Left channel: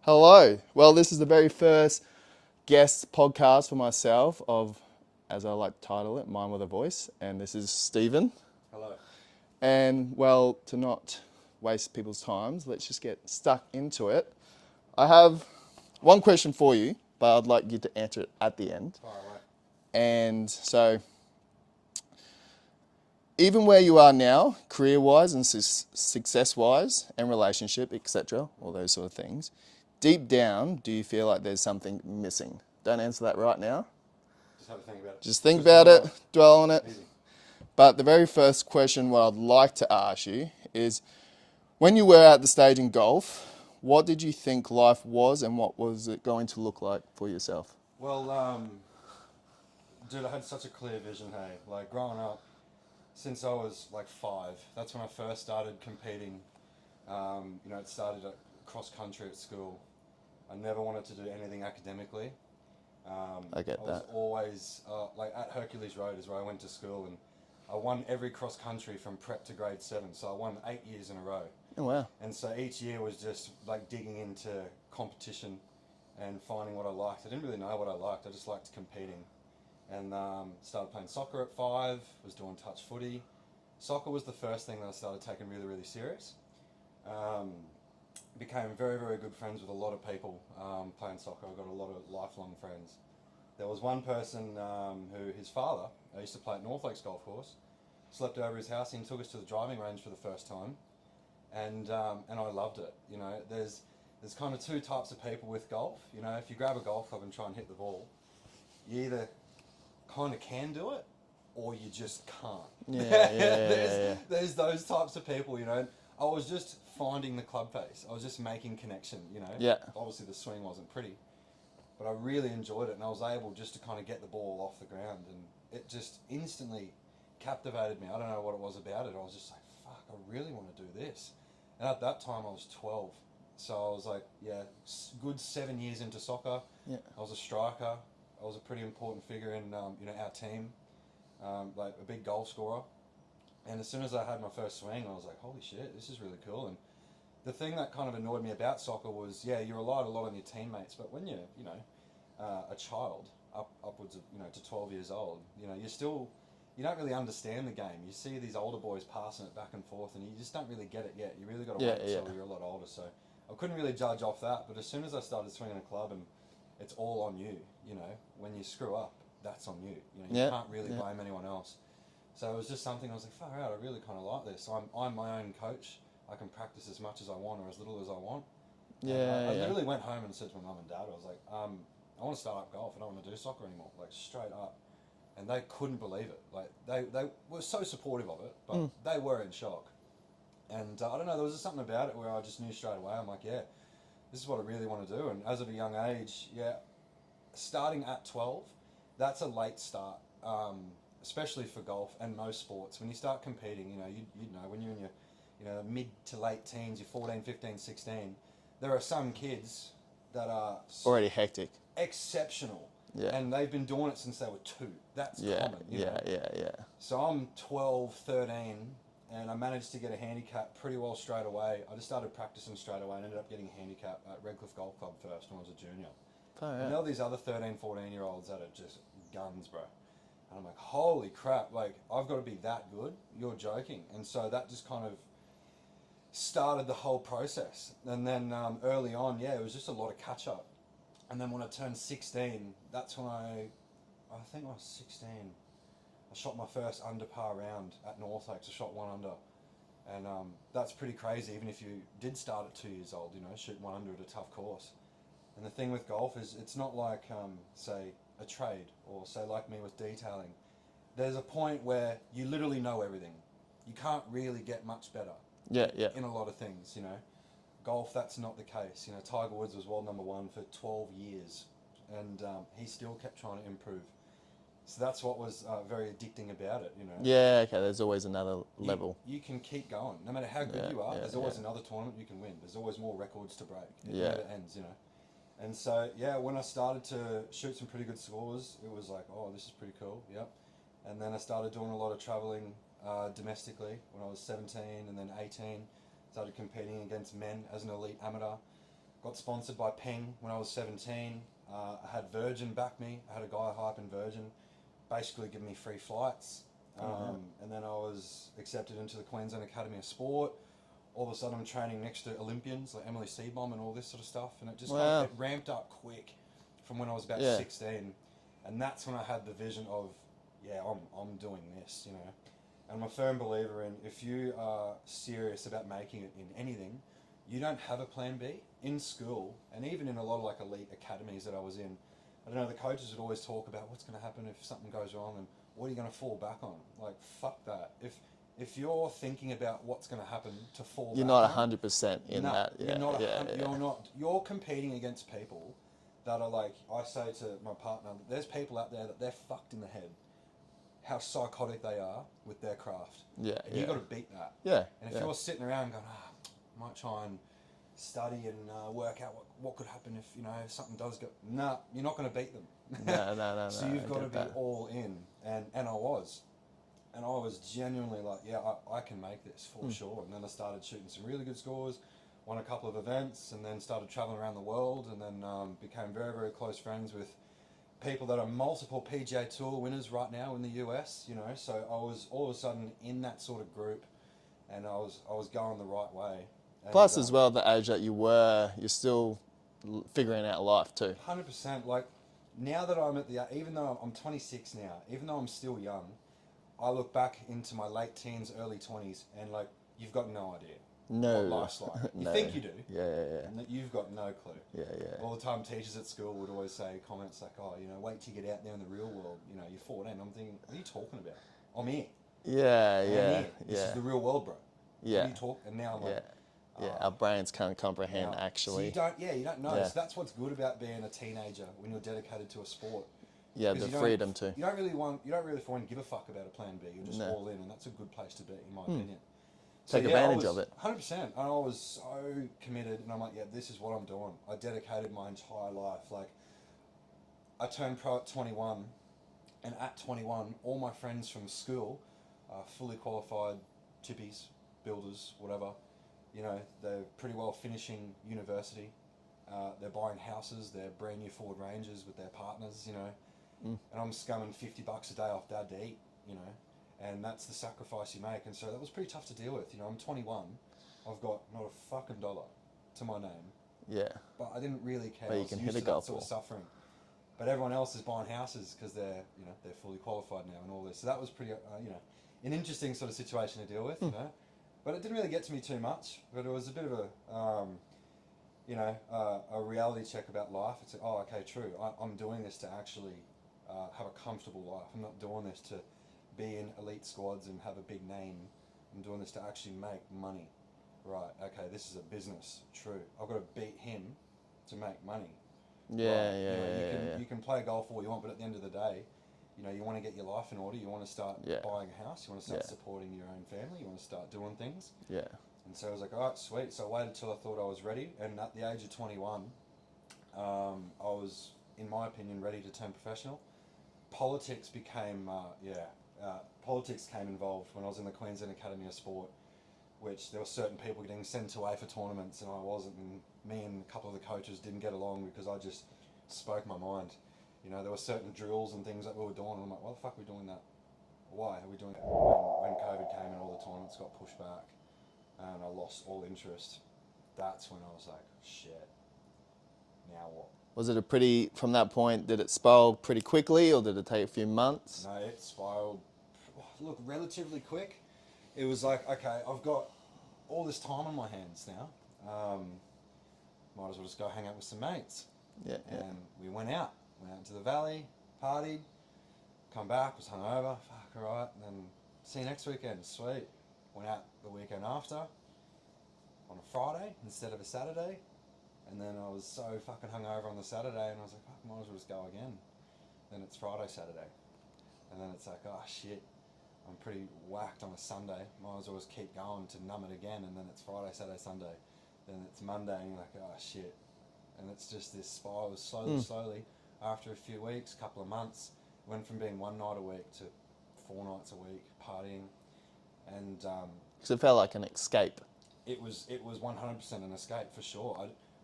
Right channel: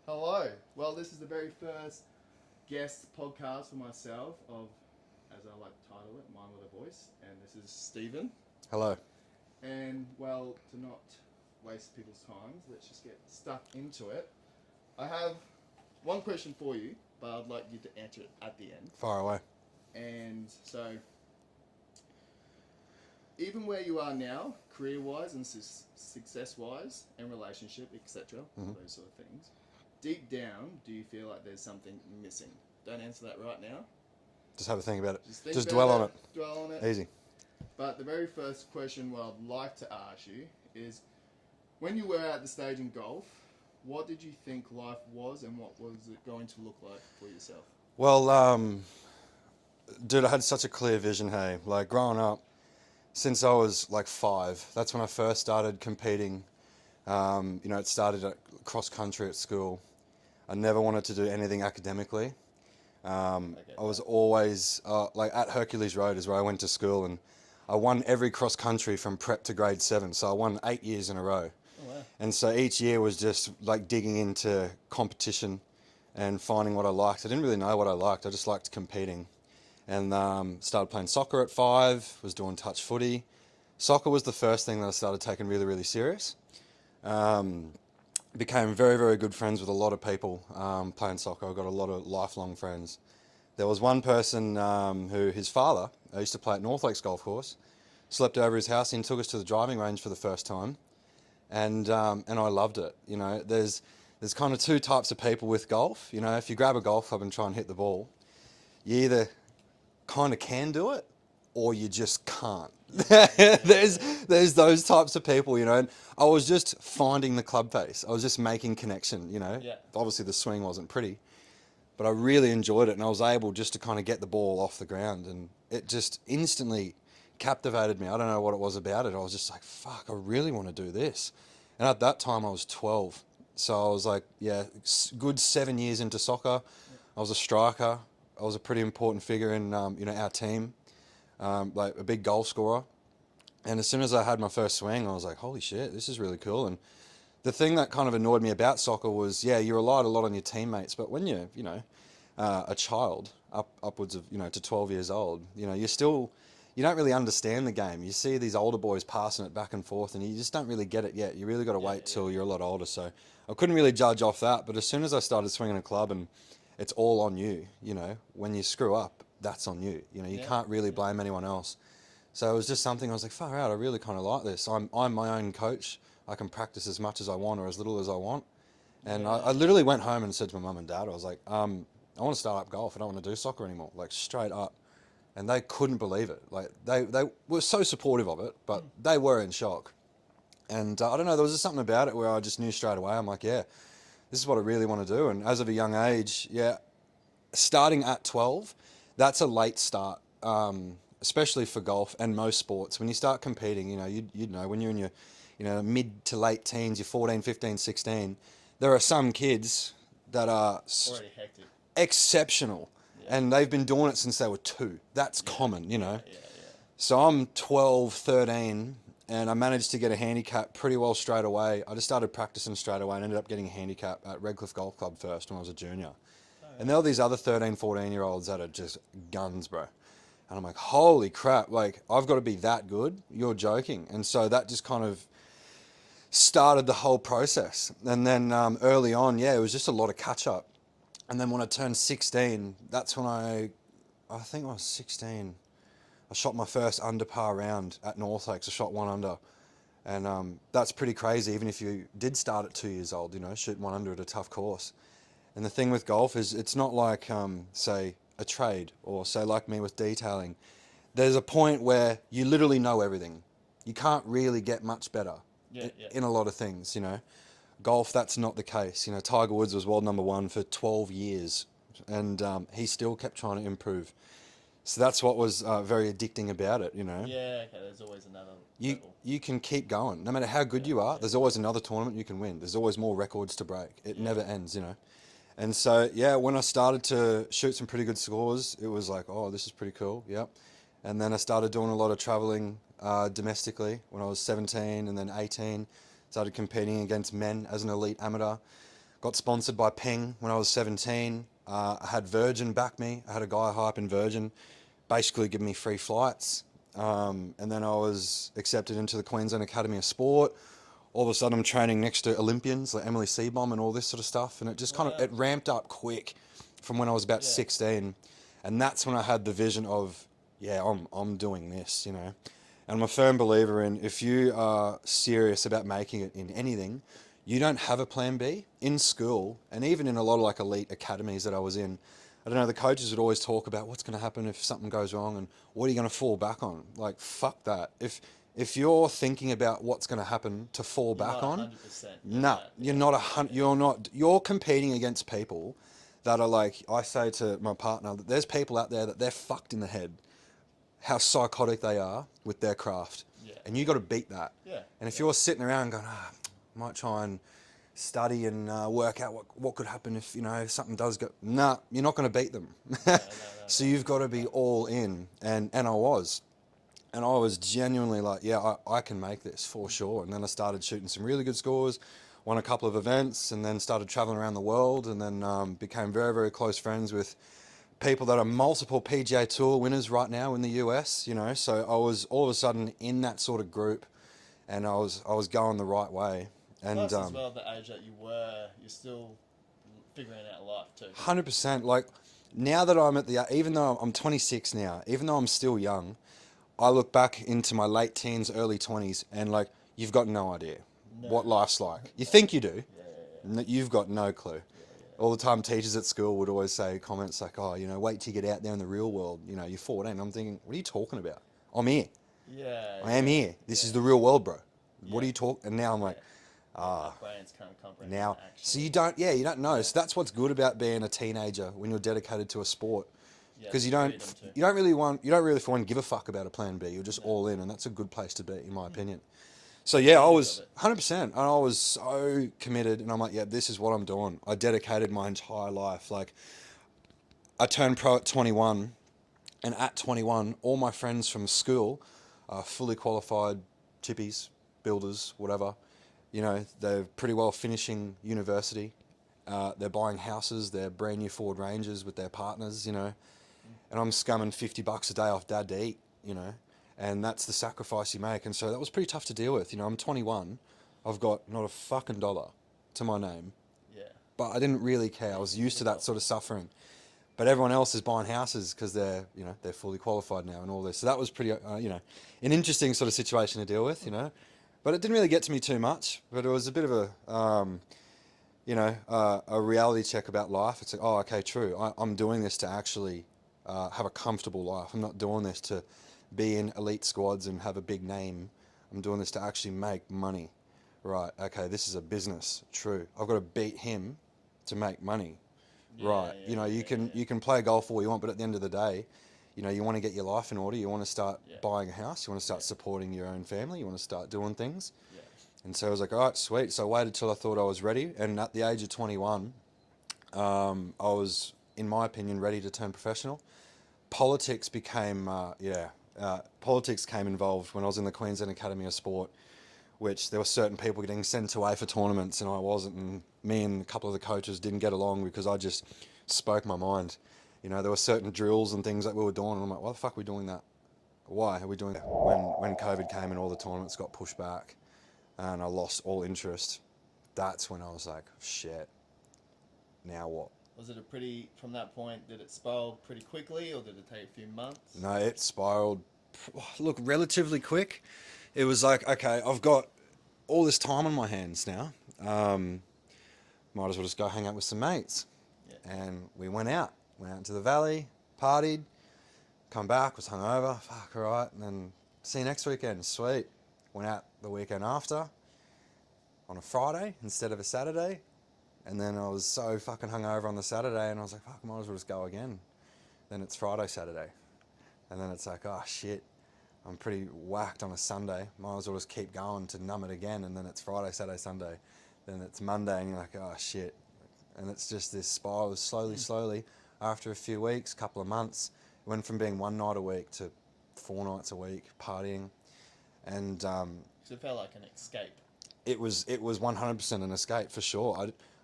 Hello. Well, this is the very first guest podcast for myself of, as I like to title it, Mine with a Voice. And this is Stephen. Hello. And well, to not waste people's times, let's just get stuck into it. I have one question for you, but I'd like you to answer it at the end. Far away. And so, even where you are now, career-wise and success-wise, and relationship, etc., all those sort of things, deep down, do you feel like there's something missing? Don't answer that right now. Just have a think about it. Just think about dwell it, dwell on it. Easy. But the very first question, what I'd like to ask you is, when you were at the stage in golf, what did you think life was, and what was it going to look like for yourself? Well, dude, I had such a clear vision, hey. Like, growing up, since I was like 5, that's when I first started competing. It started at cross country at school. I never wanted to do anything academically. I get I was that. always, like, at Hercules Road is where I went to school, and I won every cross country from prep to grade 7. So I won 8 years in a row. Oh wow. And so each year was just like digging into competition and finding what I liked. I didn't really know what I liked. I just liked competing. And started playing soccer at 5, was doing touch footy. Soccer was the first thing that I started taking really, really serious. Um, Became very, very good friends with a lot of people playing soccer. I got a lot of lifelong friends. There was one person who his father, I used to play at North Lakes Golf Course, slept over his house and took us to the driving range for the first time. And I loved it. There's kind of two types of people with golf. If you grab a golf club and try and hit the ball, you either kind of can do it or you just can't. Yeah, yeah, yeah, there's yeah, yeah. there's those types of people. And I was just finding the club face. I was just making connection. Yeah. Obviously the swing wasn't pretty, but I really enjoyed it, and I was able just to kind of get the ball off the ground, and it just instantly captivated me. I don't know what it was about it. I was just like, fuck, I really want to do this. And at that time, I was 12. So I was like, yeah, good 7 years into soccer. Yeah. I was a striker. I was a pretty important figure in, our team, like a big goal scorer. And as soon as I had my first swing, I was like, holy shit, this is really cool. And the thing that kind of annoyed me about soccer was, yeah, you relied a lot on your teammates, but when you're, a child, upwards of, to 12 years old, you don't really understand the game. You see these older boys passing it back and forth, and you just don't really get it yet. You really got to Yeah, wait yeah. till you're a lot older. So I couldn't really judge off that. But as soon as I started swinging a club, and it's all on you, when you screw up, that's on you. You Yeah, can't really yeah. blame anyone else. So it was just something I was like, far out, I really kind of like this. I'm my own coach. I can practice as much as I want or as little as I want. And Yeah, I yeah. literally went home and said to my mum and dad, I was like, I want to start up golf. I don't want to do soccer anymore. Like, straight up. And they couldn't believe it. Like, they were so supportive of it, but they were in shock. And I don't know, there was just something about it where I just knew straight away. I'm like, yeah, this is what I really want to do. And as of a young age, yeah, starting at 12, that's a late start, especially for golf and most sports. When you start competing, you'd know when you're in your, mid to late teens, you're 14, 15, 16, there are some kids that are Already hectic. exceptional. Yeah. And they've been doing it since they were 2. That's Yeah, common, yeah, yeah, yeah. So I'm 12, 13, and I managed to get a handicap pretty well straight away. I just started practicing straight away and ended up getting a handicap at Redcliffe Golf Club first when I was a junior. Oh, And yeah. there were these other 13, 14-year-olds that are just guns, bro. And I'm like, holy crap, like, I've got to be that good? You're joking. And so that just kind of started the whole process. And then early on, yeah, it was just a lot of catch-up. And then when I turned 16, that's when I think I was 16, I shot my first under par round at North Lakes. I shot 1 under. And that's pretty crazy, even if you did start at 2 years old, shoot 1 under at a tough course. And the thing with golf is it's not like, say, a trade or, say, like me with detailing. There's a point where you literally know everything. You can't really get much better Yeah, yeah. in a lot of things. Golf, that's not the case. Tiger Woods was world number 1 for 12 years, and he still kept trying to improve. So that's what was very addicting about it. Yeah, okay, there's always another You, level. you can keep going. No matter how good Yeah, you are, yeah, there's always another tournament you can win. There's always more records to break. It Yeah. never ends. And so, yeah, when I started to shoot some pretty good scores, it was like, oh, this is pretty cool. Yep. And then I started doing a lot of traveling domestically when I was 17 and then 18. Started competing against men as an elite amateur. Got sponsored by Ping when I was 17. I had Virgin back me. I had a guy high up in Virgin, basically give me free flights. And then I was accepted into the Queensland Academy of Sport. All of a sudden I'm training next to Olympians like Emily Seebohm and all this sort of stuff. And it just kind of, it ramped up quick from when I was about 16. And that's when I had the vision of, yeah, I'm doing this, you know. And I'm a firm believer in, if you are serious about making it in anything, you don't have a plan B. In school, and even in a lot of like elite academies that I was in, I don't know, the coaches would always talk about what's going to happen if something goes wrong and what are you going to fall back on? Like, fuck that. If you're thinking about what's going to happen to fall You're back not on, 100% in no, that. you're not you're not. You're competing against people that are like, I say to my partner that there's people out there that they're fucked in the head, how psychotic they are with their craft. Yeah, And you got to beat that. Yeah, And if you're sitting around going, might try and study and work out what could happen if, you know, if something does go, nah, you're not going to beat them. No, So you've got to be all in. And I was. And I was genuinely like, yeah, I can make this for sure. And then I started shooting some really good scores, won a couple of events, and then started traveling around the world, and then became very, very close friends with people that are multiple PGA Tour winners right now in the US, you know. So I was all of a sudden in that sort of group, and I was going the right way. And, Plus, as well, the age that you were, you're still figuring out life too. 100%. Like, now that I'm even though I'm 26 now, even though I'm still young, I look back into my late teens, early 20s, and like, you've got no idea what life's like. You think you do. Yeah. You've got no clue. Yeah. All the time, teachers at school would always say comments like, oh, you know, wait till you get out there in the real world. You know, you're 14. I'm thinking, what are you talking about? I'm here. Yeah. I am here. This is the real world, bro. Yeah. What are you talking? And now I'm like, our brains can't comprehend actually. So you don't know. So that's what's good about being a teenager when you're dedicated to a sport. Yeah, because the freedom too. You don't really for one give a fuck about a plan B. You're just all in, and that's a good place to be, in my opinion. So Take yeah, I advantage was of it. 100%, and I was so committed, and I'm like, yeah, this is what I'm doing. I dedicated my entire life. Like, I turned pro at 21, and at 21, all my friends from school are fully qualified chippies, builders, whatever. You know, they're pretty well finishing university. They're buying houses. They're brand new Ford Rangers with their partners, you know. And I'm scumming $50 a day off dad to eat, you know. And that's the sacrifice you make. And so that was pretty tough to deal with. You know, I'm 21. I've got not a fucking dollar to my name. Yeah. But I didn't really care. I was used to that sort of suffering. But everyone else is buying houses because they're fully qualified now and all this. So that was pretty, an interesting sort of situation to deal with, you know. But it didn't really get to me too much. But it was a bit of a reality check about life. It's like, oh, okay, true. I'm doing this to actually have a comfortable life. I'm not doing this to be in elite squads and have a big name. I'm doing this to actually make money. Right, okay, this is a business. True. I've got to beat him to make money. You can play golf all you want, but at the end of the day, you know, you want to get your life in order. You want to start buying a house. You want to start supporting your own family. You want to start doing things. Yeah. And so I was like, all right, sweet. So I waited till I thought I was ready. And at the age of 21, I was, in my opinion, ready to turn professional. Politics became, politics came involved when I was in the Queensland Academy of Sport, which there were certain people getting sent away for tournaments and I wasn't. And me and a couple of the coaches didn't get along because I just spoke my mind. You know, there were certain drills and things that we were doing, and I'm like, why the fuck are we doing that? Why are we doing that? When COVID came and all the tournaments got pushed back and I lost all interest, that's when I was like, shit, now what? Was it from that point, did it spiral pretty quickly or did it take a few months? No, it spiraled, look, relatively quick. It was like, okay, I've got all this time on my hands now. Might as well just go hang out with some mates. Yeah. And we went out into the valley, partied, come back, was hungover, fuck, all right, and then see you next weekend, sweet. Went out the weekend after, on a Friday instead of a Saturday, and then I was so fucking hungover on the Saturday, and I was like, fuck, I might as well just go again. Then it's Friday, Saturday, and then it's like, oh shit, I'm pretty whacked on a Sunday, might as well just keep going to numb it again, and then it's Friday, Saturday, Sunday, then it's Monday, and you're like, oh shit, and it's just this spiral, slowly, after a few weeks, couple of months, it went from being one night a week to 4 nights a week, partying, and So it felt like an escape. it was 100% an escape for sure.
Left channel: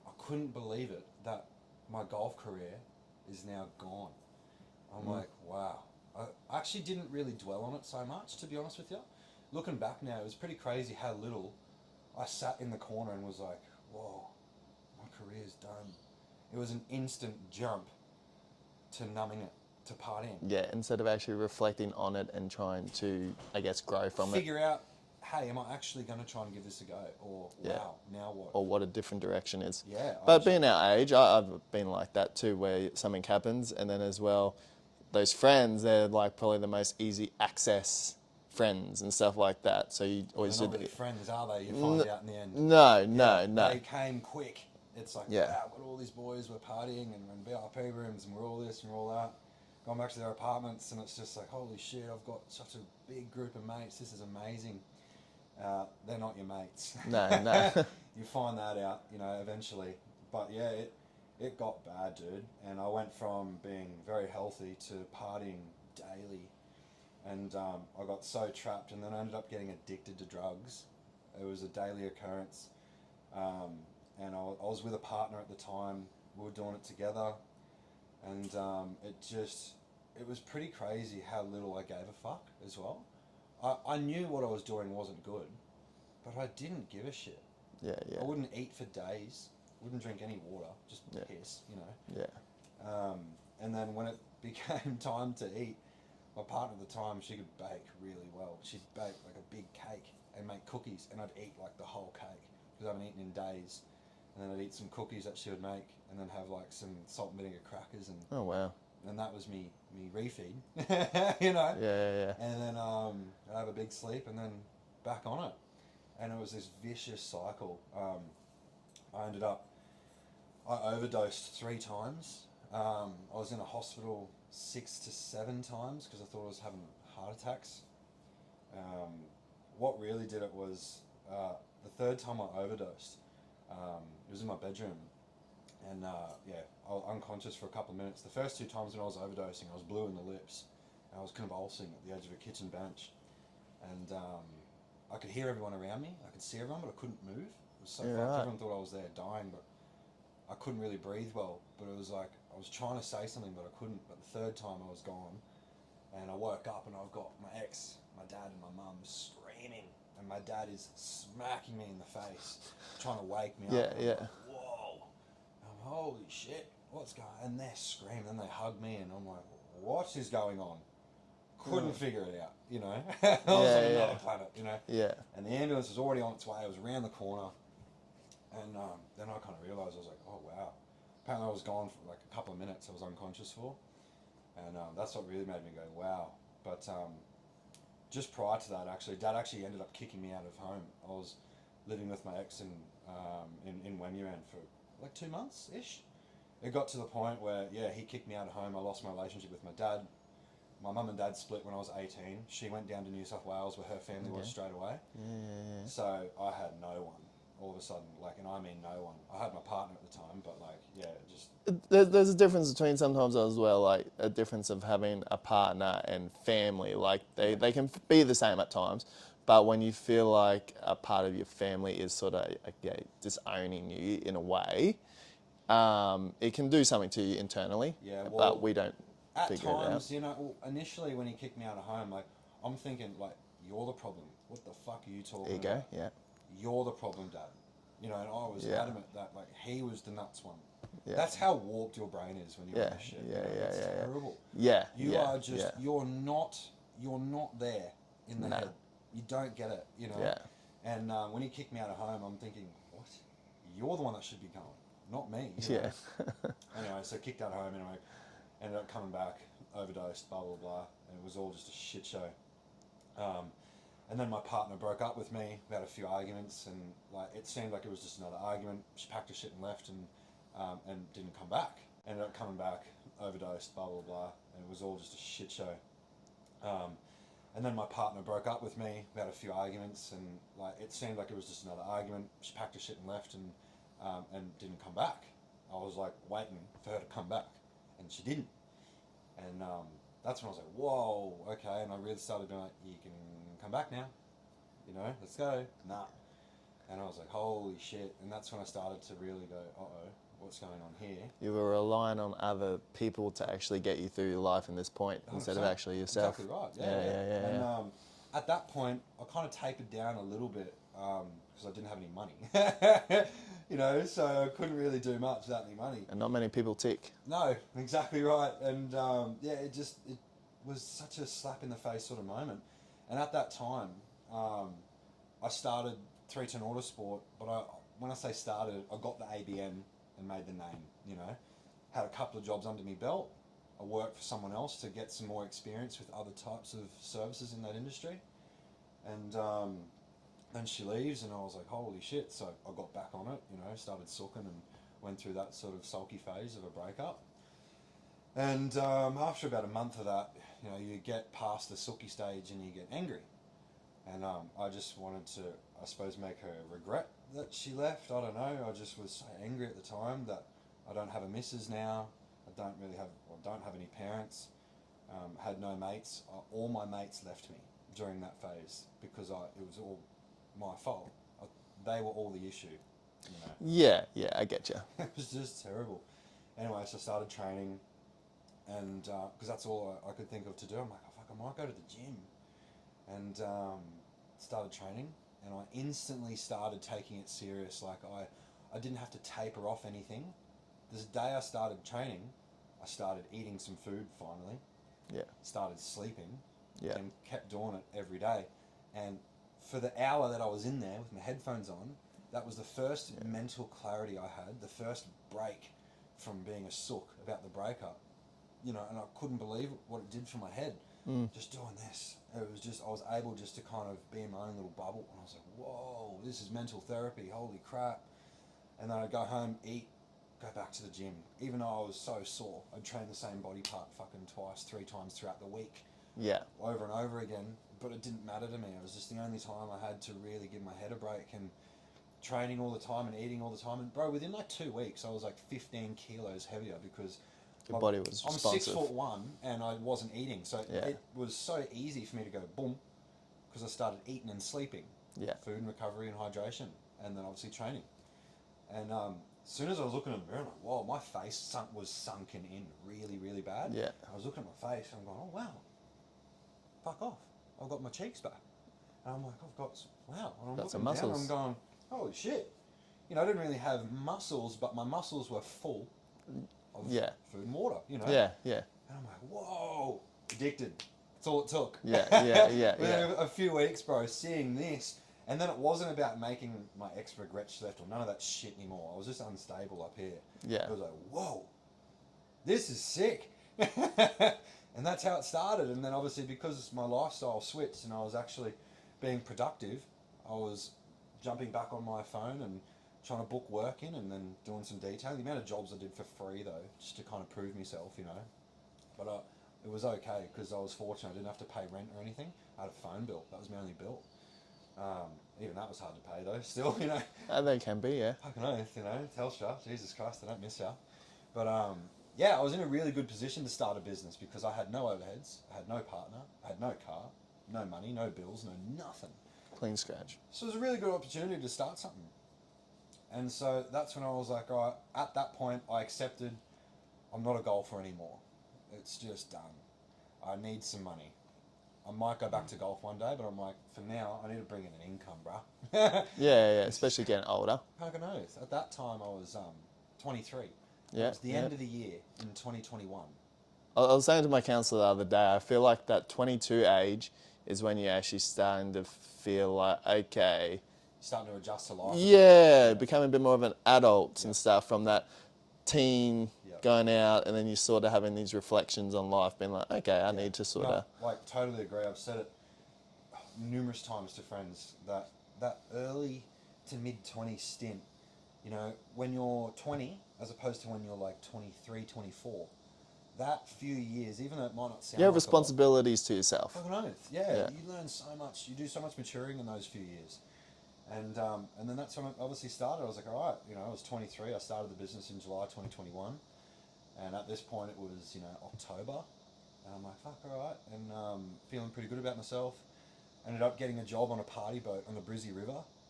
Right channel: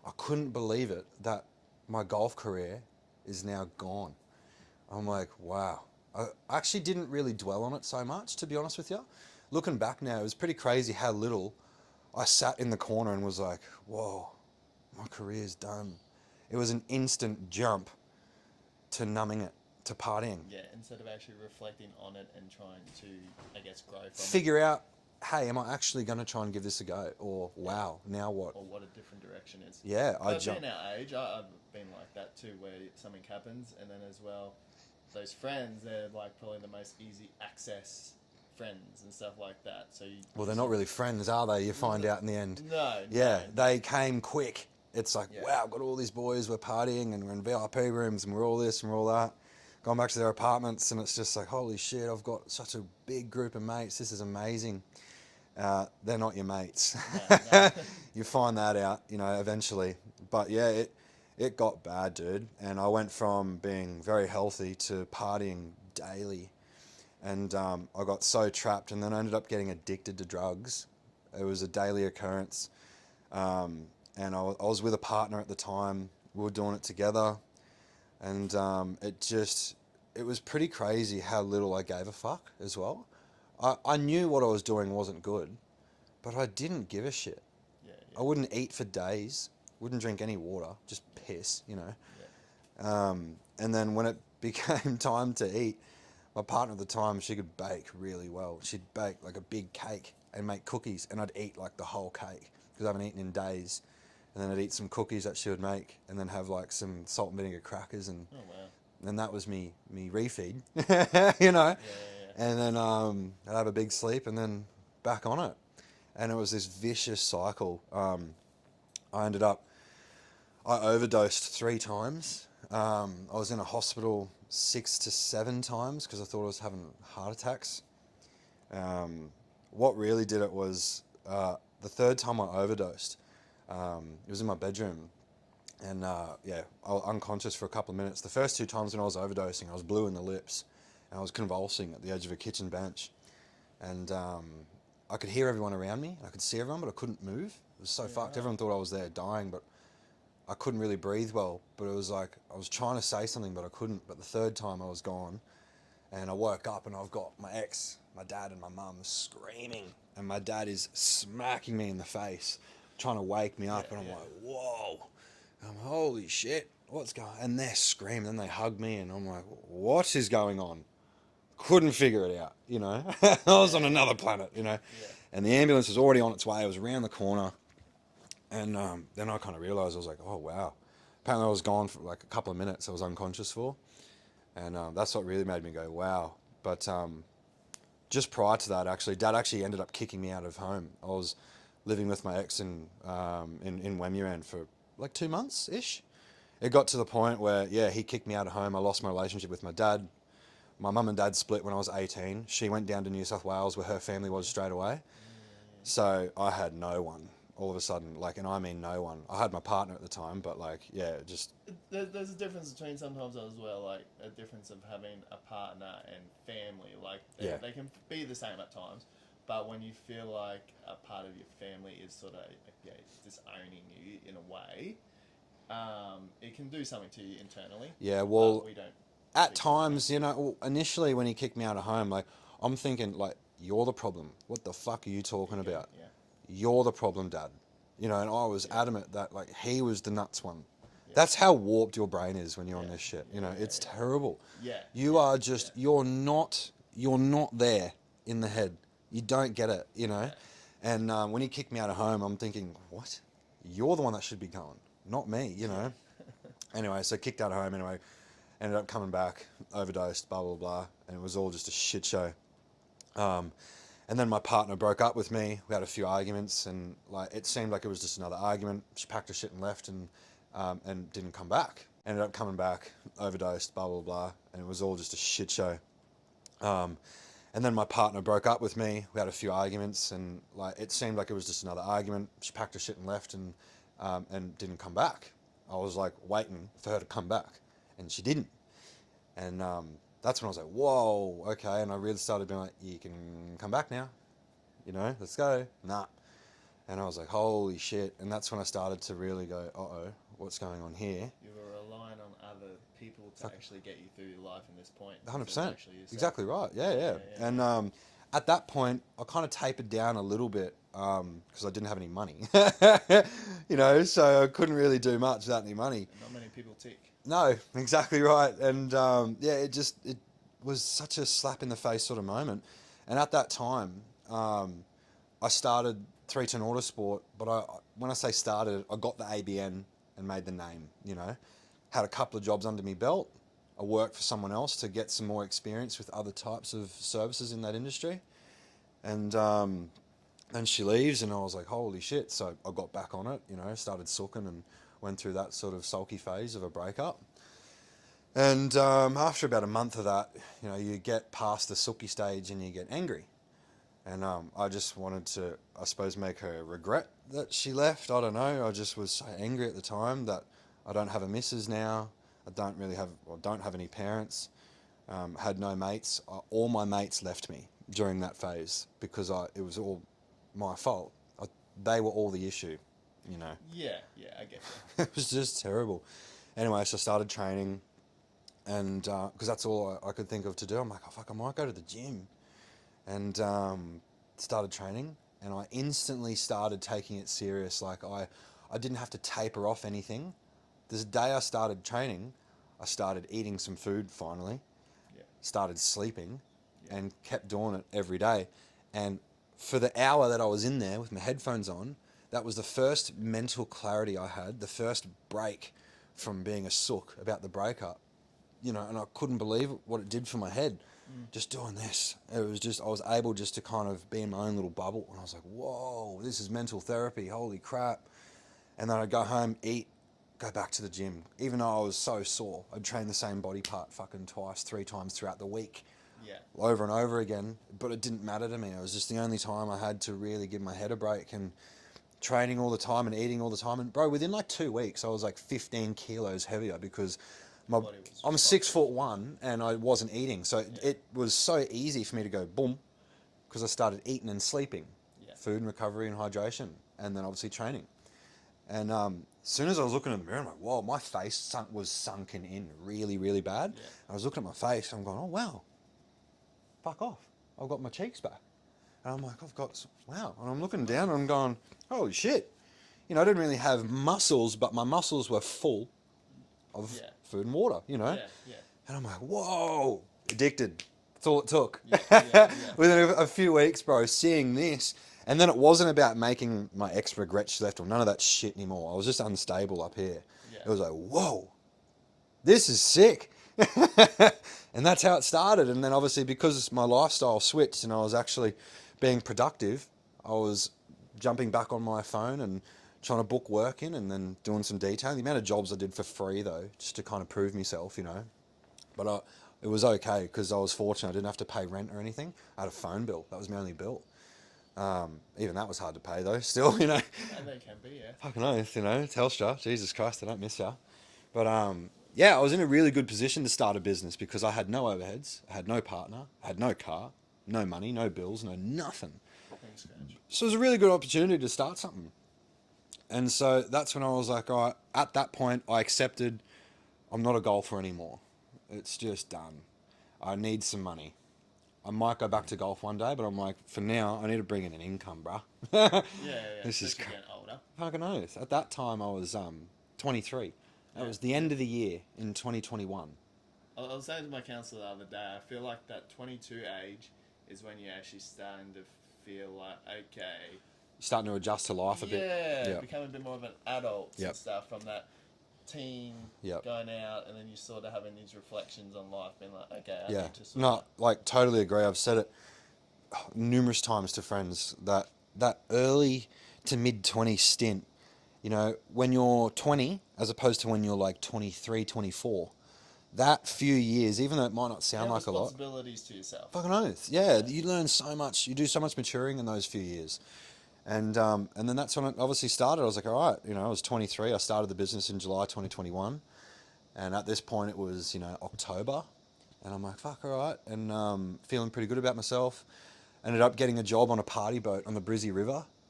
I couldn't believe it that my golf career is now gone. I'm like, wow. I actually didn't really dwell on it so much, to be honest with you. Looking back now, it was pretty crazy how little I sat in the corner and was like, whoa, my career's done. It was an instant jump to numbing it, to partying. Yeah, instead of actually reflecting on it and trying to, I guess, grow from it. Figure out, hey, am I actually going to try and give this a go? Or, wow, now what? Or what a different direction is. Yeah. But being our age, I've been like that too, where something happens, and then as well, those friends, they're like probably the most easy access friends and stuff like that. So you. Well, they're not really friends, are they? You find out in the end. No, Yeah, no. they came quick. It's like, Yeah. wow, I've got all these boys, we're partying and we're in VIP rooms and we're all this and we're all that. Going back to their apartments and it's just like, holy shit, I've got such a big group of mates. This is amazing. They're not your mates. No. You find that out, eventually. But yeah, it got bad, dude. And I went from being very healthy to partying daily. And I got so trapped and then I ended up getting addicted to drugs. It was a daily occurrence. And I was with a partner at the time. We were doing it together. And it was pretty crazy how little I gave a fuck as well. I knew what I was doing wasn't good, but I didn't give a shit. Yeah. I wouldn't eat for days, wouldn't drink any water, just piss, Yeah. And then when it became time to eat, my partner at the time, she could bake really well. She'd bake like a big cake and make cookies, and I'd eat like the whole cake because I haven't eaten in days. And then I'd eat some cookies that she would make, and then have like some salt and vinegar crackers, and Oh wow. and that was me refeed, Yeah. And then I'd have a big sleep, and then back on it, and it was this vicious cycle. I overdosed 3 times. I was in a hospital 6 to 7 times because I thought I was having heart attacks. What really did it was the 3rd time I overdosed. It was in my bedroom, and I was unconscious for a couple of minutes. The first 2 times when I was overdosing, I was blue in the lips, and I was convulsing at the edge of a kitchen bench, and I could hear everyone around me. I could see everyone, but I couldn't move. It was so fucked. Right. Everyone thought I was there dying, but I couldn't really breathe well. But it was like I was trying to say something, but I couldn't. But the 3rd time I was gone, and I woke up, and I've got my ex, my dad, and my mum screaming, and my dad is smacking me in the face, trying to wake me up. And I'm like, whoa. I'm holy shit, what's going on? And they're screaming, and they hug me, and I'm like, what is going on? Couldn't figure it out, I was on another planet, Yeah. And the ambulance was already on its way. It was around the corner. And then I kind of realised, I was like, oh, wow. Apparently I was gone for like a couple of minutes I was unconscious for. And that's what really made me go, wow. But just prior to that, actually, Dad actually ended up kicking me out of home. I was living with my ex in Wemuran for like 2 months-ish. It got to the point where, he kicked me out of home. I lost my relationship with my dad. My mum and dad split when I was 18. She went down to New South Wales where her family was straight away. So I had no one all of a sudden, and I mean no one. I had my partner at the time, but just... There's a difference between sometimes as well, like a difference of having a partner and family. Like they can be the same at times, but when you feel like a part of your family is sort of disowning you in a way, it can do something to you internally. Yeah, well, but we don't. At times, initially when he kicked me out of home, I'm thinking, you're the problem. What the fuck are you talking about? Yeah. You're the problem, Dad. And I was adamant that, he was the nuts one. Yeah. That's how warped your brain is when you're on this shit. It's terrible. Yeah. You are just, you're not there in the head. You don't get it, Yeah. And when he kicked me out of home, I'm thinking, what? You're the one that should be going, not me, Yeah. Anyway, so kicked out of home anyway. Ended up coming back, overdosed, blah, blah, blah. And it was all just a shit show. And then my partner broke up with me. We had a few arguments, and it seemed like it was just another argument. She packed her shit and left, and didn't come back. Ended up coming back, overdosed, blah, blah, blah. And it was all just a shit show. And then my partner broke up with me. We had a few arguments, and it seemed like it was just another argument. She packed her shit and left, and didn't come back. I was waiting for her to come back, and she didn't. And that's when I was like, whoa, okay. And I really started being like, you can come back now, let's go. Nah. And I was like, holy shit. And that's when I started to really go, uh-oh, what's going on here? You were relying on other people to actually get you through your life in this point 100%. instead of actually yourself. Exactly right. Yeah. And at that point, I kind of tapered down a little bit because I didn't have any money. So I couldn't really do much without any money. And not many people tick. No, exactly right. And it was such a slap in the face sort of moment. And at that time, I started 310 Autosport, but when I say started, I got the ABN and made the name, Had a couple of jobs under my belt. I worked for someone else to get some more experience with other types of services in that industry. And then she leaves and I was like, holy shit. So I got back on it, started sooking and went through that sort of sulky phase of a breakup. And after about a month of that, you get past the sooky stage and you get angry. And I just wanted to, I suppose, make her regret that she left. I don't know. I just was so angry at the time that I don't have a missus now. I don't have any parents. Had no mates. All my mates left me during that phase because it was all my fault. They were all the issue, Yeah, I get you. It was just terrible. Anyway, so I started training, and because that's all I could think of to do. I'm like, oh fuck, I might go to the gym. And started training, and I instantly started taking it serious. Like I didn't have to taper off anything. This day I started training, I started eating some food finally. Yeah. Started sleeping, Yeah. and kept doing it every day. And for the hour that I was in there with my headphones on, that was the first mental clarity I had, the first break from being a sook about the breakup. And I couldn't believe what it did for my head. Just doing this. It was just, I was able just to kind of be in my own little bubble. And I was like, whoa, this is mental therapy. Holy crap. And then I'd go home, eat, go back to the gym. Even though I was so sore, I'd train the same body part fucking twice, 3 times throughout the week. Yeah. Over and over again. But it didn't matter to me. It was just the only time I had to really give my head a break, and training all the time and eating all the time. And bro, within like 2 weeks, I was like 15 kilos heavier because my body was I'm responsive. 6'1" and I wasn't eating, so it was so easy for me to go boom, because I started eating and sleeping, food and recovery and hydration, and then obviously training. And as soon as I was looking in the mirror, I'm like, whoa, my face was sunken in really, really bad. Yeah. I was looking at my face and I'm going, oh wow, fuck off, I've got my cheeks back, and I'm like, wow, and I'm looking down and I'm going, holy shit, I didn't really have muscles, but my muscles were full of food and water, Yeah. And I'm like, whoa, addicted. That's all it took. Yeah. Within a few weeks, bro, seeing this. And then it wasn't about making my ex regret she left or none of that shit anymore. I was just unstable up here. Yeah. It was like, whoa, this is sick. And that's how it started. And then obviously because my lifestyle switched and I was actually being productive, I was jumping back on my phone and trying to book work in and then doing some detailing. The amount of jobs I did for free though, just to kind of prove myself, But it was okay because I was fortunate. I didn't have to pay rent or anything. I had a phone bill. That was my only bill. Even that was hard to pay though, still, And they can be, yeah. Fucking oath, Telstra, Jesus Christ, I don't miss ya. But I was in a really good position to start a business because I had no overheads, I had no partner, I had no car, no money, no bills, no nothing. Clean scratch. So it was a really good opportunity to start something. And so that's when I was like, all right, at that point, I accepted I'm not a golfer anymore. It's just done. I need some money. I might go back to golf one day, but I'm like, for now, I need to bring in an income, bruh. Yeah, especially getting older. Fucking oath. At that time, I was 23. Yeah, It was the end of the year in 2021. I was saying to my counsellor the other day, I feel like that 22 age is when you're actually starting to feel like, okay, Starting to adjust to life a bit. yeah, becoming a bit more of an adult Yep. and stuff from that teen Yep. going out, and then you're sort of having these reflections on life, being like, okay, I need to sort of... like, totally agree. I've said it numerous times to friends that early to mid-20 stint, when you're 20 as opposed to when you're like 23, 24, that few years, even though it might not sound like responsibilities to yourself. Fucking oath. Yeah, you learn so much. You do so much maturing in those few years. And then that's when it obviously started. I was like, all right, I was 23. I started the business in July 2021. And at this point it was, October. And I'm like, fuck, all right. And feeling pretty good about myself. Ended up getting a job on a party boat on the Brizzy River.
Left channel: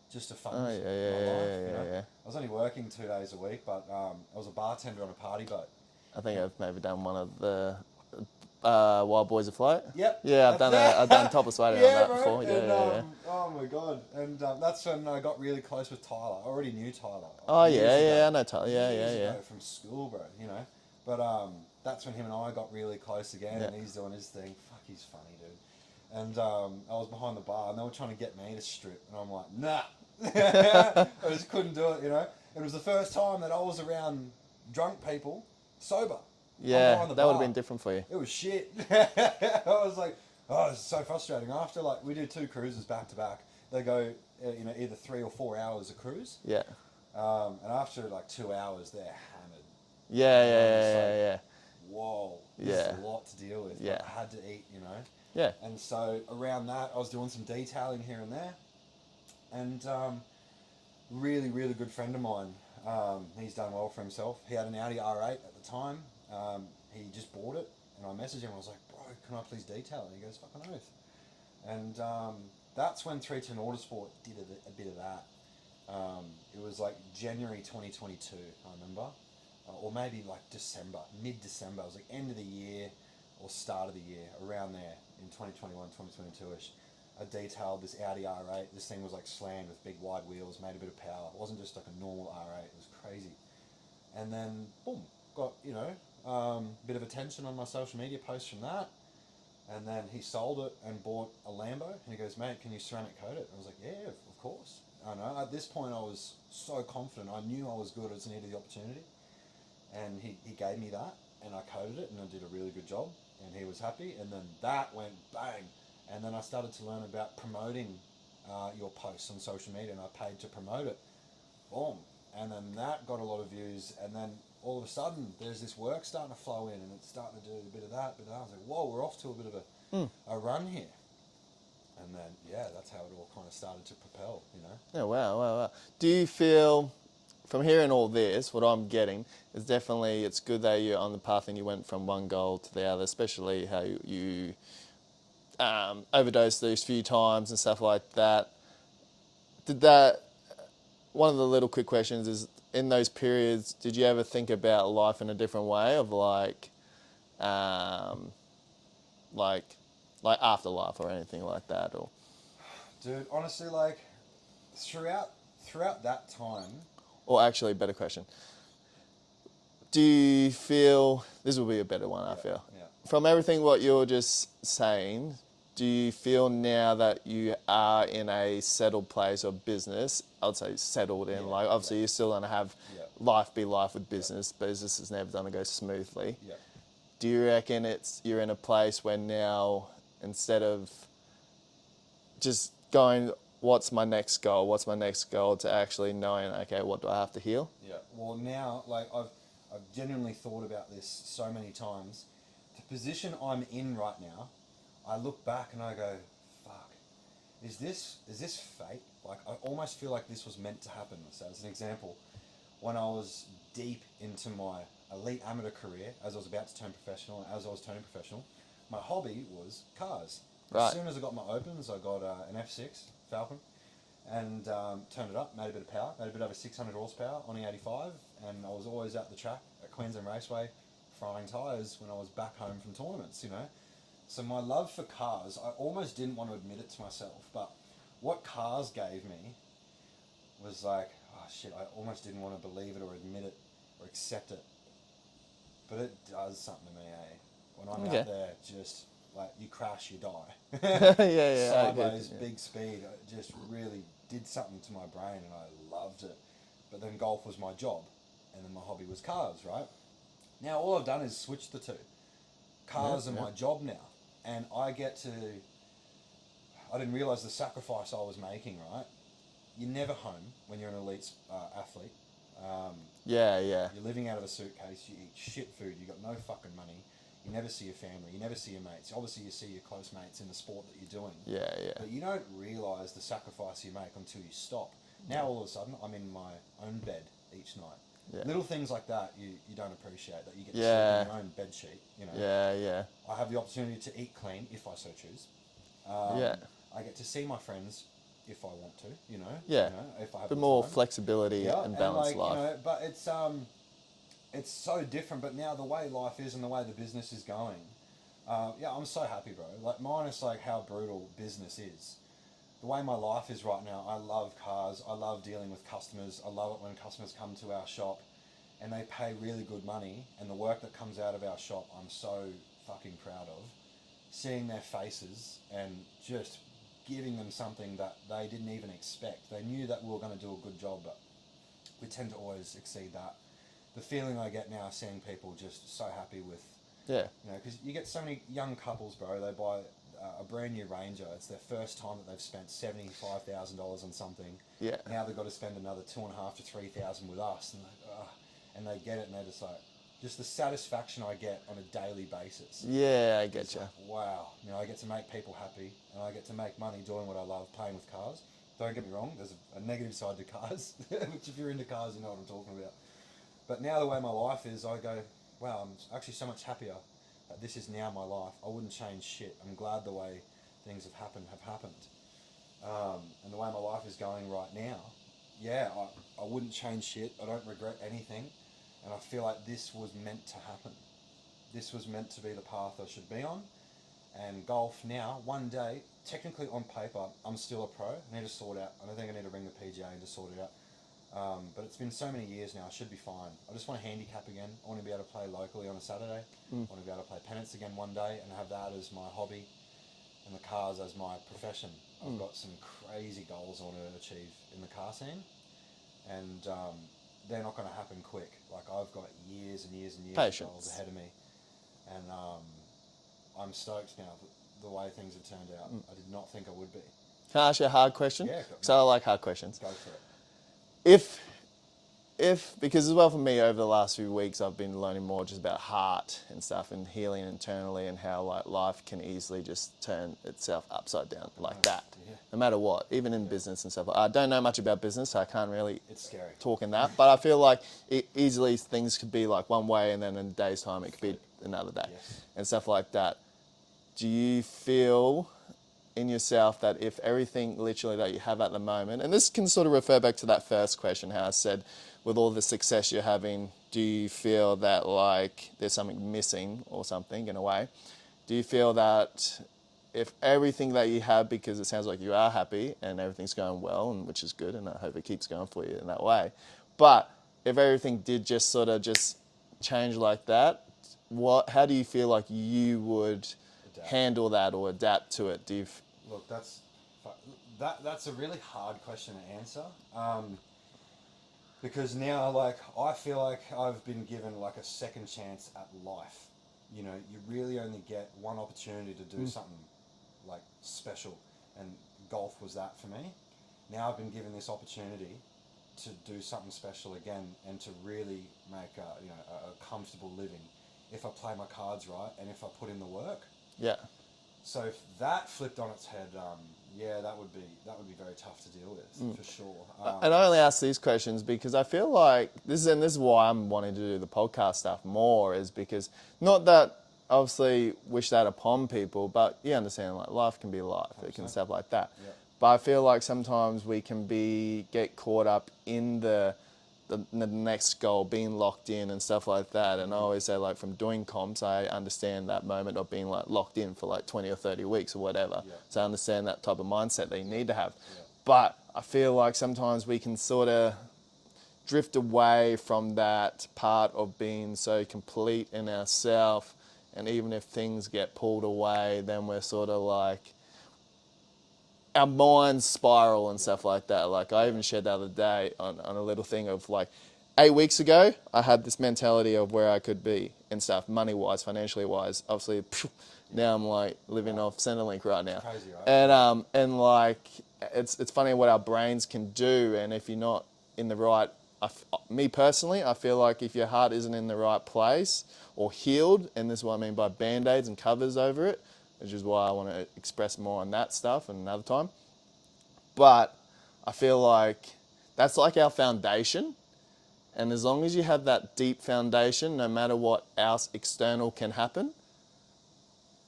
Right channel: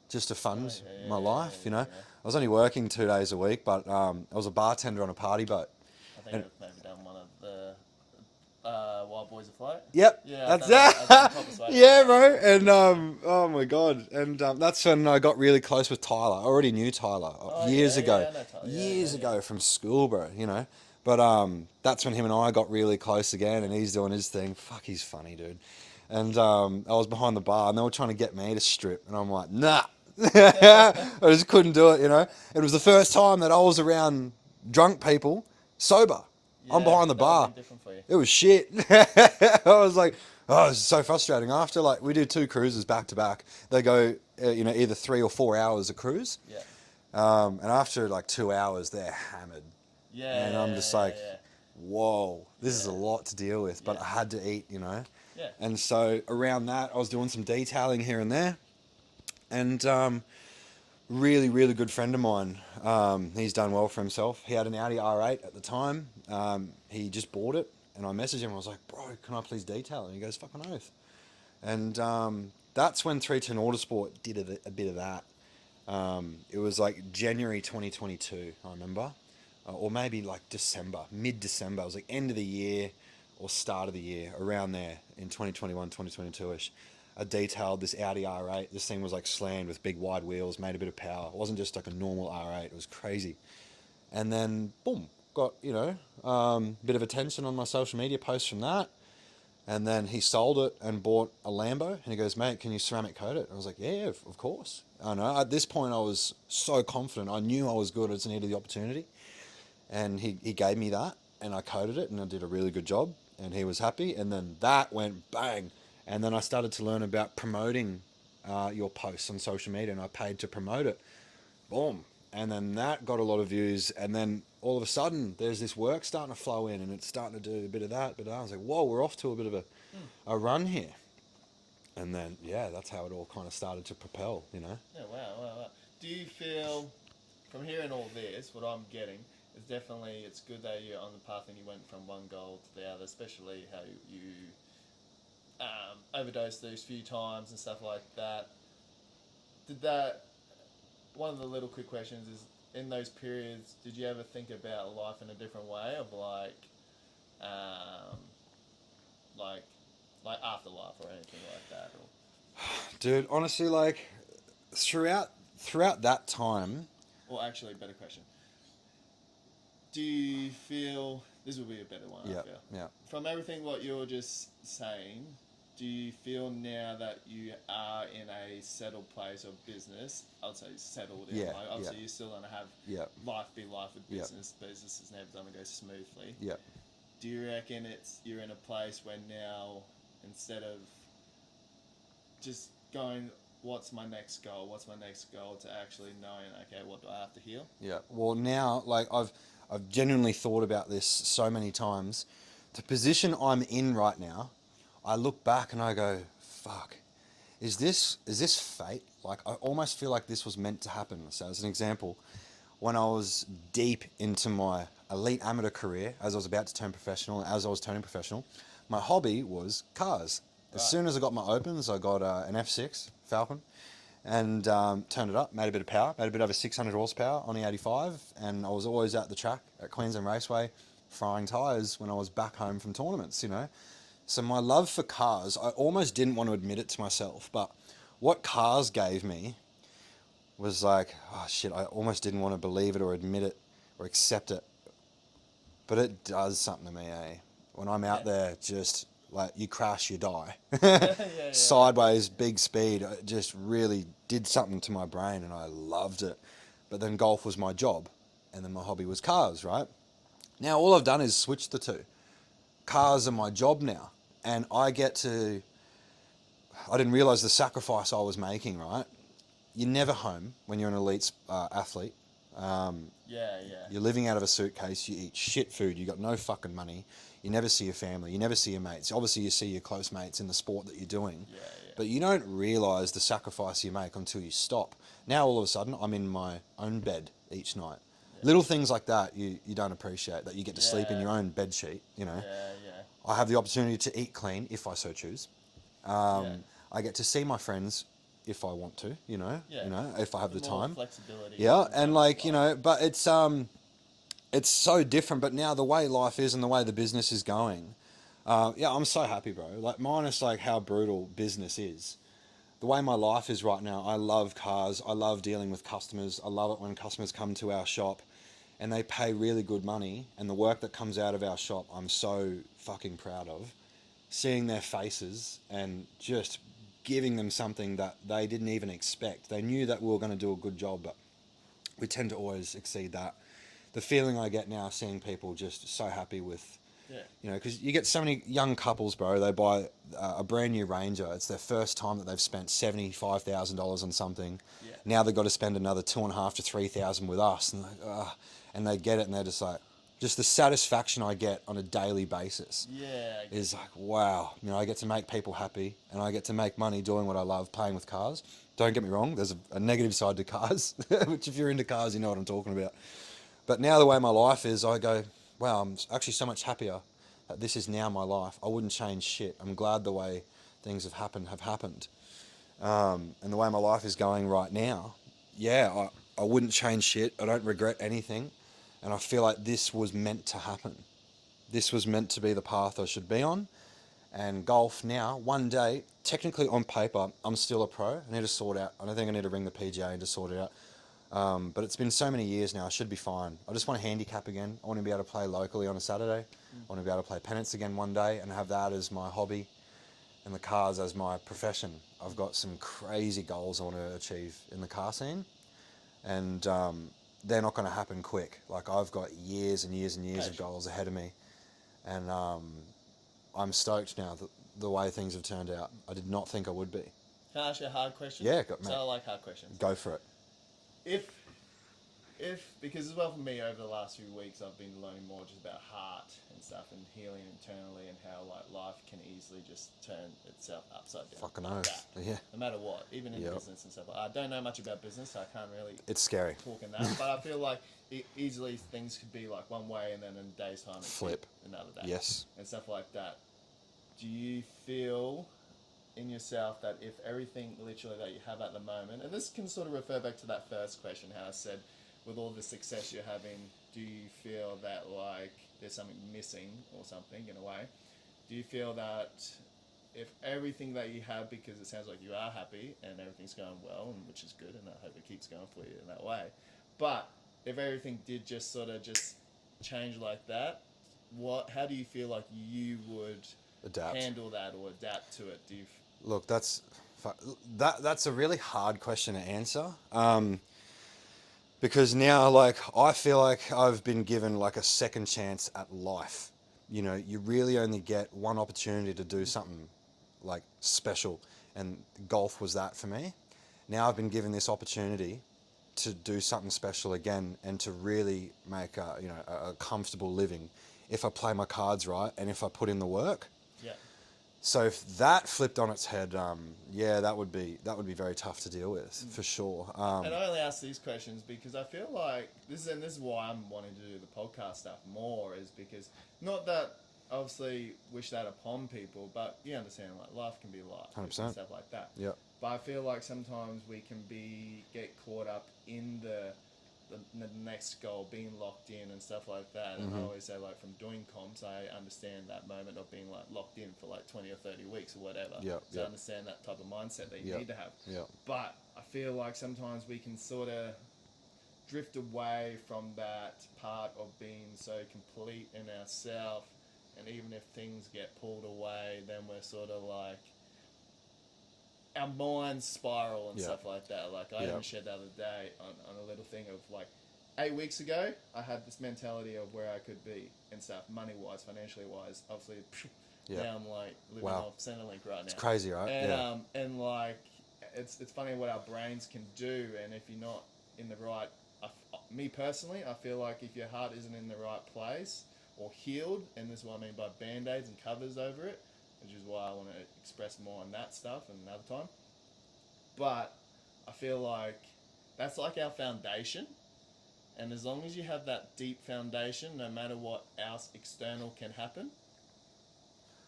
just to fund yeah, my yeah, life, yeah, you know. yeah. I was only working 2 days a week, but I was a bartender on a party boat. I think I've maybe done one of the Wild Boys Afloat. Yep, Yeah, that's I've done topless waiting on yeah, that bro. before. Yeah, And yeah, yeah. oh my god, and that's when I got really close with Tyler. I already knew Tyler Oh years yeah, ago, yeah, I know Tyler. Yeah, years yeah, yeah. ago from school, bro. You know, but that's when him and I got really close again, Yeah. and he's doing his thing. Fuck, he's funny, dude. And I was behind the bar, and they were trying to get me to strip, and I'm like, nah. I just couldn't do it, you know. It was the first time that I was around drunk people sober. I'm Yeah, behind the that would have bar. been different for you. It was shit. I was like, oh, it's so frustrating. After like we do 2 cruises back to back, they go, either 3 or 4 hours a cruise, Yeah. and after like 2 hours, they're hammered, Yeah, and I'm yeah, just yeah, like, yeah, whoa, this is a yeah. lot to deal with. But Yeah. I had to eat, you know. Yeah. And so around that, I was doing some detailing here and there, and really, really good friend of mine. He's done well for himself. He had an Audi R8 at the time. He just bought it, and I messaged him. I was like, bro, can I please detail it? And he goes, fucking oath. And that's when 310 Autosport did a bit of that. It was like January 2022, I remember. Or maybe like December, mid-December. It was like end of the year or start of the year, around there in 2021, 2022-ish. I detailed this Audi R8. This thing was like slammed with big wide wheels, made a bit of power. It wasn't just like a normal R8. It was crazy. And then, boom, got, bit of attention on my social media posts from that. And then he sold it and bought a Lambo. And he goes, mate, can you ceramic coat it? I was like, yeah, of course. I know. At this point, I was so confident. I knew I was good. I just needed the opportunity. And he gave me that. And I coated it. And I did a really good job. And he was happy. And then that went bang. And then I started to learn about promoting your posts on social media. And I paid to promote it. Boom. And then that got a lot of views. And then all of a sudden, there's this work starting to flow in, and it's starting to do a bit of that. But I was like, whoa, we're off to a bit of a run here. And then, yeah, that's how it all kind of started to propel, you know? Yeah, wow, wow, wow. Do you feel, from hearing all this, what I'm getting is definitely it's good that you're on the path and you went from one goal to the other, especially how you overdosed those few times and stuff like that. Did that, one of the little quick questions is, in those periods, did you ever think about life in a different way of um, like, like afterlife or anything like that? Or Dude, honestly, like, throughout that time, Or actually, better question. Do you feel, this will be a better one, I feel. yeah. From everything what you're just saying, do you feel now that you are in a settled place of business? I would say settled in, Yeah, like obviously yeah. you're still going to have Yeah. life be life with Yeah. business. Business is never going to go smoothly. Yeah. Do you reckon you're in a place where now, instead of just going, what's my next goal, to actually knowing, okay, what do I have to heal? Yeah. Well, now, like, I've genuinely thought about this so many times. The position I'm in right now, I look back and I go, fuck, is this fate? Like, I almost feel like this was meant to happen. So, as an example, when I was deep into my elite amateur career, as I was about to turn professional, and as I was turning professional, my hobby was cars. Right. As soon as I got my opens, I got an F6 Falcon, and turned it up, made a bit of power, made a bit over 600 horsepower on the 85, and I was always at the track at Queensland Raceway, frying tyres when I was back home from tournaments, you know. So my love for cars, I almost didn't want to admit it to myself, but what cars gave me was like, oh shit, I almost didn't want to believe it or admit it or accept it. But it does something to me, eh? When I'm out there, just like you crash, you die. Yeah, Sideways, big speed. It just really did something to my brain and I loved it. But then golf was my job and then my hobby was cars, right? Now all I've done is switch the two. Cars are my job now. And I didn't realise the sacrifice I was making, right? You're never home when you're an elite athlete. Yeah, yeah. You're living out of a suitcase, you eat shit food, you got no fucking money, you never see your family, you never see your mates. Obviously you see your close mates in the sport that you're doing. Yeah, yeah. But you don't realise the sacrifice you make until you stop. Now all of a sudden I'm in my own bed each night. Yeah. Little things like that you don't appreciate, that you get to sleep in your own bed sheet, you know. Yeah, yeah. I have the opportunity to eat clean if I so choose. Yeah. I get to see my friends if I want to, Yeah. if I have Bit the more time. flexibility. Yeah, and and balanced like, life. but it's so different. But now the way life is and the way the business is going, yeah, I'm so happy, bro. Like, minus like how brutal business is, the way my life is right now, I love cars. I love dealing with customers. I love it when customers come to our shop and they pay really good money, and the work that comes out of our shop, I'm so fucking proud of. Seeing their faces and just giving them something that they didn't even expect. They knew that we were going to do a good job, but we tend to always exceed that. The feeling I get now seeing people just so happy with, Yeah. because you get so many young couples, bro. They buy a brand new Ranger. It's their first time that they've spent $75,000 on something. Yeah. Now they've got to spend another 2.5 to 3,000 with us, and they get it, and they're just like, just the satisfaction I get on a daily basis Yeah, I get is you. like, wow. I get to make people happy, and I get to make money doing what I love, playing with cars. Don't get me wrong. There's a negative side to cars, which if you're into cars, you know what I'm talking about. But now the way my life is, I go, wow, I'm actually so much happier that this is now my life. I wouldn't change shit. I'm glad the way things have happened. And the way my life is going right now, yeah, I wouldn't change shit. I don't regret anything. And I feel like this was meant to happen. This was meant to be the path I should be on. And golf now, one day, technically on paper, I'm still a pro. I need to sort out. I don't think I need to ring the PGA and to sort it out. But it's been so many years now, I should be fine. I just want to handicap again. I want to be able to play locally on a Saturday. I want to be able to play pennants again one day and have that as my hobby and the cars as my profession. I've got some crazy goals I want to achieve in the car scene, and they're not going to happen quick. Like, I've got years and years and years Patience. of goals ahead of me, and I'm stoked now that the way things have turned out. I did not think I would be. Can I ask you a hard question? Yeah, So I like hard questions. go for it. If because as well for me over the last few weeks I've been learning more just about heart and stuff and healing internally and how like life can easily just turn itself upside down Fucking like oath. that. Yeah. No matter what, even in business and stuff. I don't know much about business, so I can't really It's scary. talk in that. But I feel like easily things could be like one way and then in a day's time it could Flip. be another day. Yes. And stuff like that. Do you feel in yourself that if everything literally that you have at the moment, and this can sort of refer back to that first question, how I said, with all the success you're having, do you feel that like there's something missing or something in a way? Do you feel that if everything that you have, because it sounds like you are happy and everything's going well, and which is good, and I hope it keeps going for you in that way, but if everything did just sort of just change like that, how do you feel like you would Adapt. handle that or adapt to it? Look, that's a really hard question to answer. Because now, like, I feel like I've been given like a second chance at life. You really only get one opportunity to do something like special, and golf was that for me. Now I've been given this opportunity to do something special again and to really make a comfortable living if I play my cards right and if I put in the work. Yeah. So if that flipped on its head, yeah, that would be very tough to deal with for sure. And I only ask these questions because I feel like this is why I'm wanting to do the podcast stuff more, is because not that obviously wish that upon people, but you understand like life can be life and 100%. stuff like that. Yep. But I feel like sometimes we can get caught up in the next goal, being locked in and stuff like that. And I always say, like, from doing comps, I understand that moment of being like locked in for like 20 or 30 weeks or whatever. Yep, So I yep. understand that type of mindset that you need to have. Yep. But I feel like sometimes we can sort of drift away from that part of being so complete in ourselves. And even if things get pulled away, then we're sort of like, our minds spiral and stuff like that. Like I even shared the other day on a little thing of like 8 weeks ago, I had this mentality of where I could be and stuff, money wise, financially wise. Obviously, now I'm like living off Centrelink right now. It's crazy, right? And and like it's funny what our brains can do, and if you're not in the right, me personally, I feel like if your heart isn't in the right place or healed, and this is what I mean by band-aids and covers over it, which is why I want to express more on that stuff another time. But I feel like that's like our foundation. And as long as you have that deep foundation, no matter what else external can happen,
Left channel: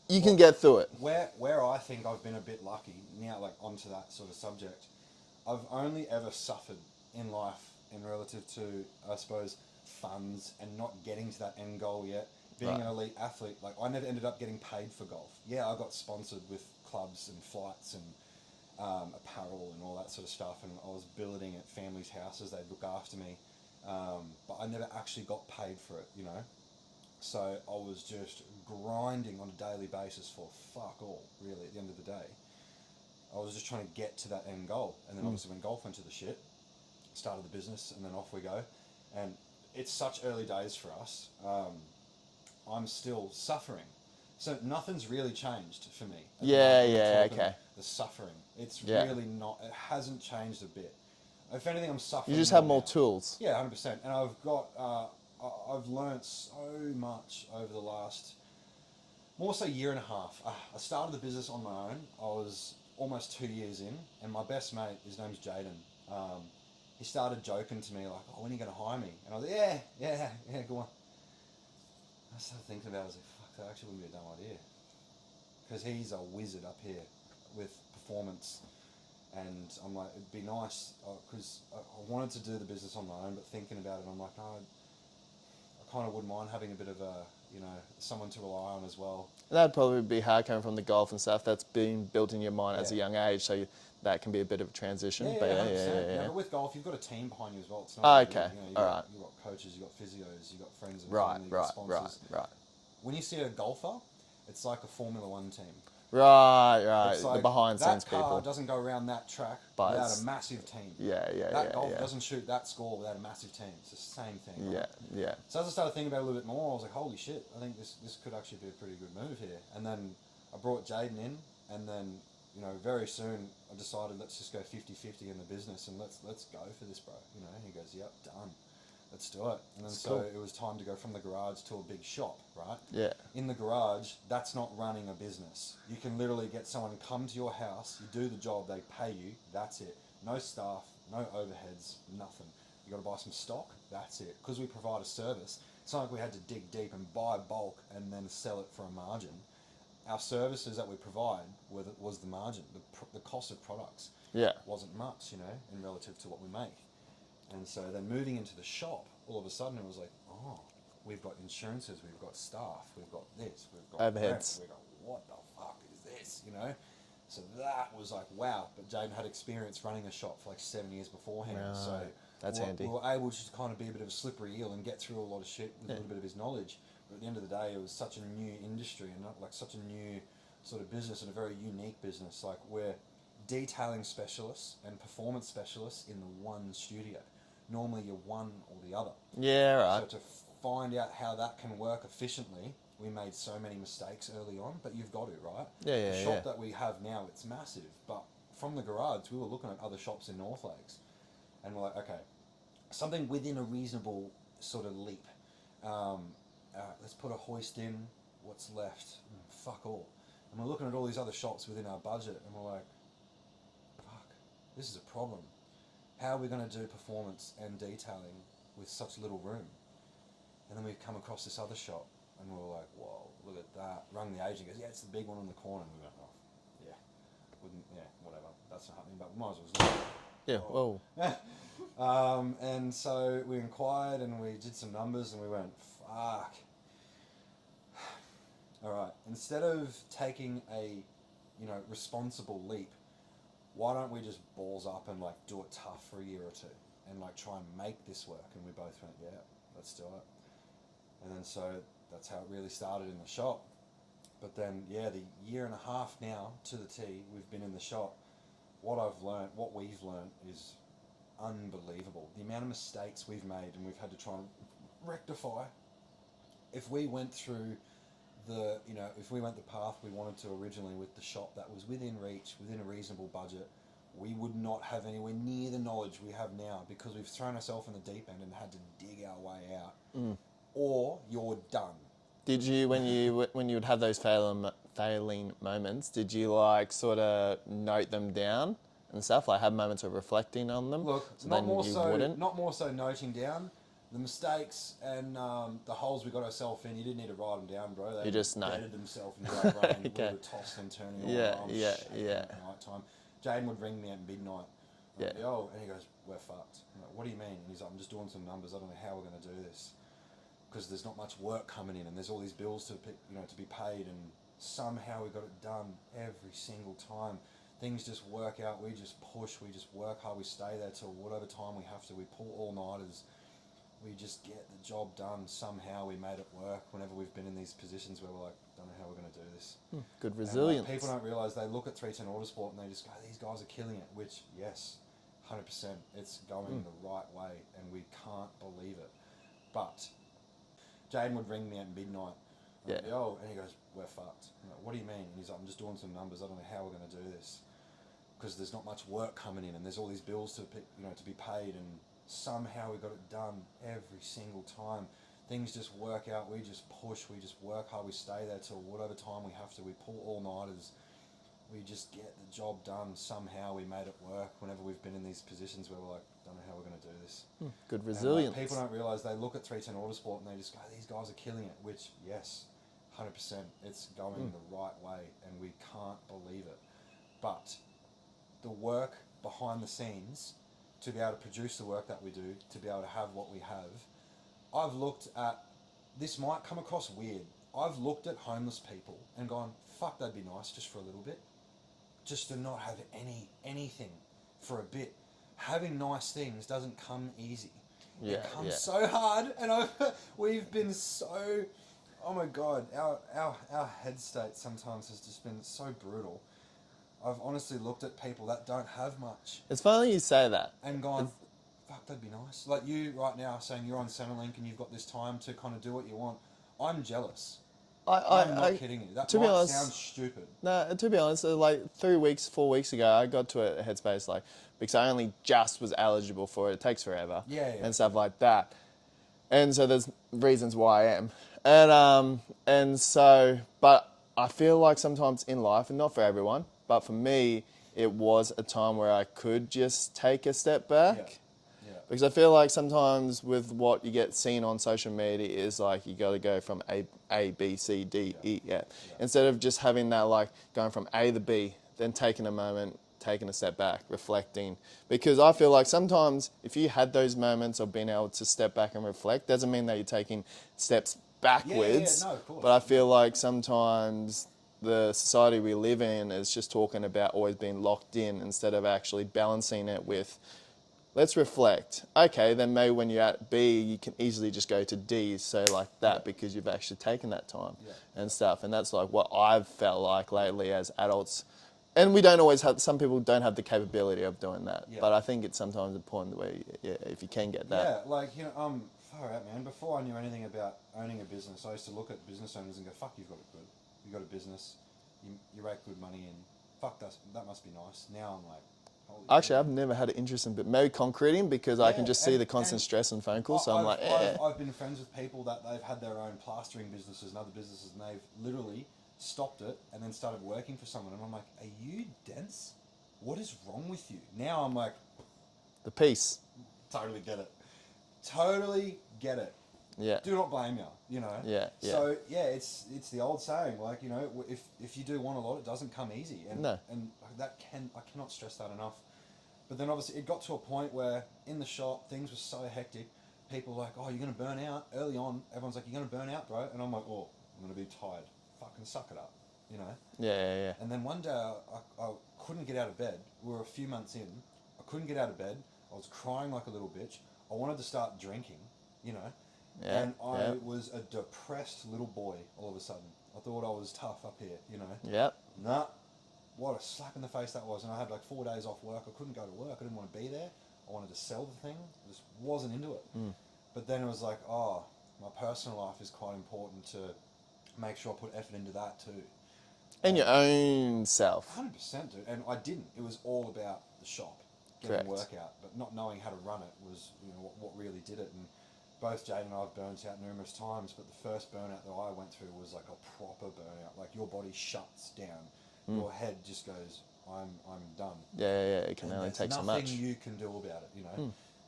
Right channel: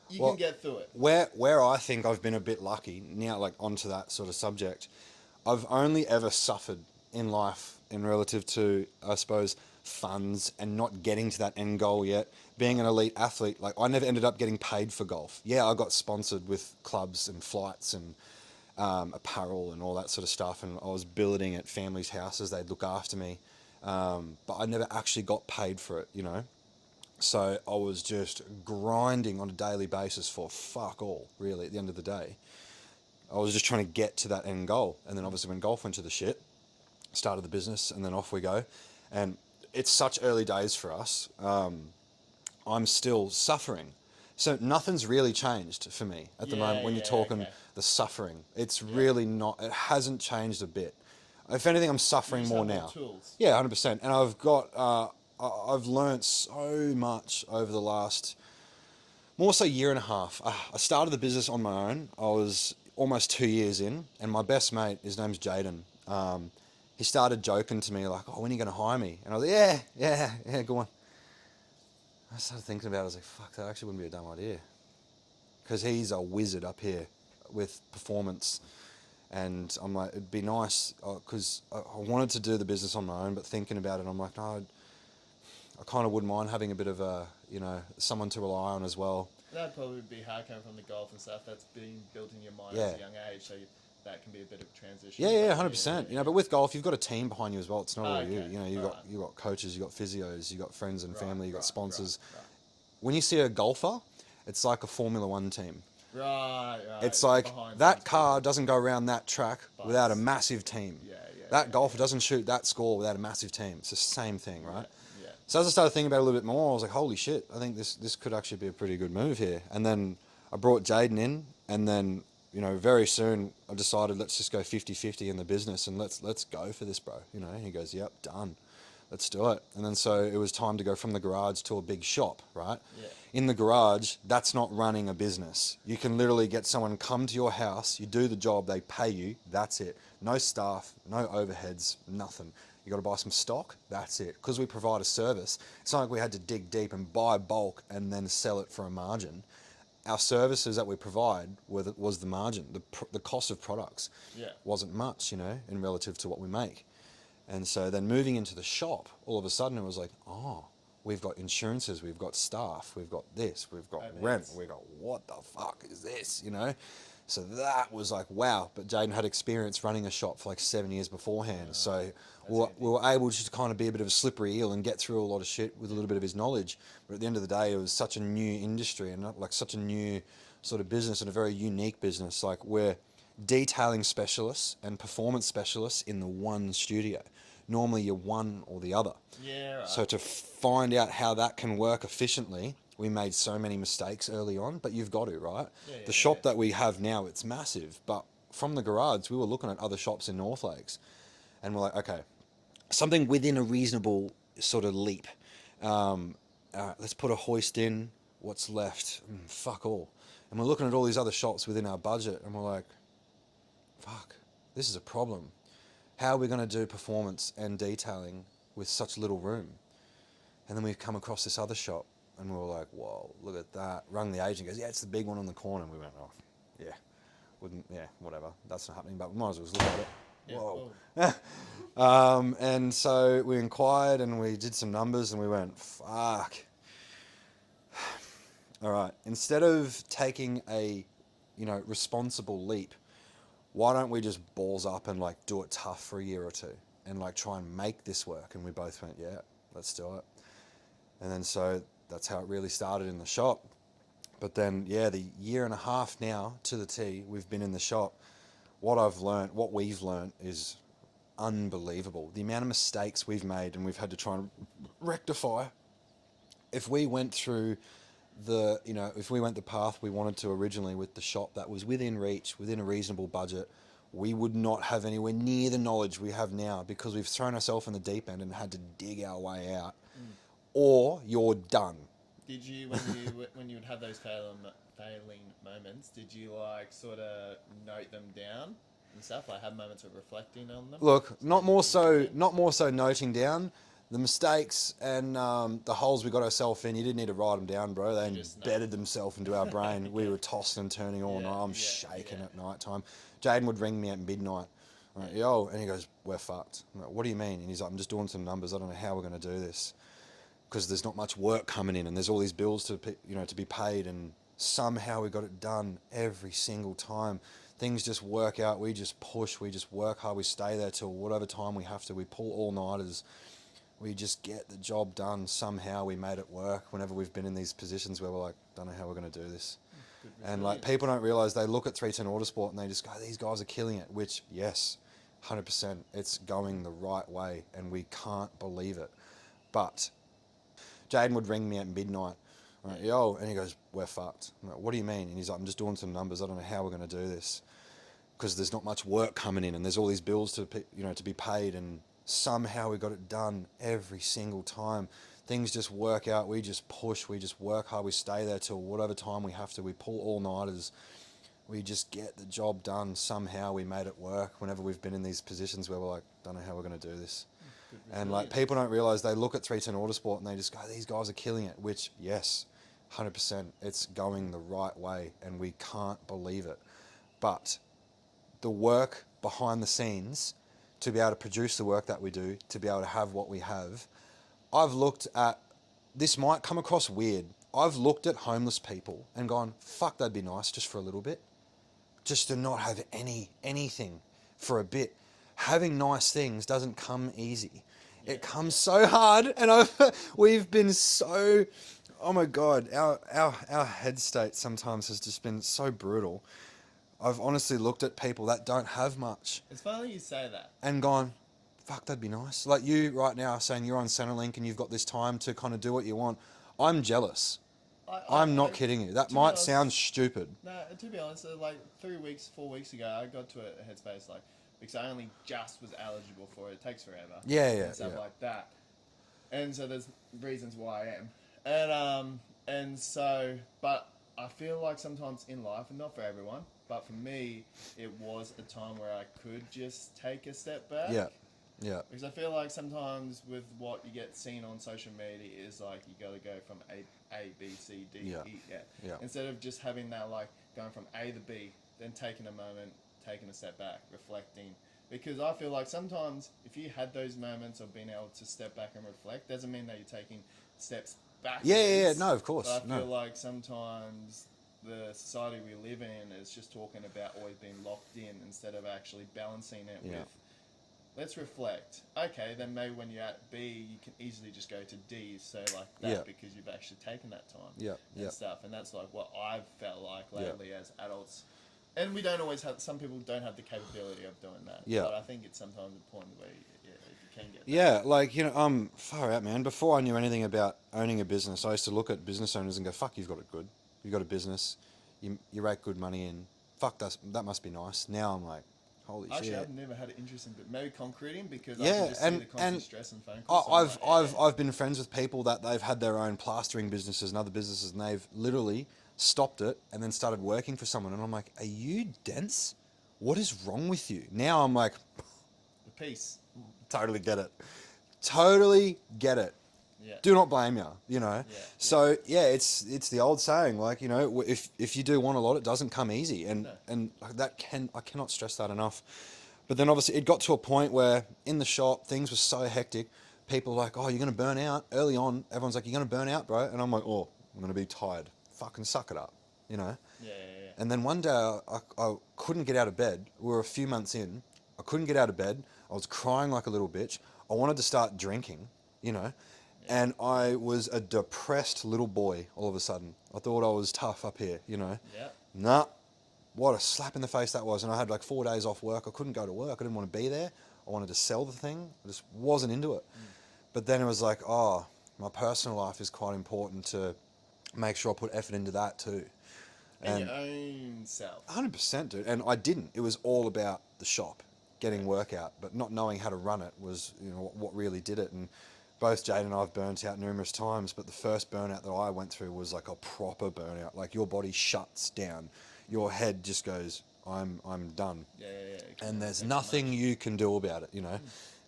you can get through it. Where I think I've been a bit lucky now, like onto that sort of subject, I've only ever suffered in life in relative to, I suppose, funds and not getting to that end goal yet. Being an elite athlete, like I never ended up getting paid for golf. Yeah, I got sponsored with clubs and flights and apparel and all that sort of stuff, and I was billeting at families' houses. They'd look after me, but I never actually got paid for it, you know. So I was just grinding on a daily basis for fuck all, really, at the end of the day. I was just trying to get to that end goal. And then obviously when golf went to the shit, started the business, and then off we go. And it's such early days for us. I'm still suffering. So nothing's really changed for me at the moment when you're talking the suffering. It's really not, it hasn't changed a bit. If anything, I'm suffering more now. You just have more tools. Yeah, 100%. And I've got, I've learnt so much over the last, more so year and a half. I started the business on my own. I was almost 2 years in, and my best mate, his name's Jaden, he started joking to me like, oh, when are you going to hire me? And I was like, yeah, go on. I started thinking about it. I was like, fuck, that actually wouldn't be a dumb idea. Because he's a wizard up here with performance. And I'm like, it'd be nice, because I wanted to do the business on my own, but thinking about it, I'm like, no, I kind of wouldn't mind having a bit of a, you know, someone to rely on as well. That'd probably be hard coming from the golf and stuff. That's been built in your mind as a young age, so that can be a bit of a transition. Yeah, 100%. You know, but with golf, you've got a team behind you as well. It's not only you. You know, you've got coaches, you've got physios, you've got friends and family, you've got sponsors. Right. When you see a golfer, it's like a Formula One team. Right. It's like that car doesn't go around that track without a massive team. That golfer doesn't shoot that score without a massive team. It's the same thing, right? Yeah. So as I started thinking about it a little bit more, I was like, holy shit, I think this could actually be a pretty good move here. And then I brought Jaden in, and then, you know, very soon I decided, let's just go 50-50 in the business and let's go for this, bro. You know, and he goes, yep, done. Let's do it. And then so it was time to go from the garage to a big shop, right? Yeah. In the garage, that's not running a business. You can literally get someone come to your house, you do the job, they pay you, that's it. No staff, no overheads, nothing. You got to buy some stock, that's it. Because we provide a service, it's not like we had to dig deep and buy bulk and then sell it for a margin. Our services that we provide was the margin, the cost of products. Wasn't much, you know, in relative to what we make. And so then moving into the shop, all of a sudden it was like, oh, we've got insurances, we've got staff, we've got this, we've got rent, we've got what the fuck is this, you know? So that was like, wow. But Jaden had experience running a shop for like 7 years beforehand. So we were able to kind of be a bit of a slippery eel and get through a lot of shit with a little bit of his knowledge. But at the end of the day, it was such a new industry and not like such a new sort of business and a very unique business. Like we're detailing specialists and performance specialists in the one studio. Normally you're one or the other. Yeah, right. So to find out how that can work efficiently, we made so many mistakes early on, but you've got to, right? The shop that we have now, it's massive, but from the garage, we were looking at other shops in North Lakes, and we're like, okay, something within a reasonable sort of leap. Let's put a hoist in. What's left? Fuck all. And we're looking at all these other shops within our budget, and we're like, fuck, this is a problem. How are we going to do performance and detailing with such little room? And then we come across this other shop, and we were like, whoa, look at that. Rung the agent, goes, yeah, it's the big one on the corner. And we went, oh, whatever. That's not happening, but we might as well look at it. Whoa. And so we inquired, and we did some numbers, and we went, fuck. All right, instead of taking a, you know, responsible leap, why don't we just balls up and like do it tough for a year or two and like try and make this work? And we both went, yeah, let's do it. And then so that's how it really started in the shop. But then, the year and a half now to the T, we've been in the shop. What we've learned is unbelievable. The amount of mistakes we've made and we've had to try and rectify. If we went through if we went the path we wanted to originally with the shop that was within reach, within a reasonable budget, we would not have anywhere near the knowledge we have now because we've thrown ourselves in the deep end and had to dig our way out. Or you're done. Did you, when you would have those failing moments, did you like sort of note them down and stuff, like have moments of reflecting on them? Look, not more so noting down. the mistakes and the holes we got ourselves in, you didn't need to write them down, bro. They just know. embedded themselves into our brain. We Okay. were tossing and turning all Yeah, night. I'm yeah, shaking yeah. at night time. Jaden would ring me at midnight. I'm like, Yeah. yo, and he goes, we're fucked. I'm like, what do you mean? And he's like, I'm just doing some numbers. I don't know how we're going to do this because there's not much work coming in and there's all these bills to be paid, and somehow we got it done every single time. Things just work out. We just push. We just work hard. We stay there till whatever time we have to. We pull all-nighters. We just get the job done. Somehow we made it work whenever we've been in these positions where we're like, don't know how we're going to do this. Good And resilience. like, people don't realise, they look at 310 Autosport and they just go, these guys are killing it, which, yes, 100%, it's going the right way and we can't believe it. But Jaden would ring me at midnight. I'm like, yo, and he goes, we're fucked. I'm like, what do you mean? And he's like, I'm just doing some numbers. I don't know how we're going to do this because there's not much work coming in and there's all these bills to be paid, and somehow we got it done every single time. Things just work out. We just push. We just work hard. We stay there till whatever time we have to. We pull all-nighters. We just get the job done. Somehow we made it work whenever we've been in these positions where we're like, don't know how we're going to do this. Good And resilience. like, people don't realise, they look at 310 Autosport and they just go, these guys are killing it, which, yes, 100%, it's going the right way and we can't believe it. But the work behind the scenes to be able to produce the work that we do, to be able to have what we have, I've looked at, this might come across weird, I've looked at homeless people and gone, fuck, that'd be nice just for a little bit. Just to not have anything for a bit. Having nice things doesn't come easy. It comes so hard, and we've been so, oh my God, our head state sometimes has just been so brutal. I've honestly looked at people that don't have much It's funny you say that. and gone, fuck, that'd be nice. Like you right now saying you're on Centrelink and you've got this time to kind of do what you want. I'm jealous. I'm not kidding you. That might sound stupid. No, to be honest, like 4 weeks ago, I got to a headspace like, because I only just was eligible for it. It takes forever. Yeah, And stuff yeah. like that. And so there's reasons why I am. And so, but I feel like sometimes in life, and not for everyone, but for me, it was a time where I could just take a step back. Yeah. Yeah. Because I feel like sometimes with what you get seen on social media is like you got to go from A, B, C, D, E, F. Yeah. Instead of just having that like going from A to B, then taking a moment, taking a step back, reflecting. Because I feel like sometimes if you had those moments of being able to step back and reflect, doesn't mean that you're taking steps backwards. Yeah, no, of course. But I feel like sometimes the society we live in is just talking about always being locked in instead of actually balancing it with, let's reflect. Okay, then maybe when you're at B, you can easily just go to D, so like that, because you've actually taken that time and stuff. And that's like what I've felt like lately as adults. And we don't always have, some people don't have the capability of doing that. Yeah. But I think it's sometimes important where, if you can get that. Yeah, like, far out, man. Before I knew anything about owning a business, I used to look at business owners and go, fuck, you've got it good. You've got a business. You rake good money in. Fuck, that must be nice. Now I'm like, holy shit. Actually, I've never had an interest in, but maybe concreting because I can just see the constant stress and phone calls. So I've been friends with people that they've had their own plastering businesses and other businesses, and they've literally stopped it and then started working for someone. And I'm like, are you dense? What is wrong with you? Now I'm like, the peace. Totally get it. Totally get it. Yeah. Do not blame you, Yeah. So yeah, it's the old saying, like, if you do want a lot, it doesn't come easy, and No. and I cannot stress that enough. But then obviously it got to a point where in the shop things were so hectic. People were like, oh, you're gonna burn out early on. Everyone's like, you're gonna burn out, bro, and I'm like, oh, I'm gonna be tired. Fucking suck it up, Yeah. And then one day I couldn't get out of bed. We were a few months in. I couldn't get out of bed. I was crying like a little bitch. I wanted to start drinking, and I was a depressed little boy all of a sudden. I thought I was tough up here, Yep. Nah, what a slap in the face that was. And I had like 4 days off work. I couldn't go to work. I didn't want to be there. I wanted to sell the thing. I just wasn't into it. But then it was like, oh, my personal life is quite important to make sure I put effort into that too. And your own self. 100%, dude. And I didn't. It was all about the shop, getting work out, but not knowing how to run it was, what really did it. And both Jade and I have burnt out numerous times, but the first burnout that I went through was like a proper burnout. Like your body shuts down. Your head just goes, I'm done. Yeah. And there's nothing you can do about it,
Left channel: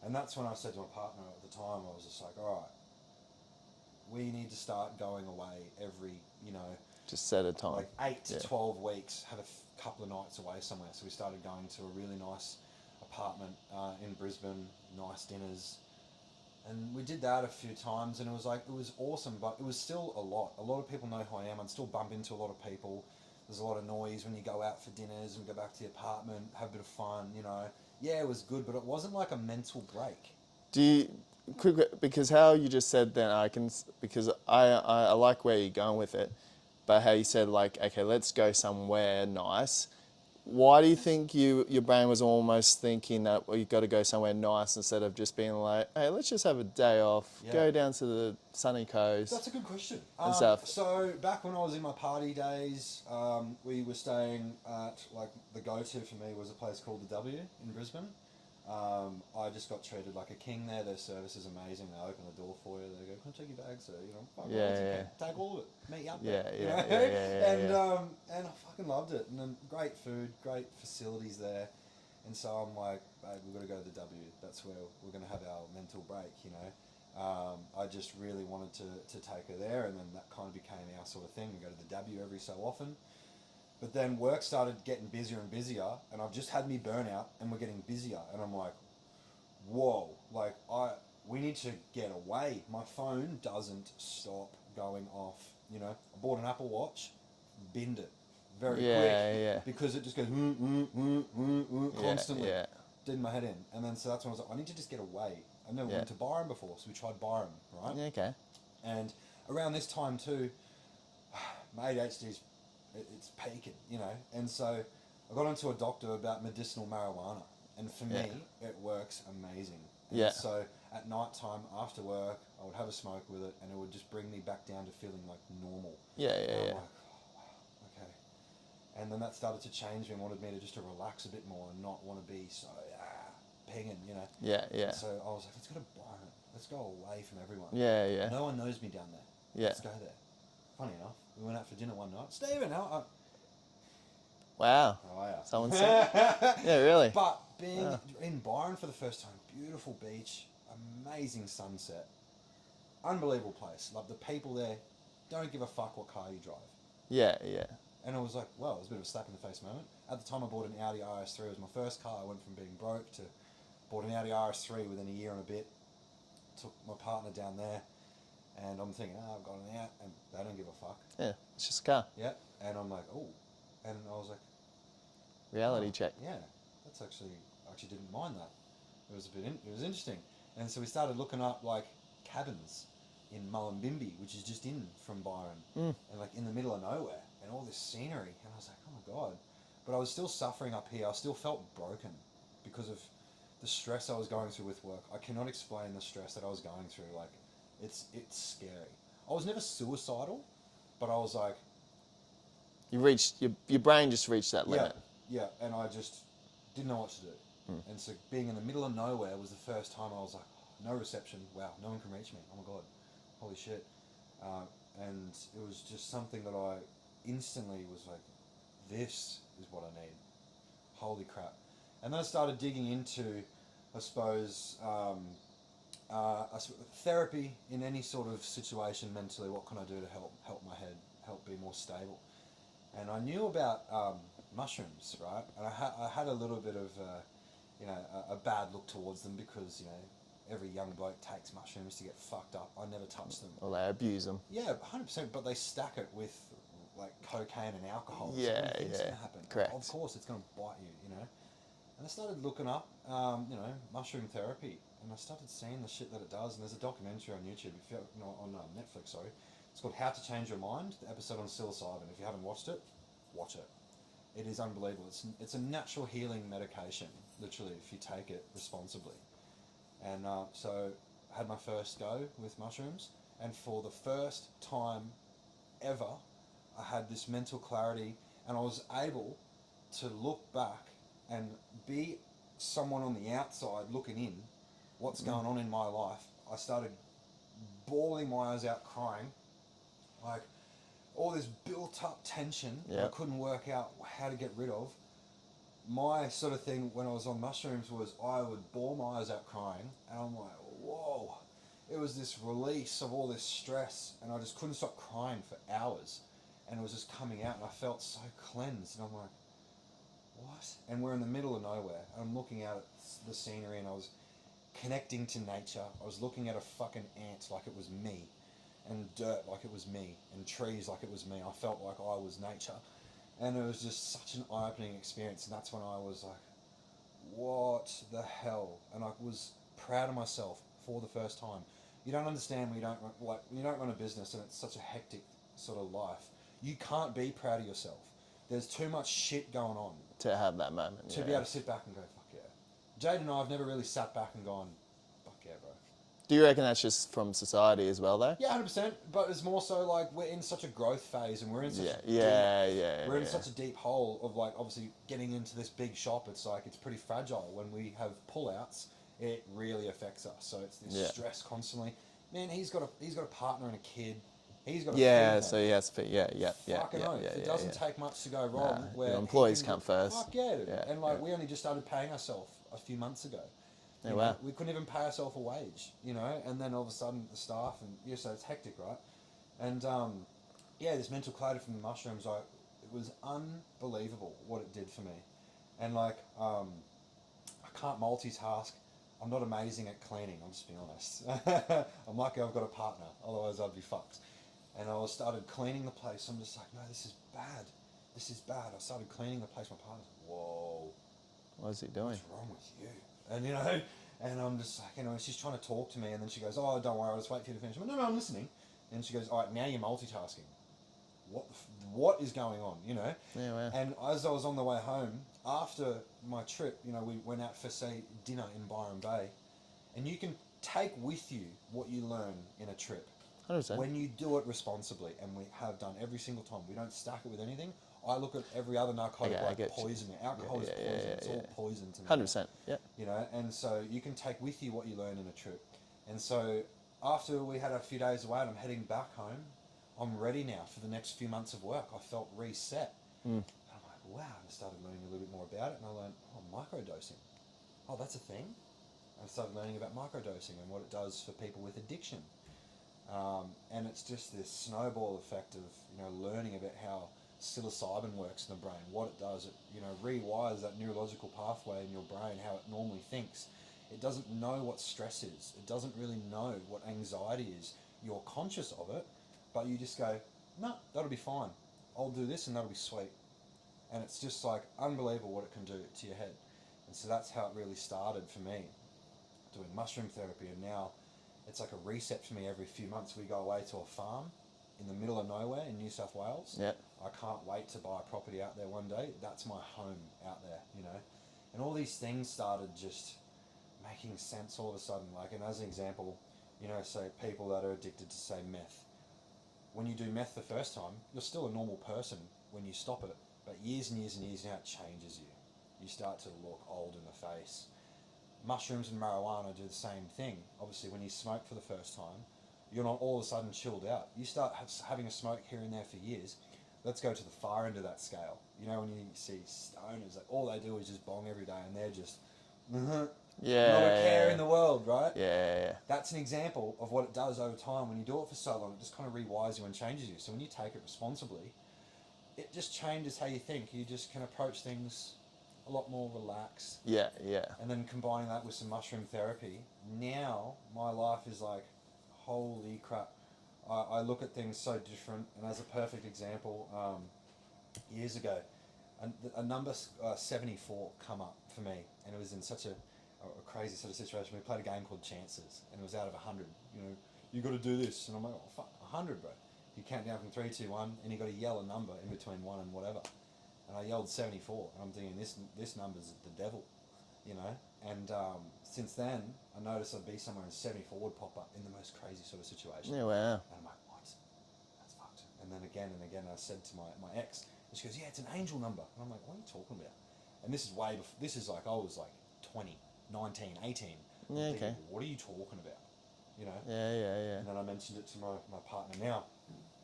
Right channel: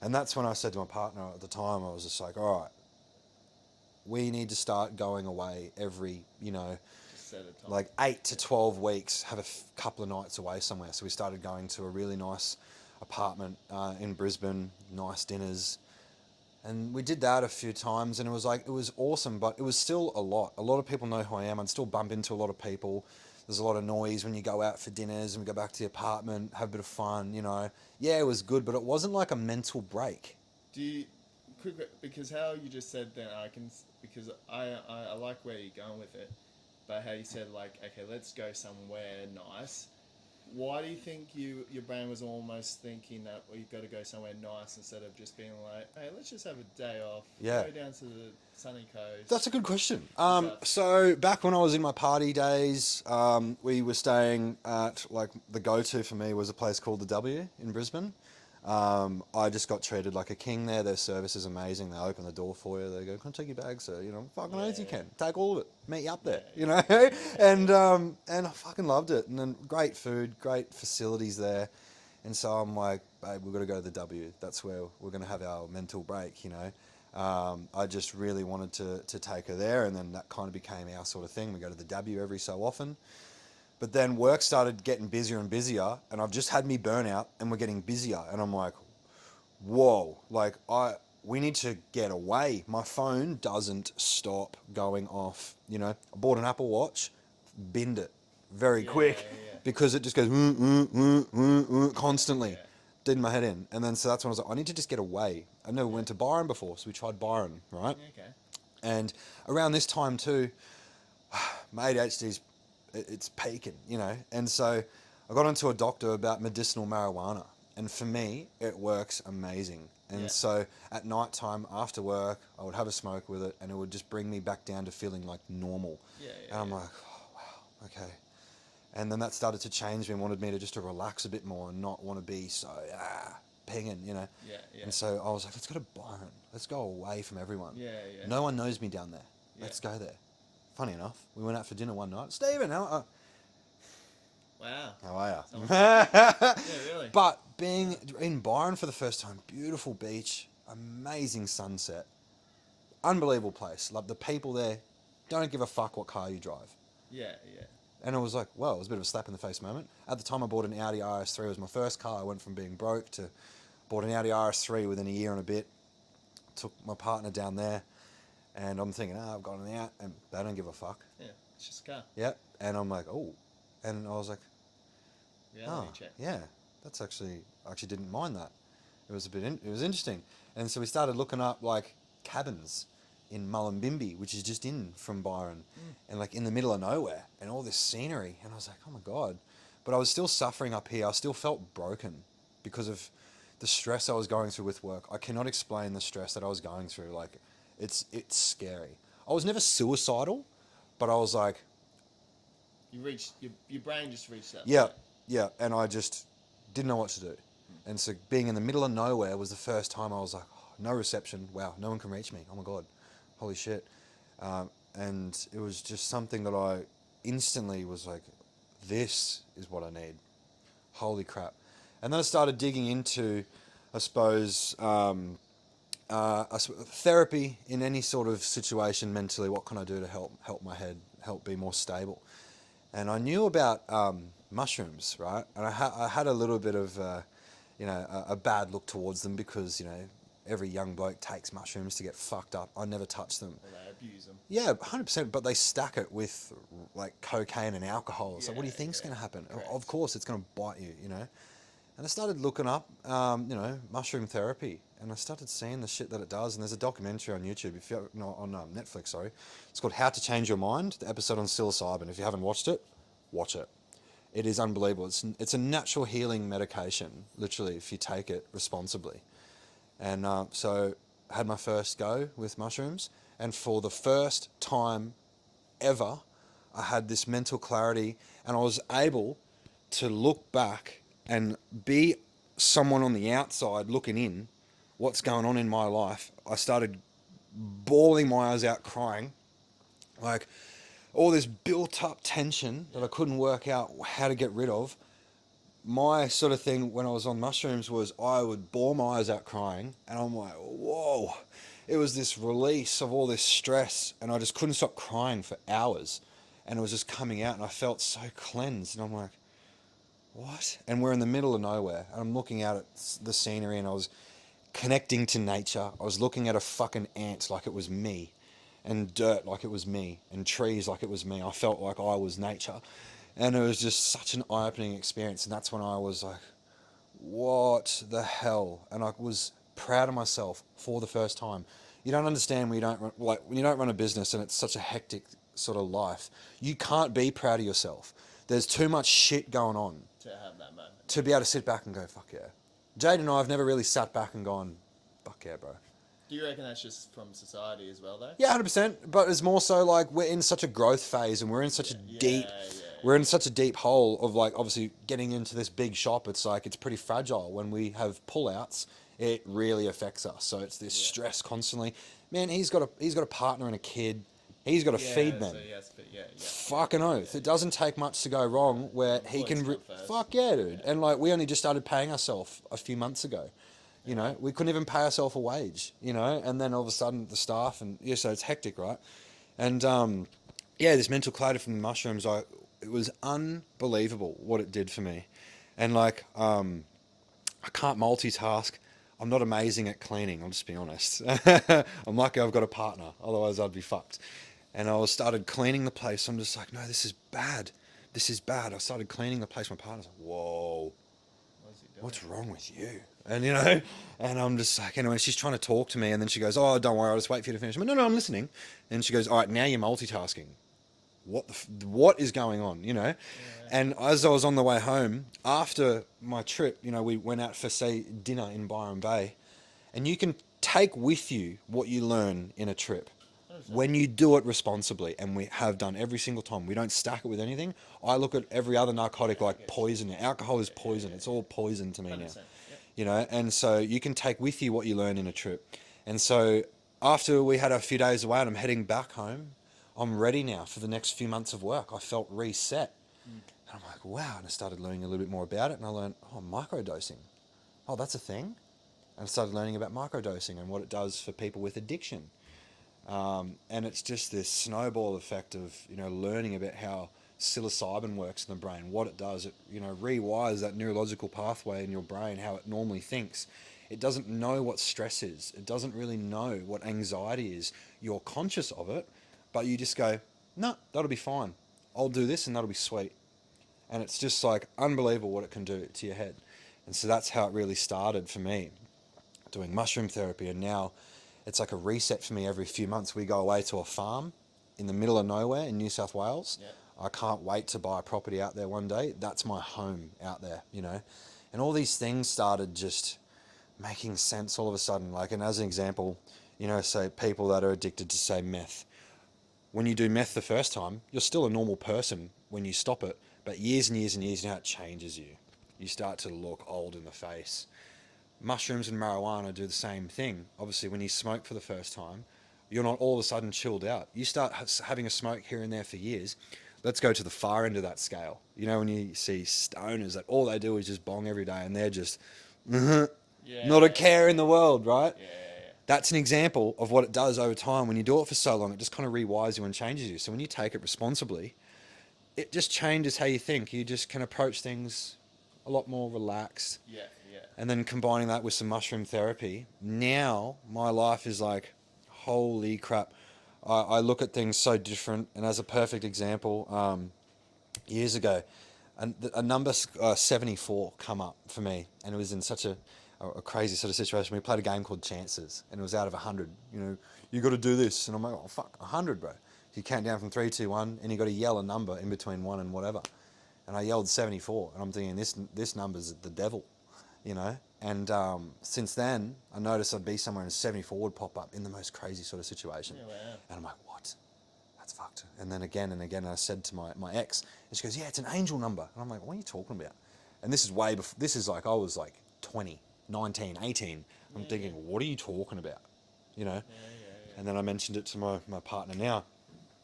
And that's when I said to my partner at the time, I was just like, all right, we need to start going away every, Just set a time. like 8 to Yeah. 12 weeks, have a couple of nights away somewhere. So we started going to a really nice apartment in Brisbane, nice dinners. And we did that a few times, and it was awesome, but it was still a lot. A lot of people know who I am. I'd still bump into a lot of people. There's a lot of noise when you go out for dinners and we go back to the apartment, have a bit of fun, Yeah, it was good, but it wasn't like a mental break. Do you, because how you just said then, because I like where you're going with it, but how you said like, okay, let's go somewhere nice. Why do you think your brain was almost thinking that, well, you got to go somewhere nice instead of just being like, hey, let's just have a day off, Yeah. go down to the sunny coast? That's a good question. stuff. So back when I was in my party days, we were staying at, like, the go-to for me was a place called the W in Brisbane. I just got treated like a king there. Their service is amazing. They open the door for you. They go, "Come take your bag, sir." Fucking Yeah, as you yeah. can. Take all of it. Meet you up there. Yeah, yeah, yeah. And I fucking loved it. And then great food, great facilities there. And so I'm like, babe, we've got to go to the W. That's where we're going to have our mental break. I just really wanted to take her there, and then that kind of became our sort of thing. We go to the W every so often. But then work started getting busier and busier, and I've just had me burnout, and we're getting busier, and I'm like, whoa, like we need to get away. My phone doesn't stop going off. I bought an Apple Watch, binned it very quick Yeah. because it just goes constantly. Yeah. Did my head in, and then so that's when I was like, I need to just get away. I never went to Byron before, so we tried Byron, right? Yeah, okay. And around this time too, my ADHD's it's peaking, and so I got into a doctor about medicinal marijuana, and for me it works amazing. And Yeah. so at night time after work, I would have a smoke with it, and it would just bring me back down to feeling like normal. Yeah. And I'm like, oh, wow, okay. And then that started to change me and wanted me to just to relax a bit more and not want to be so pinging, Yeah. And so I was like, let's go to Byron. Let's go away from everyone. Yeah. No one knows me down there. Yeah. Let's go there. Funny enough, we went out for dinner one night. Stephen, how Wow. are you? Someone said, yeah, really. But being in Byron for the first time, beautiful beach, amazing sunset, unbelievable place. Like the people there, don't give a fuck what car you drive. Yeah. And it was like, well, it was a bit of a slap in the face moment. At the time I bought an Audi RS3. It was my first car. I went from being broke to bought an Audi RS3 within a year and a bit. Took my partner down there, and I'm thinking, I've got an out, and they don't give a fuck. Yeah. It's just a car. Yep. And I'm like, oh. And I was like, Reality check. yeah, that's I actually didn't mind that. It was it was interesting. And so we started looking up like cabins in Mullumbimby, which is just in from Byron, and like in the middle of nowhere, and all this scenery. And I was like, oh my God. But I was still suffering up here. I still felt broken because of the stress I was going through with work. I cannot explain the stress that I was going through. Like, it's scary. I was never suicidal, but I was like, You reached your brain just reached that yeah, limit. yeah, and I just didn't know what to do. And so being in the middle of nowhere was the first time I was like, oh, no reception. Wow, no one can reach me. Oh my God, holy shit. And it was just something that I instantly was like, this is what I need. Holy crap. And then I started digging into, I suppose, therapy in any sort of situation mentally. What can I do to help my head, help be more stable? And I knew about mushrooms, right? And I had a little bit of, a bad look towards them because, every young bloke takes mushrooms to get fucked up. I never touched them. Or they abuse them. Yeah, 100%. But they stack it with like cocaine and alcohol. So what do you Yeah, think's yeah. going to happen? Correct. Of course, it's going to bite you, And I started looking up, mushroom therapy, and I started seeing the shit that it does. And there's a documentary on YouTube, if you not on Netflix, sorry. It's called How to Change Your Mind. The episode on psilocybin. If you haven't watched it, watch it. It is unbelievable. It's a natural healing medication, literally, if you take it responsibly. And so I had my first go with mushrooms, and for the first time ever, I had this mental clarity, and I was able to look back and be someone on the outside looking in, what's going on in my life. I started bawling my eyes out, crying, like all this built up tension that I couldn't work out how to get rid of. my sort of thing when I was on mushrooms was I would bawl my eyes out crying, and I'm like, whoa. It was this release of all this stress, and I just couldn't stop crying for hours, and it was just coming out, and I felt so cleansed, and I'm like, what? And we're in the middle of nowhere, and I'm looking out at the scenery, and I was connecting to nature. I was looking at a fucking ant like it was me, and dirt like it was me, and trees like it was me. I felt like I was nature, and it was just such an eye-opening experience. And that's when I was like, what the hell? And I was proud of myself for the first time. You don't understand when you don't when you don't run a business and it's such a hectic sort of life. You can't be proud of yourself. There's too much shit going on To have that moment. to be able to sit back and go, fuck yeah. Jade and I have never really sat back and gone, fuck yeah, bro. Do you reckon that's just from society as well, though? Yeah, 100%. But it's more so like we're in such a growth phase, and we're in such we're in such a deep hole of like obviously getting into this big shop. It's like it's pretty fragile. When we have pullouts, it really affects us. So it's this stress constantly. Man, he's got a partner and a kid. He's got to feed them. So he has to feed. Fucking oath. It doesn't take much to go wrong where he can come first. Fuck yeah, dude. And like we only just started paying ourselves a few months ago. You know, we couldn't even pay ourselves a wage, you know, and then all of a sudden the staff and so it's hectic, right? And this mental clarity from the mushrooms, it was unbelievable what it did for me. And like, I can't multitask. I'm not amazing at cleaning. I'll just be honest. I'm lucky I've got a partner. Otherwise I'd be fucked. And I started cleaning the place. I'm just like, no, this is bad. This is bad. I started cleaning the place. My partner's like, whoa. What is he doing? What's wrong with you? And you know, and I'm just like, anyway, she's trying to talk to me, and then she goes, oh, don't worry, I'll just wait for you to finish. I'm like, no, I'm listening. And she goes, all right, now you're multitasking. What is going on, you know? And as I was on the way home, after my trip, you know, we went out for, say, dinner in Byron Bay, and you can take with you what you learn in a trip. 100%. When you do it responsibly, and we have done every single time, we don't stack it with anything. I look at every other narcotic like poison. Alcohol is poison. It's all poison to me. 100%. Yeah. You know, and so you can take with you what you learn in a trip. And so after we had a few days away and I'm heading back home, I'm ready now for the next few months of work. I felt reset. And I'm like, wow. And I started learning a little bit more about it. And I learned, microdosing. Oh, that's a thing. And I started learning about microdosing and what it does for people with addiction. And it's just this snowball effect of, you know, learning about how psilocybin works in the brain, what it does. It, you know, rewires that neurological pathway in your brain, how it normally thinks. It doesn't know what stress is. It doesn't really know what anxiety is. You're conscious of it, but you just go, no, that'll be fine. I'll do this and that'll be sweet. And it's just like unbelievable what it can do to your head. And so that's how it really started for me, doing mushroom therapy. And now it's like a reset for me. Every few months we go away to a farm in the middle of nowhere in New South Wales. Yep. I can't wait to buy a property out there one day. That's my home out there, you know. And all these things started just making sense all of a sudden. Like, and as an example, you know, say people that are addicted to, say, meth. When you do meth the first time, you're still a normal person when you stop it. But years and years and years, you know, it changes you. You start to look old in the face. Mushrooms and marijuana do the same thing. Obviously, when you smoke for the first time, you're not all of a sudden chilled out. You start having a smoke here and there for years. Let's go to the far end of that scale. You know, when you see stoners that all they do is just bong every day and they're just not a care in the world, right? Yeah. That's an example of what it does over time. When you do it for so long, it just kind of rewires you and changes you. So when you take it responsibly, it just changes how you think. You just can approach things a lot more relaxed. Yeah. And then combining that with some mushroom therapy, now my life is like, holy crap. I look at things so different. And as a perfect example, years ago, a number 74 come up for me. And it was in such a crazy sort of situation. We played a game called Chances, and it was out of 100. You know, you got to do this. And I'm like, oh, fuck, 100, bro. You count down from 3, 2, 1, and you got to yell a number in between 1 and whatever. And I yelled 74, and I'm thinking, this number's the devil, you know? And since then, I noticed I'd be somewhere and 74 would pop up in the most crazy sort of situation. Yeah, wow. And I'm like, what? That's fucked. And then again and again, I said to my ex, and she goes, yeah, it's an angel number. And I'm like, what are you talking about? And this is way before, this is like, I was like 20, 19, 18. I'm thinking, what are you talking about? You know? Yeah. And then I mentioned it to my partner now.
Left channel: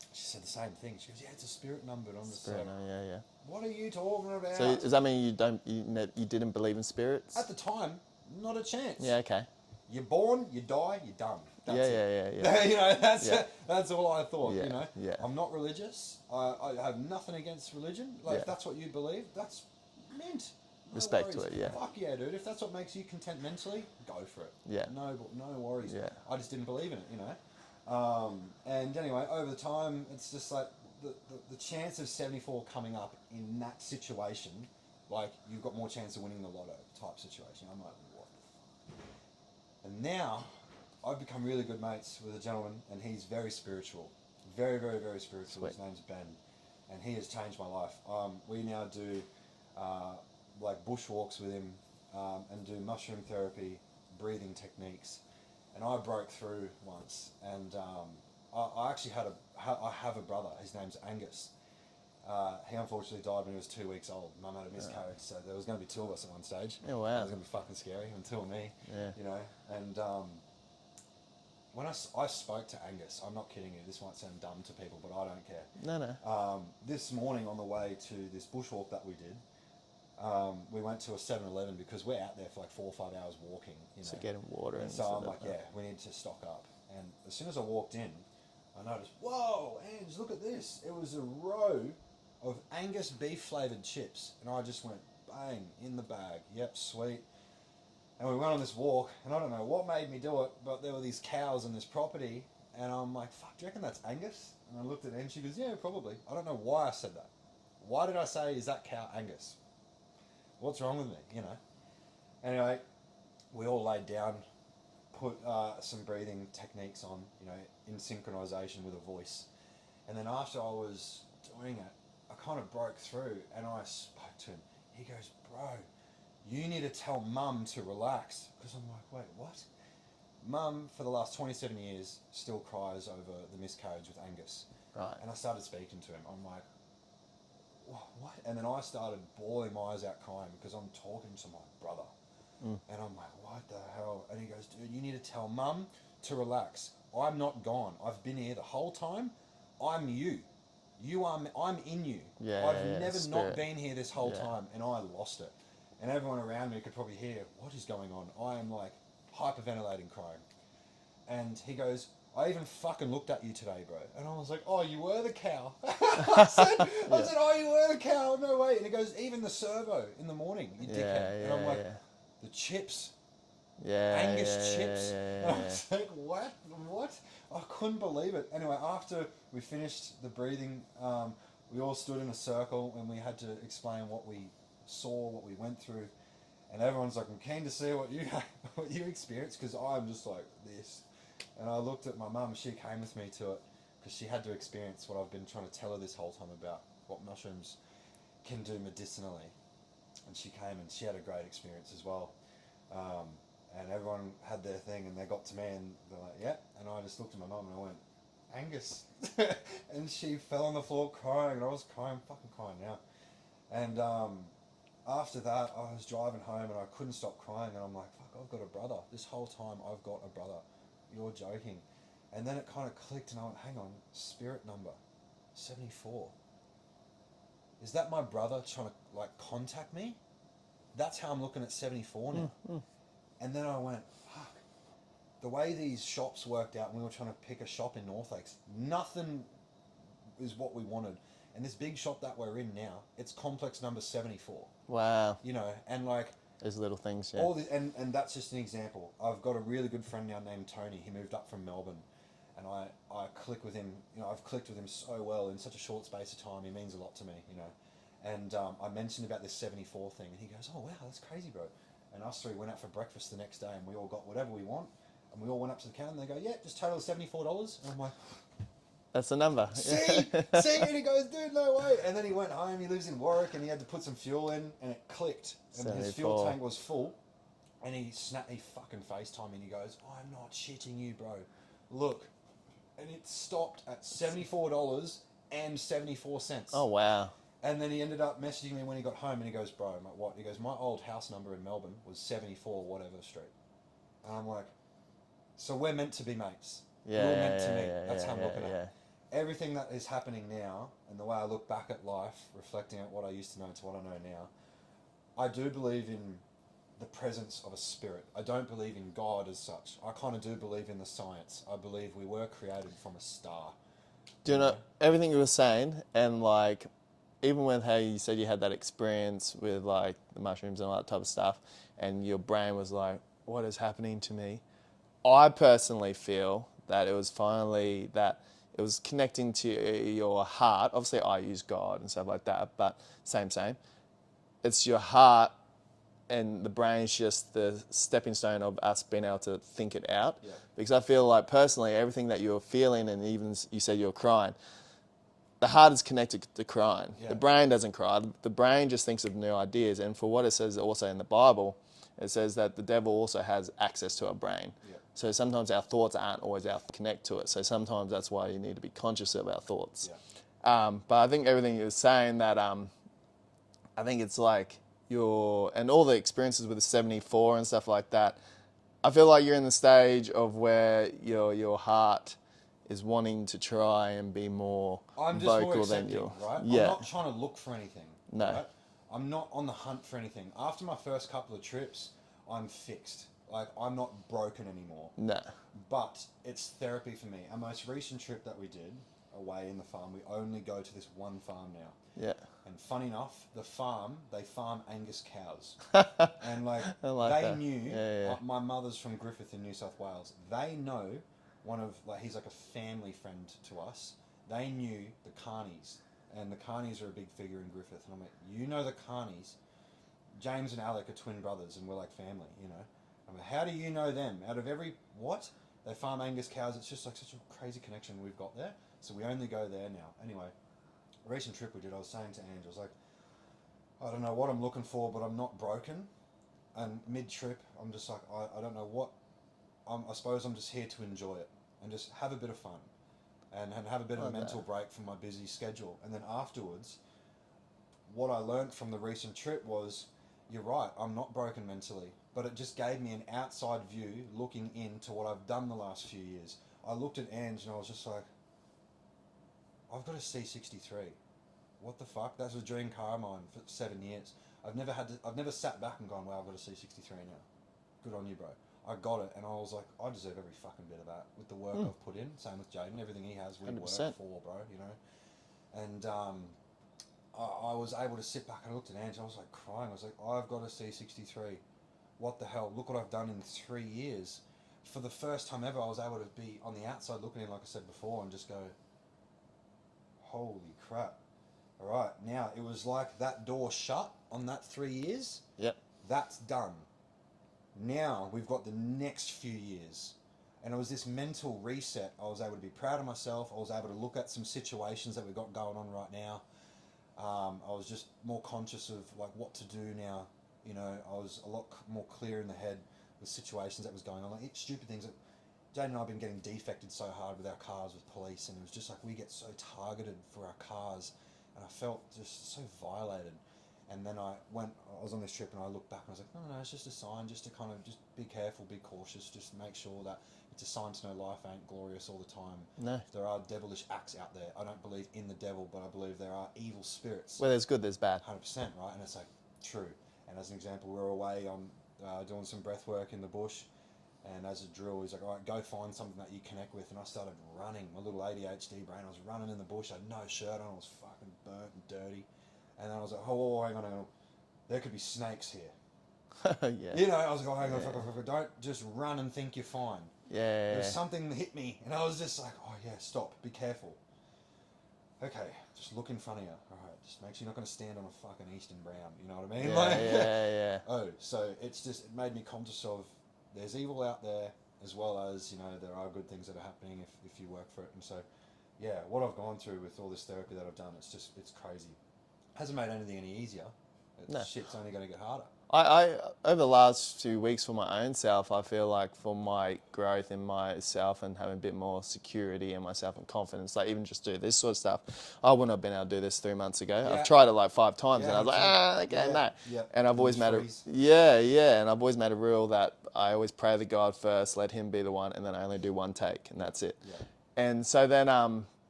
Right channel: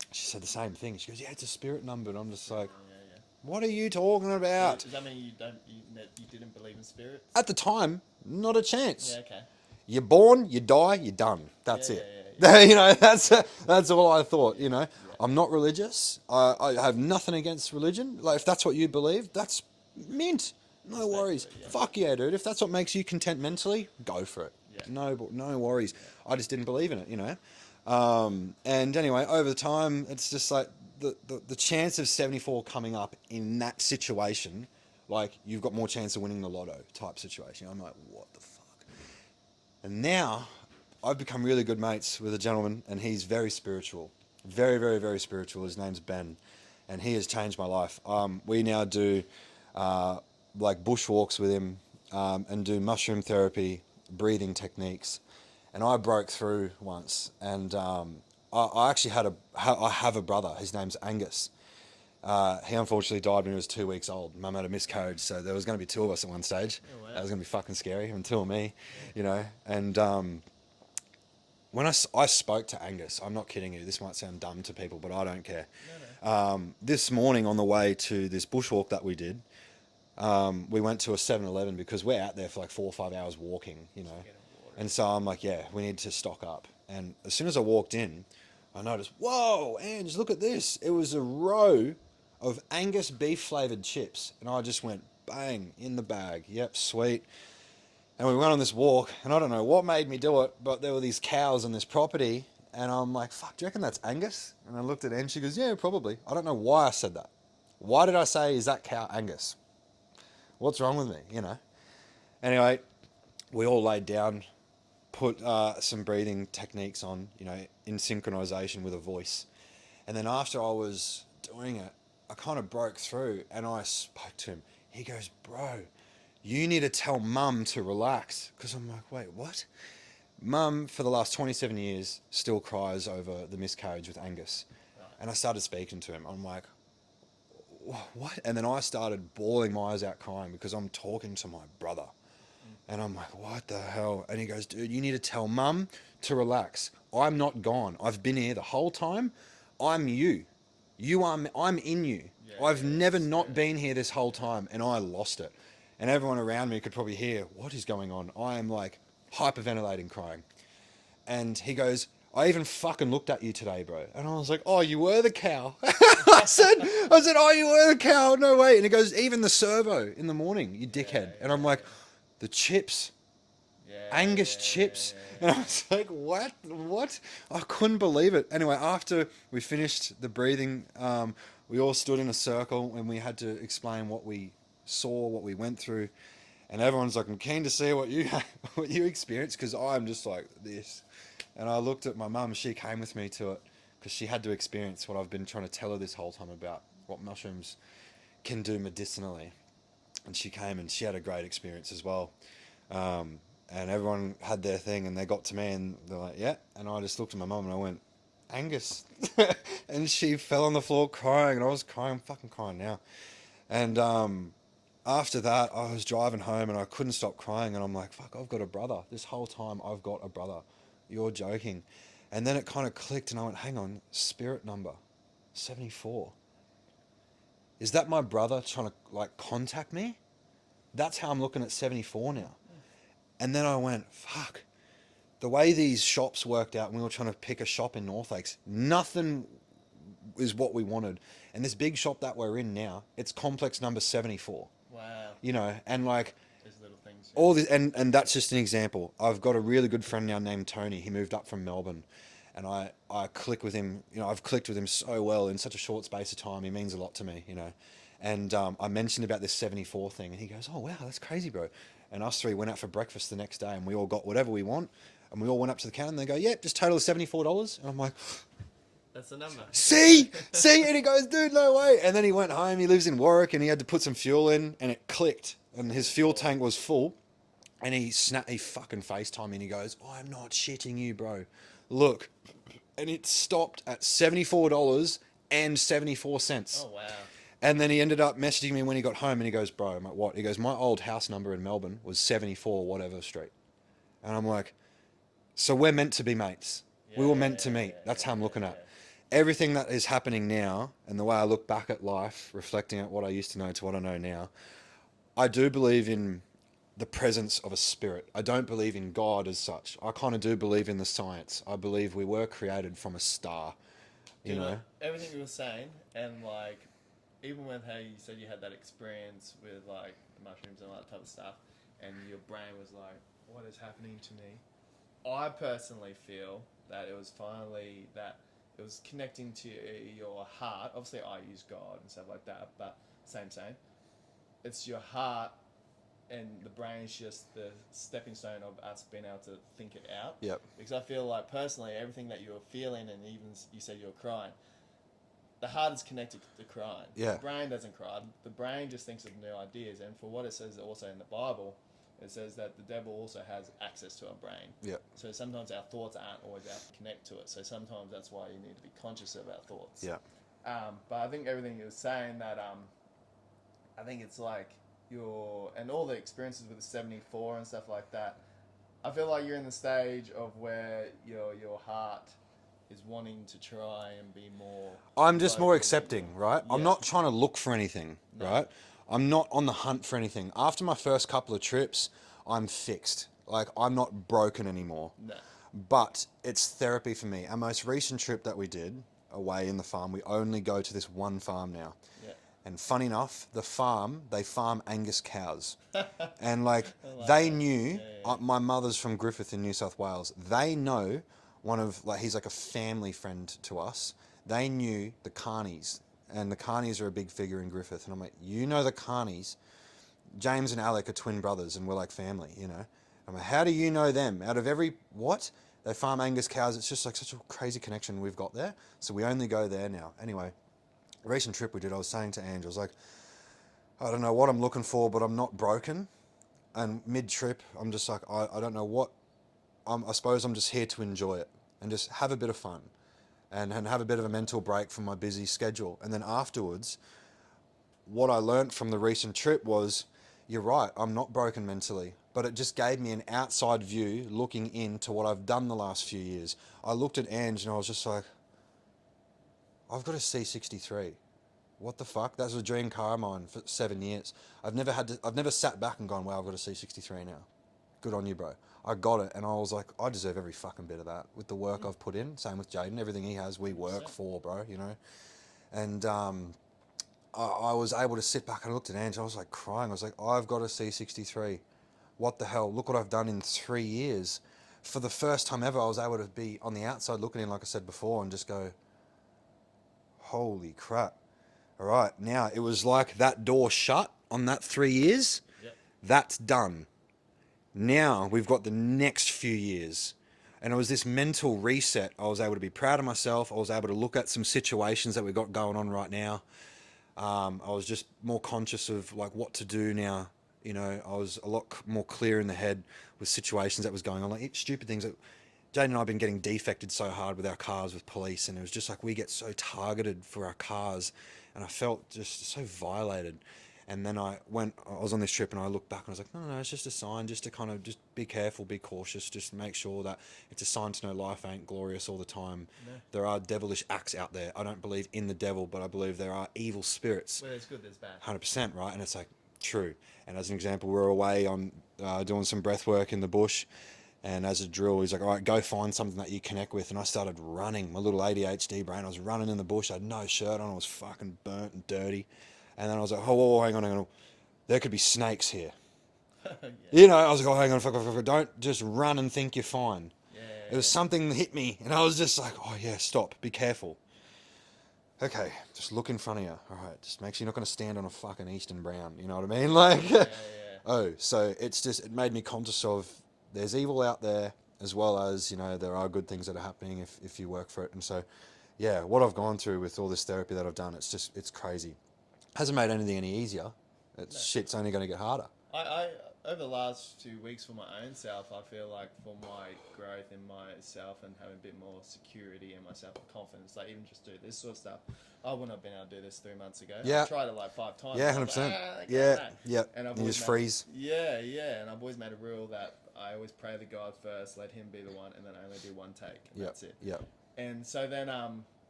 She said the same thing. She goes, yeah, it's a spirit number. And I'm just Spirit, like, yeah. what are you talking So about? does that mean you didn't believe in spirits? At the time, not a chance. Yeah, okay. You're born, you die, you're done. That's Yeah, it. yeah. You know, Yeah. that's all I thought. Yeah, You know, yeah. I'm not religious. I have nothing against religion. Like, if Yeah. that's what you believe, that's mint. No Respect to worries. it, yeah. Fuck yeah, dude. If that's what makes you content mentally, go for it. Yeah. No worries. Yeah. I just didn't believe in it. You know. And anyway, over the time, it's just like the chance of 74 coming up in that situation, like, you've got more chance of winning the lotto type situation. I'm like, what the fuck? And now I've become really good mates with a gentleman, and he's very spiritual. Very, very, very spiritual. His name's Ben, and he has changed my life. We now do like bushwalks with him, and do mushroom therapy, breathing techniques. And I broke through once, and I actually I have a brother. His name's Angus. He unfortunately died when he was 2 weeks old. Mum had a miscarriage, so there was going to be two of us at one stage. Oh, wow. That was going to be fucking scary, and two of me, Yeah. you know. And when I spoke to Angus, I'm not kidding you, this might sound dumb to people, but I don't care. No. This morning on the way to this bushwalk that we did, we went to a 7-Eleven because we're out there for like 4 or 5 hours walking, you know. So getting water. And so I'm like, yeah, we need to stock up. And as soon as I walked in, I noticed, whoa, Ange, look at this. It was a row of Angus beef flavoured chips. And I just went, bang, in the bag. Yep, sweet. And we went on this walk, and I don't know what made me do it, but there were these cows on this property. And I'm like, fuck, do you reckon that's Angus? And I looked at Ange, she goes, yeah, probably. I don't know why I said that. Why did I say, is that cow Angus? What's wrong with me, you know? Anyway, we all laid down, put some breathing techniques on, you know, in synchronization with a voice. And then after I was doing it, I kind of broke through, and I spoke to him. He goes, bro, you need to tell Mum to relax. Because I'm like, wait, what? Mum, for the last 27 years, still cries over the miscarriage with Angus. Right. And I started speaking to him. I'm like, what? And then I started bawling my eyes out crying because I'm talking to my brother. And I'm like, what the hell? And he goes, dude, you need to tell Mum to relax. I'm not gone. I've been here the whole time. I'm you. I'm in you. Yeah, I've never spirit. not been here this whole time, and I lost it. And everyone around me could probably hear, what is going on? I'm like hyperventilating, crying. And he goes, I even fucking looked at you today, bro. And I was like, oh, you were the cow. I said, oh, you were the cow. No way. And he goes, even the servo in the morning, you dickhead. And I'm like, the chips. Yeah. Angus chips. And I was like, what? I couldn't believe it. Anyway, after we finished the breathing, we all stood in a circle and we had to explain what we saw, what we went through. And everyone's like, I'm keen to see what you experienced, because I'm just like this. And I looked at my mum. She came with me to it because she had to experience what I've been trying to tell her this whole time about what mushrooms can do medicinally. And she came and she had a great experience as well. And everyone had their thing, and they got to me and they're like, yeah. And I just looked at my mum and I went, Angus. And she fell on the floor crying, and I was crying. I'm fucking crying now. And after that, I was driving home and I couldn't stop crying. And I'm like, fuck, I've got a brother. This whole time I've got a brother. You're joking. And then it kind of clicked and I went, hang on, spirit number 74. Is that my brother trying to like contact me? That's how I'm looking at 74 now. And then I went, fuck. The way these shops worked out, when we were trying to pick a shop in North Lakes, nothing is what we wanted. And this big shop that we're in now, it's complex number 74. Wow. You know, and like, Those little things. Yeah. all this, and that's just an example. I've got a really good friend now named Tony. He moved up from Melbourne, and I click with him. You know, I've clicked with him so well in such a short space of time. He means a lot to me, you know. And I mentioned about this 74 thing, and he goes, oh, wow, that's crazy, bro. And us three went out for breakfast the next day, and we all got whatever we want, and we all went up to the counter, and they go, yeah, just total of $74. And I'm like, That's the number. see, and he goes, dude, no way. And then he went home. He lives in Warwick, and he had to put some fuel in, and it clicked, and his fuel tank was full. And he fucking FaceTimed me, and he goes, I'm not shitting you, bro. Look. And it stopped at $74.74. Oh, wow. And then he ended up messaging me when he got home, and he goes, bro, I'm like, what? He goes, my old house number in Melbourne was 74 whatever street. And I'm like, so we're meant to be mates. We were meant to meet. That's how I'm looking at it. everything that is happening now and the way I look back at life, reflecting at what I used to know to what I know now, I do believe in the presence of a spirit. I don't believe in God as such. I kind of do believe in the science. I believe we were created from a star. Do you know everything you were saying, and like, even with how you said you had that experience with like the mushrooms and all that type of stuff, and your brain was like, "What is happening to me?" I personally feel that it was finally that it was connecting to your heart. Obviously, I use God and stuff like that, but same. It's your heart, and the brain's just the stepping stone of us being able to think it out. Yep. Because I feel like personally, everything that you're feeling, and even you said you're crying, the heart is connected to crying. Yeah. The brain doesn't cry. The brain just thinks of new ideas. And for what it says also in the Bible, it says that the devil also has access to our brain. Yeah. So sometimes our thoughts aren't always able to connect to it. So sometimes that's why you need to be conscious of our thoughts. Yeah. But I think everything you were saying that I think it's like and all the experiences with the 74 and stuff like that, I feel like you're in the stage of where your heart is wanting to try and be more. I'm just more vocal than accepting, right? Yeah. I'm not trying to look for anything, No. right? I'm not on the hunt for anything. After my first couple of trips, I'm fixed. Like, I'm not broken anymore. No. But it's therapy for me. Our most recent trip that we did away in the farm, we only go to this one farm now. Yeah. And funny enough, the farm, they farm Angus cows. And like, like they that. knew, Yeah. my mother's from Griffith in New South Wales. They know he's like a family friend to us. They knew the Carneys. And the Carneys are a big figure in Griffith. And I'm like, you know the Carneys? James and Alec are twin brothers and we're like family, you know? I'm like, how do you know them? Out of what? They farm Angus cows. It's just like such a crazy connection we've got there. So we only go there now. Anyway, a recent trip we did, I was saying to Ange, I was like, I don't know what I'm looking for, but I'm not broken. And mid-trip, I'm just like, I don't know what, I suppose I'm just here to enjoy it and just have a bit of fun and have a bit of a mental break from my busy schedule. And then afterwards, what I learnt from the recent trip was, you're right, I'm not broken mentally, but it just gave me an outside view looking into what I've done the last few years. I looked at Ange and I was just like, I've got a C63. What the fuck? That was a dream car of mine for 7 years. I've never sat back and gone, wow, I've got a C63 now. Good on you, bro. I got it, and I was like, I deserve every fucking bit of that with the work I've put in. Same with Jaden, everything he has, we 100%. Work for, bro, you know? And I was able to sit back and I looked at Ange, I was like crying. I was like, I've got a C63. What the hell? Look what I've done in 3 years. For the first time ever, I was able to be on the outside looking in, like I said before, and just go, holy crap. All right, now it was like that door shut on that 3 years. Yep. That's done. Now we've got the next few years. And it was this mental reset. I was able to be proud of myself. I was able to look at some situations that we've got going on right now. I was just more conscious of like what to do now. You know, I was a lot more clear in the head with situations that was going on. Like stupid things that Jade and I have been getting defected so hard with our cars with police. And it was just like we get so targeted for our cars. And I felt just so violated. And then I was on this trip and I looked back and I was like, no, it's just a sign just to kind of just be careful, be cautious, just make sure that it's a sign to know life ain't glorious all the time. No. There are devilish acts out there. I don't believe in the devil, but I believe there are evil spirits. Well, there's good, there's bad. 100%, right? And it's like, true. And as an example, we were away on doing some breath work in the bush. And as a drill, he's like, all right, go find something that you connect with. And I started running, my little ADHD brain. I was running in the bush. I had no shirt on. I was fucking burnt and dirty. And then I was like, oh, hang on. There could be snakes here. Yeah. You know, I was like, oh, hang on, fuck. Don't just run and think you're fine. Yeah. There was something that hit me. And I was just like, oh, yeah, stop. Be careful. Okay, just look in front of you. All right, just make sure you're not going to stand on a fucking Eastern Brown. You know what I mean? Yeah. Oh, so it made me conscious of there's evil out there as well as, you know, there are good things that are happening if you work for it. And so, yeah, what I've gone through with all this therapy that I've done, it's crazy. Hasn't made anything any easier. Shit's only going to get harder. I over the last few weeks for my own self, I feel like for my growth in myself and having a bit more security in myself and confidence, like even just do this sort of stuff, I wouldn't have been able to do this 3 months ago. Yeah. I've tried it like 5 times Yeah, and I was like, okay, no. Yeah. And I've always made and I've always made a rule that I always pray to God first, let him be the one, and then I only do one take, and that's it. Yeah. And so then,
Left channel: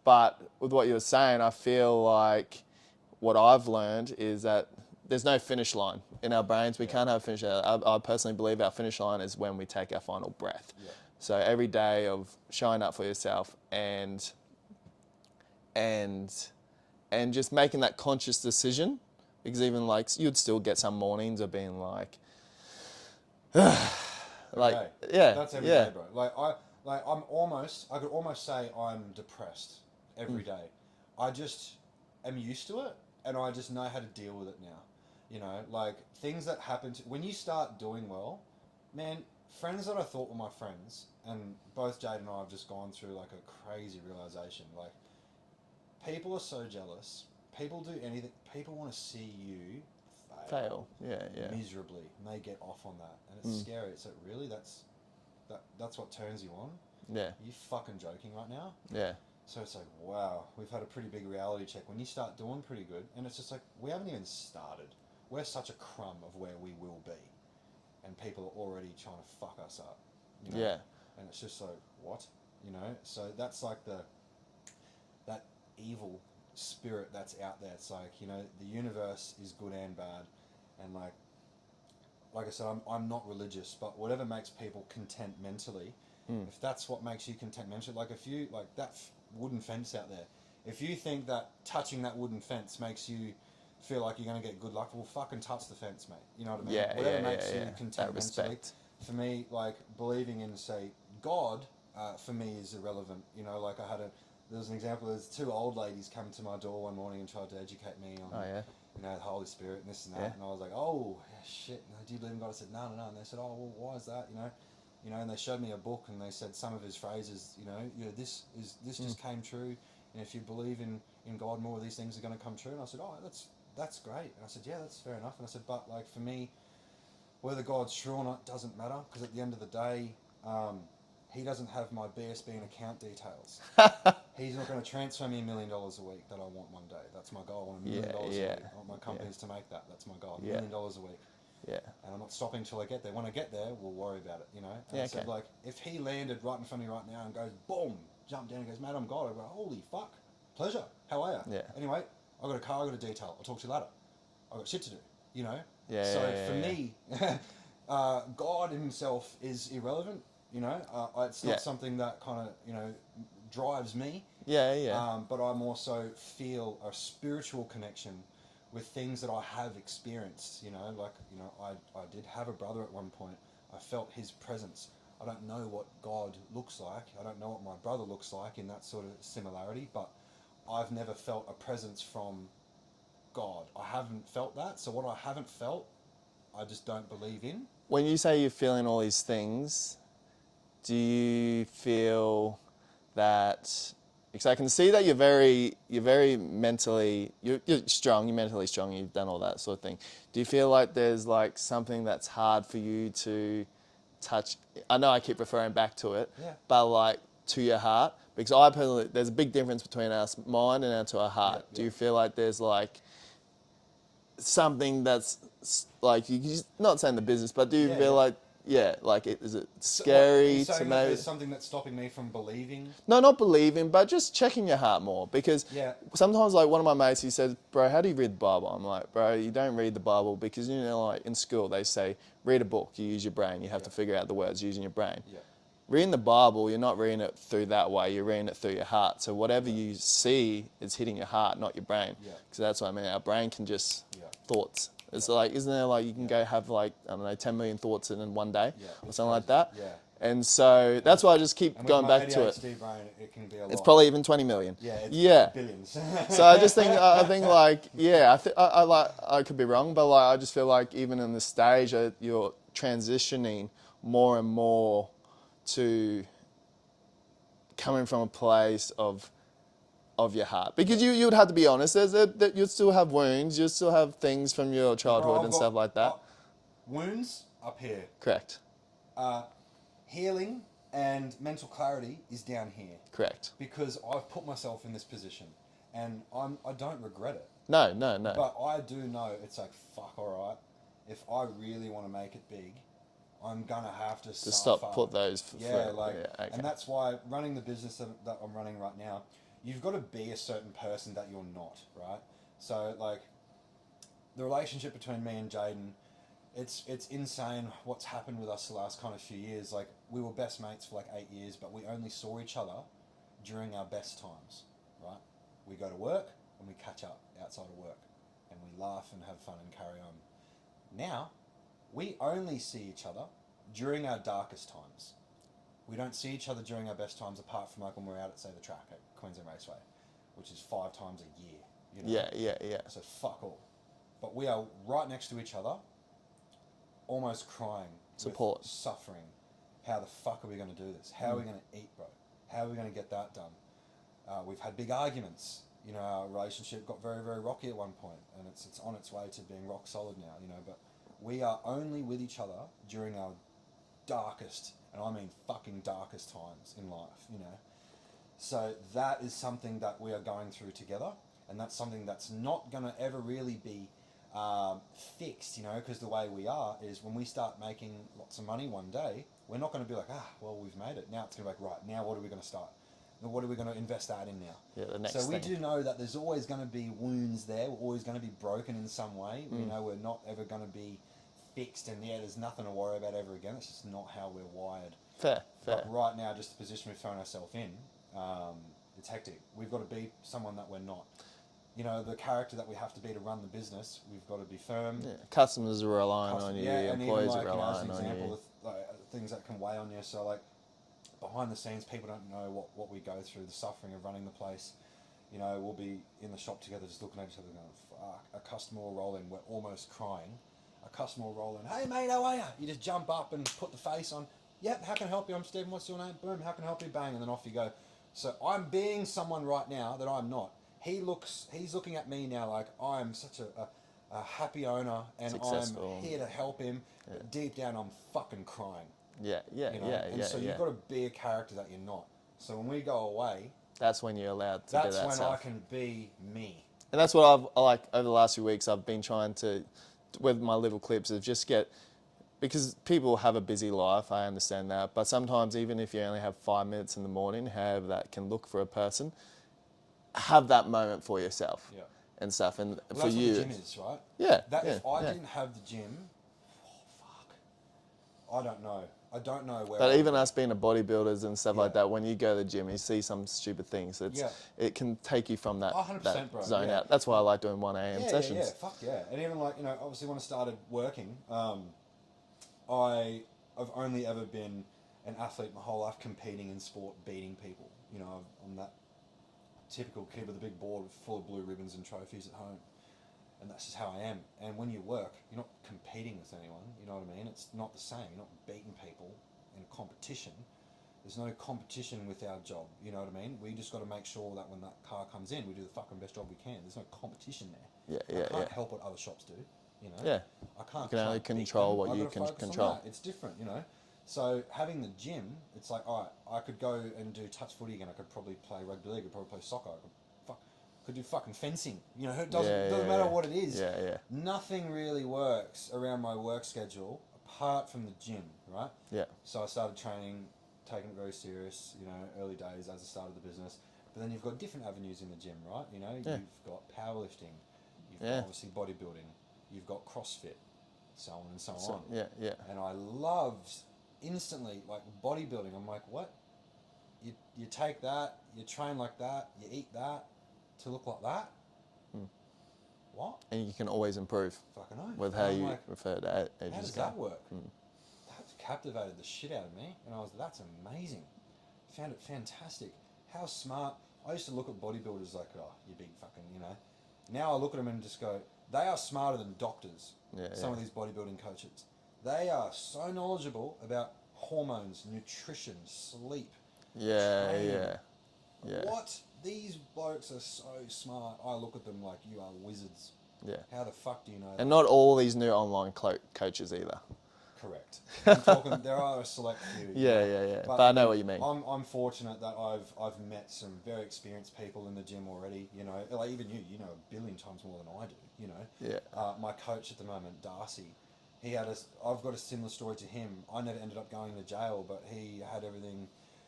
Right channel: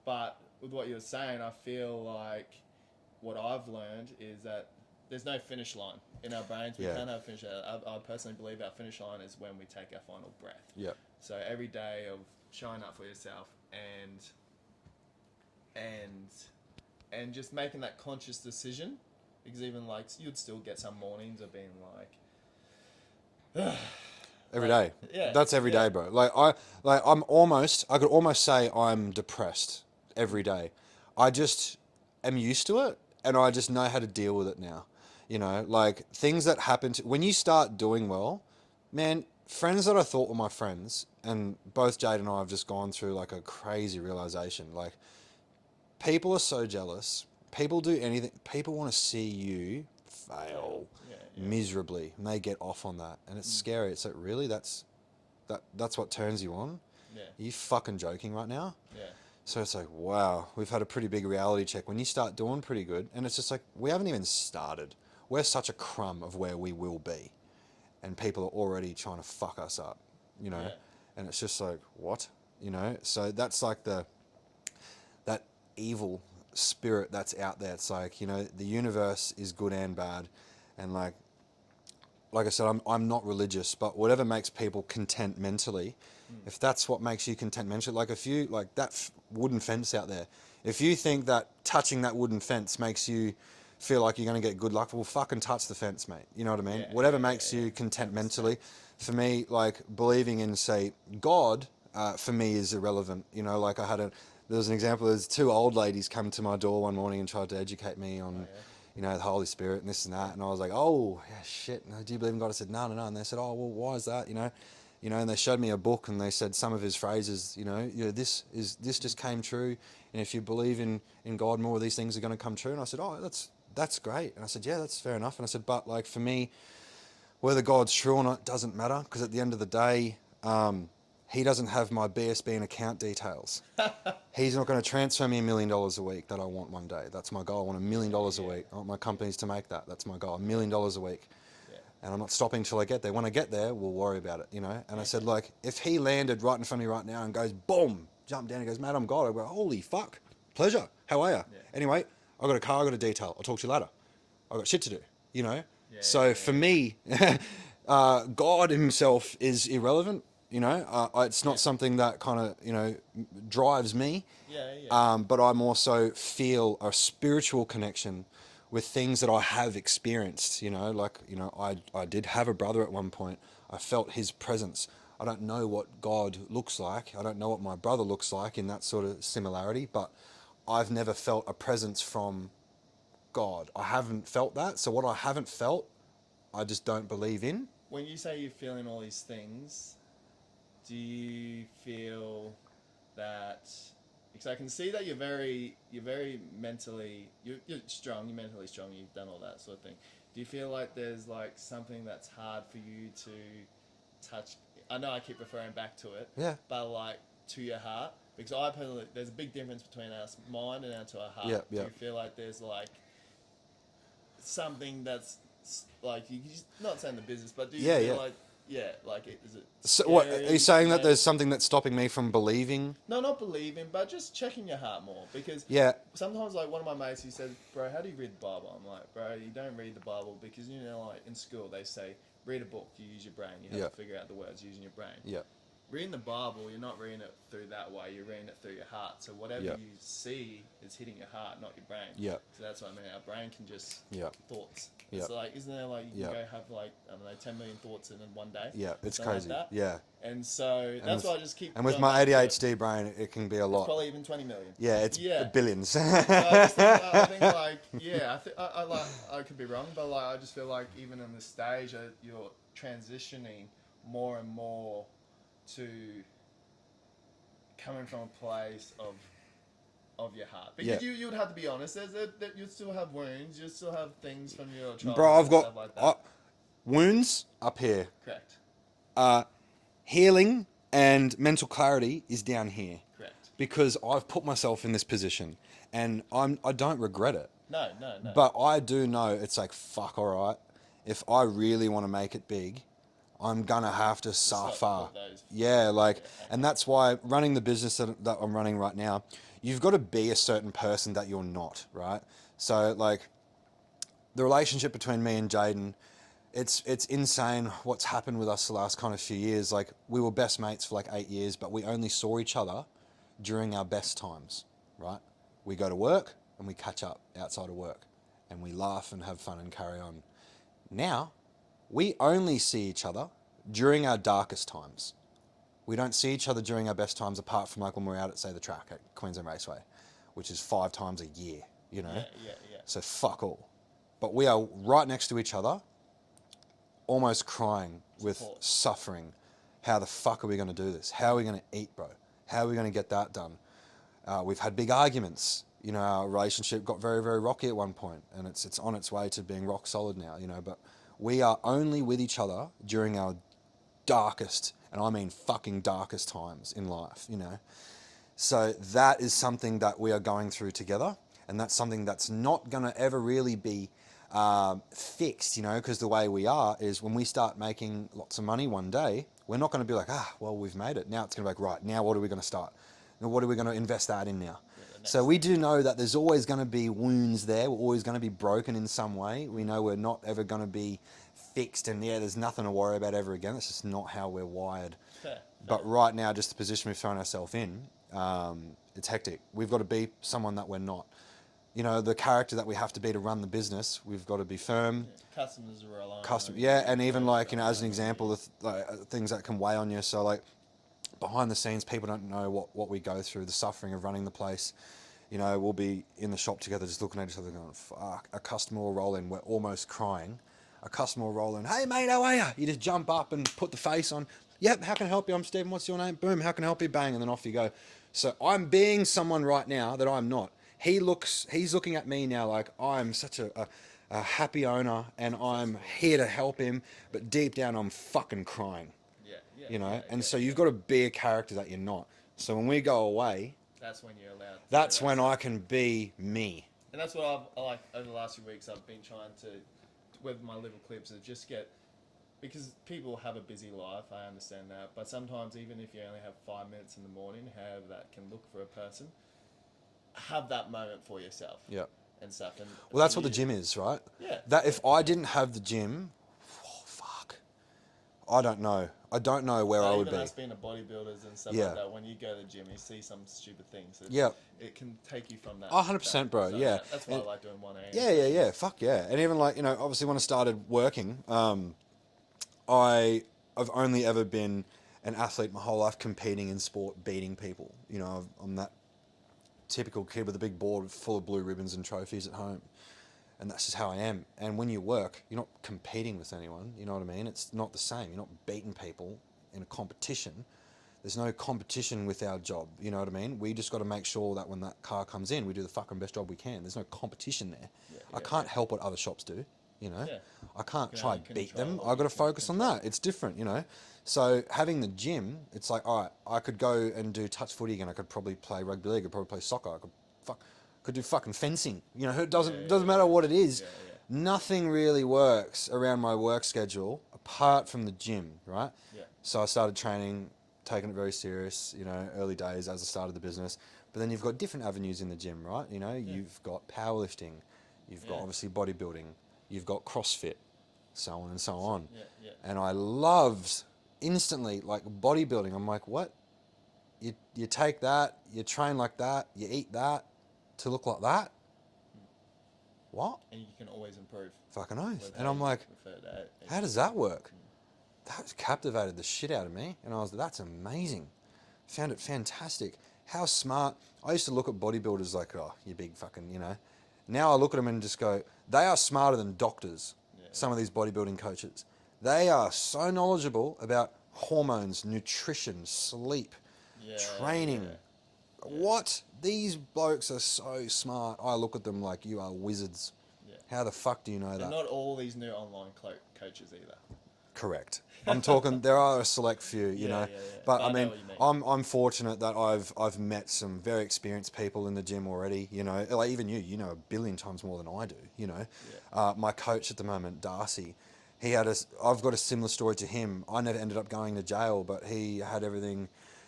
But with what you were saying, I feel like what I've learned is that there's no finish line in our brains. We Yeah. can't have a finish line. I personally believe our finish line is when we take our final breath. Yeah. So every day of showing up for yourself and just making that conscious decision, because even like you'd still get some mornings of being like, Every day. Yeah, That's every day, bro. I could almost say I'm depressed every day. I just am used to it, and I just know how to deal with it now. You know, like things that happen when you start doing well, man, friends that I thought were my friends, and both Jade and I have just gone through like a crazy realization. Like, people are so jealous. People do anything. People want to see you fail miserably, and they get off on that, and it's scary. It's like, really, that's what turns you on? Yeah. Are you fucking joking right now? Yeah. So it's like, wow, we've had a pretty big reality check. When you start doing pretty good, and it's just like, we haven't even started. We're such a crumb of where we will be, and people are already trying to fuck us up, you know? Yeah. And it's just like, what? You know? So that's like that evil spirit that's out there. It's like, you know, the universe is good and bad, and like I said, I'm not religious, but whatever makes people content mentally, if that's what makes you content mentally, like if you like that wooden fence out there, if you think that touching that wooden fence makes you feel like you're going to get good luck, well, fucking touch the fence, mate. You know what I mean? Yeah, Whatever yeah, makes yeah, you yeah. content That mentally. respect. For me, like believing in, say, God, for me is irrelevant. You know, like there was an example. There's two old ladies come to my door one morning and tried to educate me on, you know, the Holy Spirit and this and that. Yeah. And I was like, oh, yeah, shit. No, do you believe in God? I said, no. And they said, oh, well, why is that? You know, and they showed me a book and they said some of his phrases, this just came true. And if you believe in God, more of these things are going to come true. And I said, oh, that's great. And I said, yeah, that's fair enough. And I said, but like for me, whether God's true or not doesn't matter, because at the end of the day, he doesn't have my BSB and account details. He's not going to transfer me $1 million a week that I want one day. That's my goal. I want $1 million a week. I want my companies to make that. That's my goal. $1 million a week. Yeah. And I'm not stopping till I get there. When I get there, we'll worry about it, you know? And I said, like, if he landed right in front of me right now and goes, boom, jump down and goes, mate, I'm God. I go, holy fuck. Pleasure. How are you? Yeah. Anyway, I got a car, I got a detail. I'll talk to you later. I got shit to do, you know? Yeah, So for me, God himself is irrelevant, you know? It's not something that kind of, you know, drives me. Yeah. But I'm also feel a spiritual connection with things that I have experienced, you know, like, you know, I did have a brother at one point. I felt his presence. I don't know what God looks like. I don't know what my brother looks like in that sort of similarity, but I've never felt a presence from God. I haven't felt that. So what I haven't felt, I just don't believe in. When you say you're feeling all these things, do you feel that? Because I can see that you're very mentally, you're strong, you're mentally strong, you've done all that sort of thing. Do you feel like there's like something that's hard for you to touch? I know I keep referring back to it, but like to your heart, because I personally, there's a big difference between our mind and to our heart. Do you feel like there's like something that's like, you just, not saying the business, but do you feel like, is it scary? So what, are you saying that there's something that's stopping me from believing? No, not believing, but just checking your heart more. Because sometimes, like, one of my mates, he says, bro, how do you read the Bible? I'm like, bro, you don't read the Bible because, you know, like in school, they say, read a book, you use your brain. You have to figure out the words using your brain. Reading the Bible, you're not reading it through that way. You're reading it through your heart. So whatever you see is hitting your heart, not your brain. So that's what I mean. Our brain can just thoughts. It's like, isn't there like you can go have like, I don't know, 10 million thoughts in one day? It's something crazy. like that. And so that's why I just keep going back to it. And with my ADHD brain, it can be a lot. It's probably even 20 million. It's billions. So I just think, I think like, I could be wrong, but like, I just feel like even in this stage, you're transitioning more and more to coming from a place of your heart, because you would have to be honest. You still have wounds, you still have things from your childhood and stuff like that. Wounds up here. Correct. Healing and mental clarity is down here. Correct. Because I've put myself in this position, and I don't regret it. No. But I do know it's like, fuck, all right. If I really want to make it big, I'm gonna have to suffer. Stop, put those. And that's why running the business that I'm running right now, you've got to be a certain person that you're not, right? So like the relationship between me and Jaden, it's insane what's happened with us the last kind of few years. Like we were best mates for like 8 years, but we only saw each other during our best times, right? We go to work and we catch up outside of work and we laugh and have fun and carry on. Now, we only see each other during our darkest times. We don't see each other during our best times apart from like when we're out at, say, the track at Queensland Raceway, which is 5 times a year, you know? Yeah. So fuck all. But we are right next to each other, almost crying Support. with suffering. How the fuck are we going to do this? How are we going to eat, bro? How are we going to get that done? We've had big arguments. You know, our relationship got very, very rocky at one point, and it's on its way to being rock solid now, you know, but we are only with each other during our darkest, and I mean fucking darkest times in life, you know. So that is something that we are going through together, and that's something that's not going to ever really be fixed, you know, because the way we are is when we start making lots of money one day, we're not going to be like, well, we've made it. Now it's going to be like, right, now what are we going to start? Now what are we going to invest that in now? Yeah, the next so we thing. do know that there's always going to be wounds there. We're always going to be broken in some way. We know we're not ever going to be fixed, and there's nothing to worry about ever again. That's just not how we're wired. Fair. But right now, just the position we've thrown ourselves in, it's hectic. We've got to be someone that we're not. You know, the character that we have to be to run the business, we've got to be firm. Yeah. Customers are relying on you. Yeah, and even employees like, are you know, as an relying on example, you. things that can weigh on you. So like, behind the scenes, people don't know what we go through, the suffering of running the place. You know, we'll be in the shop together just looking at each other going, fuck, a customer will roll in, we're almost crying. A customer will roll in, hey mate, how are you? You just jump up and put the face on. Yep, how can I help you? I'm Stephen, what's your name? Boom, how can I help you? Bang, and then off you go. So I'm being someone right now that I'm not. He's looking at me now like I'm such a happy owner and Successful. I'm here to help him, but deep down I'm fucking crying. Yeah. You know, and so yeah. you've got to be a character that you're not. So when we go away, That's when you're allowed to that's do that when stuff. I can be me. And that's what I like over the last few weeks. I've been trying to, with my little clips, of just get, because people have a busy life, I understand that. But sometimes, even if you only have 5 minutes in the morning, however that can look for a person, have that moment for yourself. Yeah. And stuff. And Well, that's for what the you- gym is, right? Yeah. That yeah, if I yeah. didn't have the gym, fuck, I don't know. I don't know where I But would even be. us being a bodybuilders and stuff Yeah. like that, when you go to the gym, you see some stupid things. Yeah. It can take you from that. 100%, bro, zone yeah. out. That's why I like doing 1 a.m. Yeah, sessions. yeah, fuck yeah. And even like, you know, obviously when I started working, I've only ever been an athlete my whole life, competing in sport, beating people. You know, I'm that typical kid with a big board full of blue ribbons and trophies at home. And that's just how I am. And when you work, you're not competing with anyone, you know what I mean? It's not the same. You're not beating people in a competition. There's no competition with our job, you know what I mean? We just got to make sure that when that car comes in, we do the fucking best job we can. There's no competition there. I can't help what other shops do, you know? Yeah. I can't You can try only and beat control them. what I've you got to can focus on control. that. It's different, you know? So having the gym, it's like, all right, I could go and do touch footy again. I could probably play rugby league. I could probably play soccer. I could do fucking fencing. You know, it doesn't matter what it is. Yeah. Nothing really works around my work schedule apart from the gym, right? Yeah. So I started training, taking it very serious, you know, early days as I started the business. But then you've got different avenues in the gym, right? You know, you've got powerlifting, you've got obviously bodybuilding, you've got CrossFit, so on and so on. Yeah. And I loved instantly, like bodybuilding. I'm like, what? You take that, you train like that, you eat that to look like that? What? And you can always improve. Fucking oath. With And how I'm you like, refer to it. how does that work? That captivated the shit out of me. And I was like, that's amazing. Found it fantastic. How smart. I used to look at bodybuilders like, oh, you big fucking, you know. Now I look at them and just go, they are smarter than doctors, some of these bodybuilding coaches. They are so knowledgeable about hormones, nutrition, sleep, training. What? These blokes are so smart. I look at them like, you are wizards. Yeah. How the fuck do you know that? And not all these new online coaches either. Correct. I'm talking. There are a select few. You know, yeah. But I know what you mean. I'm fortunate that I've met some very experienced people in the gym already. You know, like even you know a billion times more than I do. You know. Yeah. My coach at the moment, Darcy, I've got a similar story to him. I never ended up going to jail, but he had everything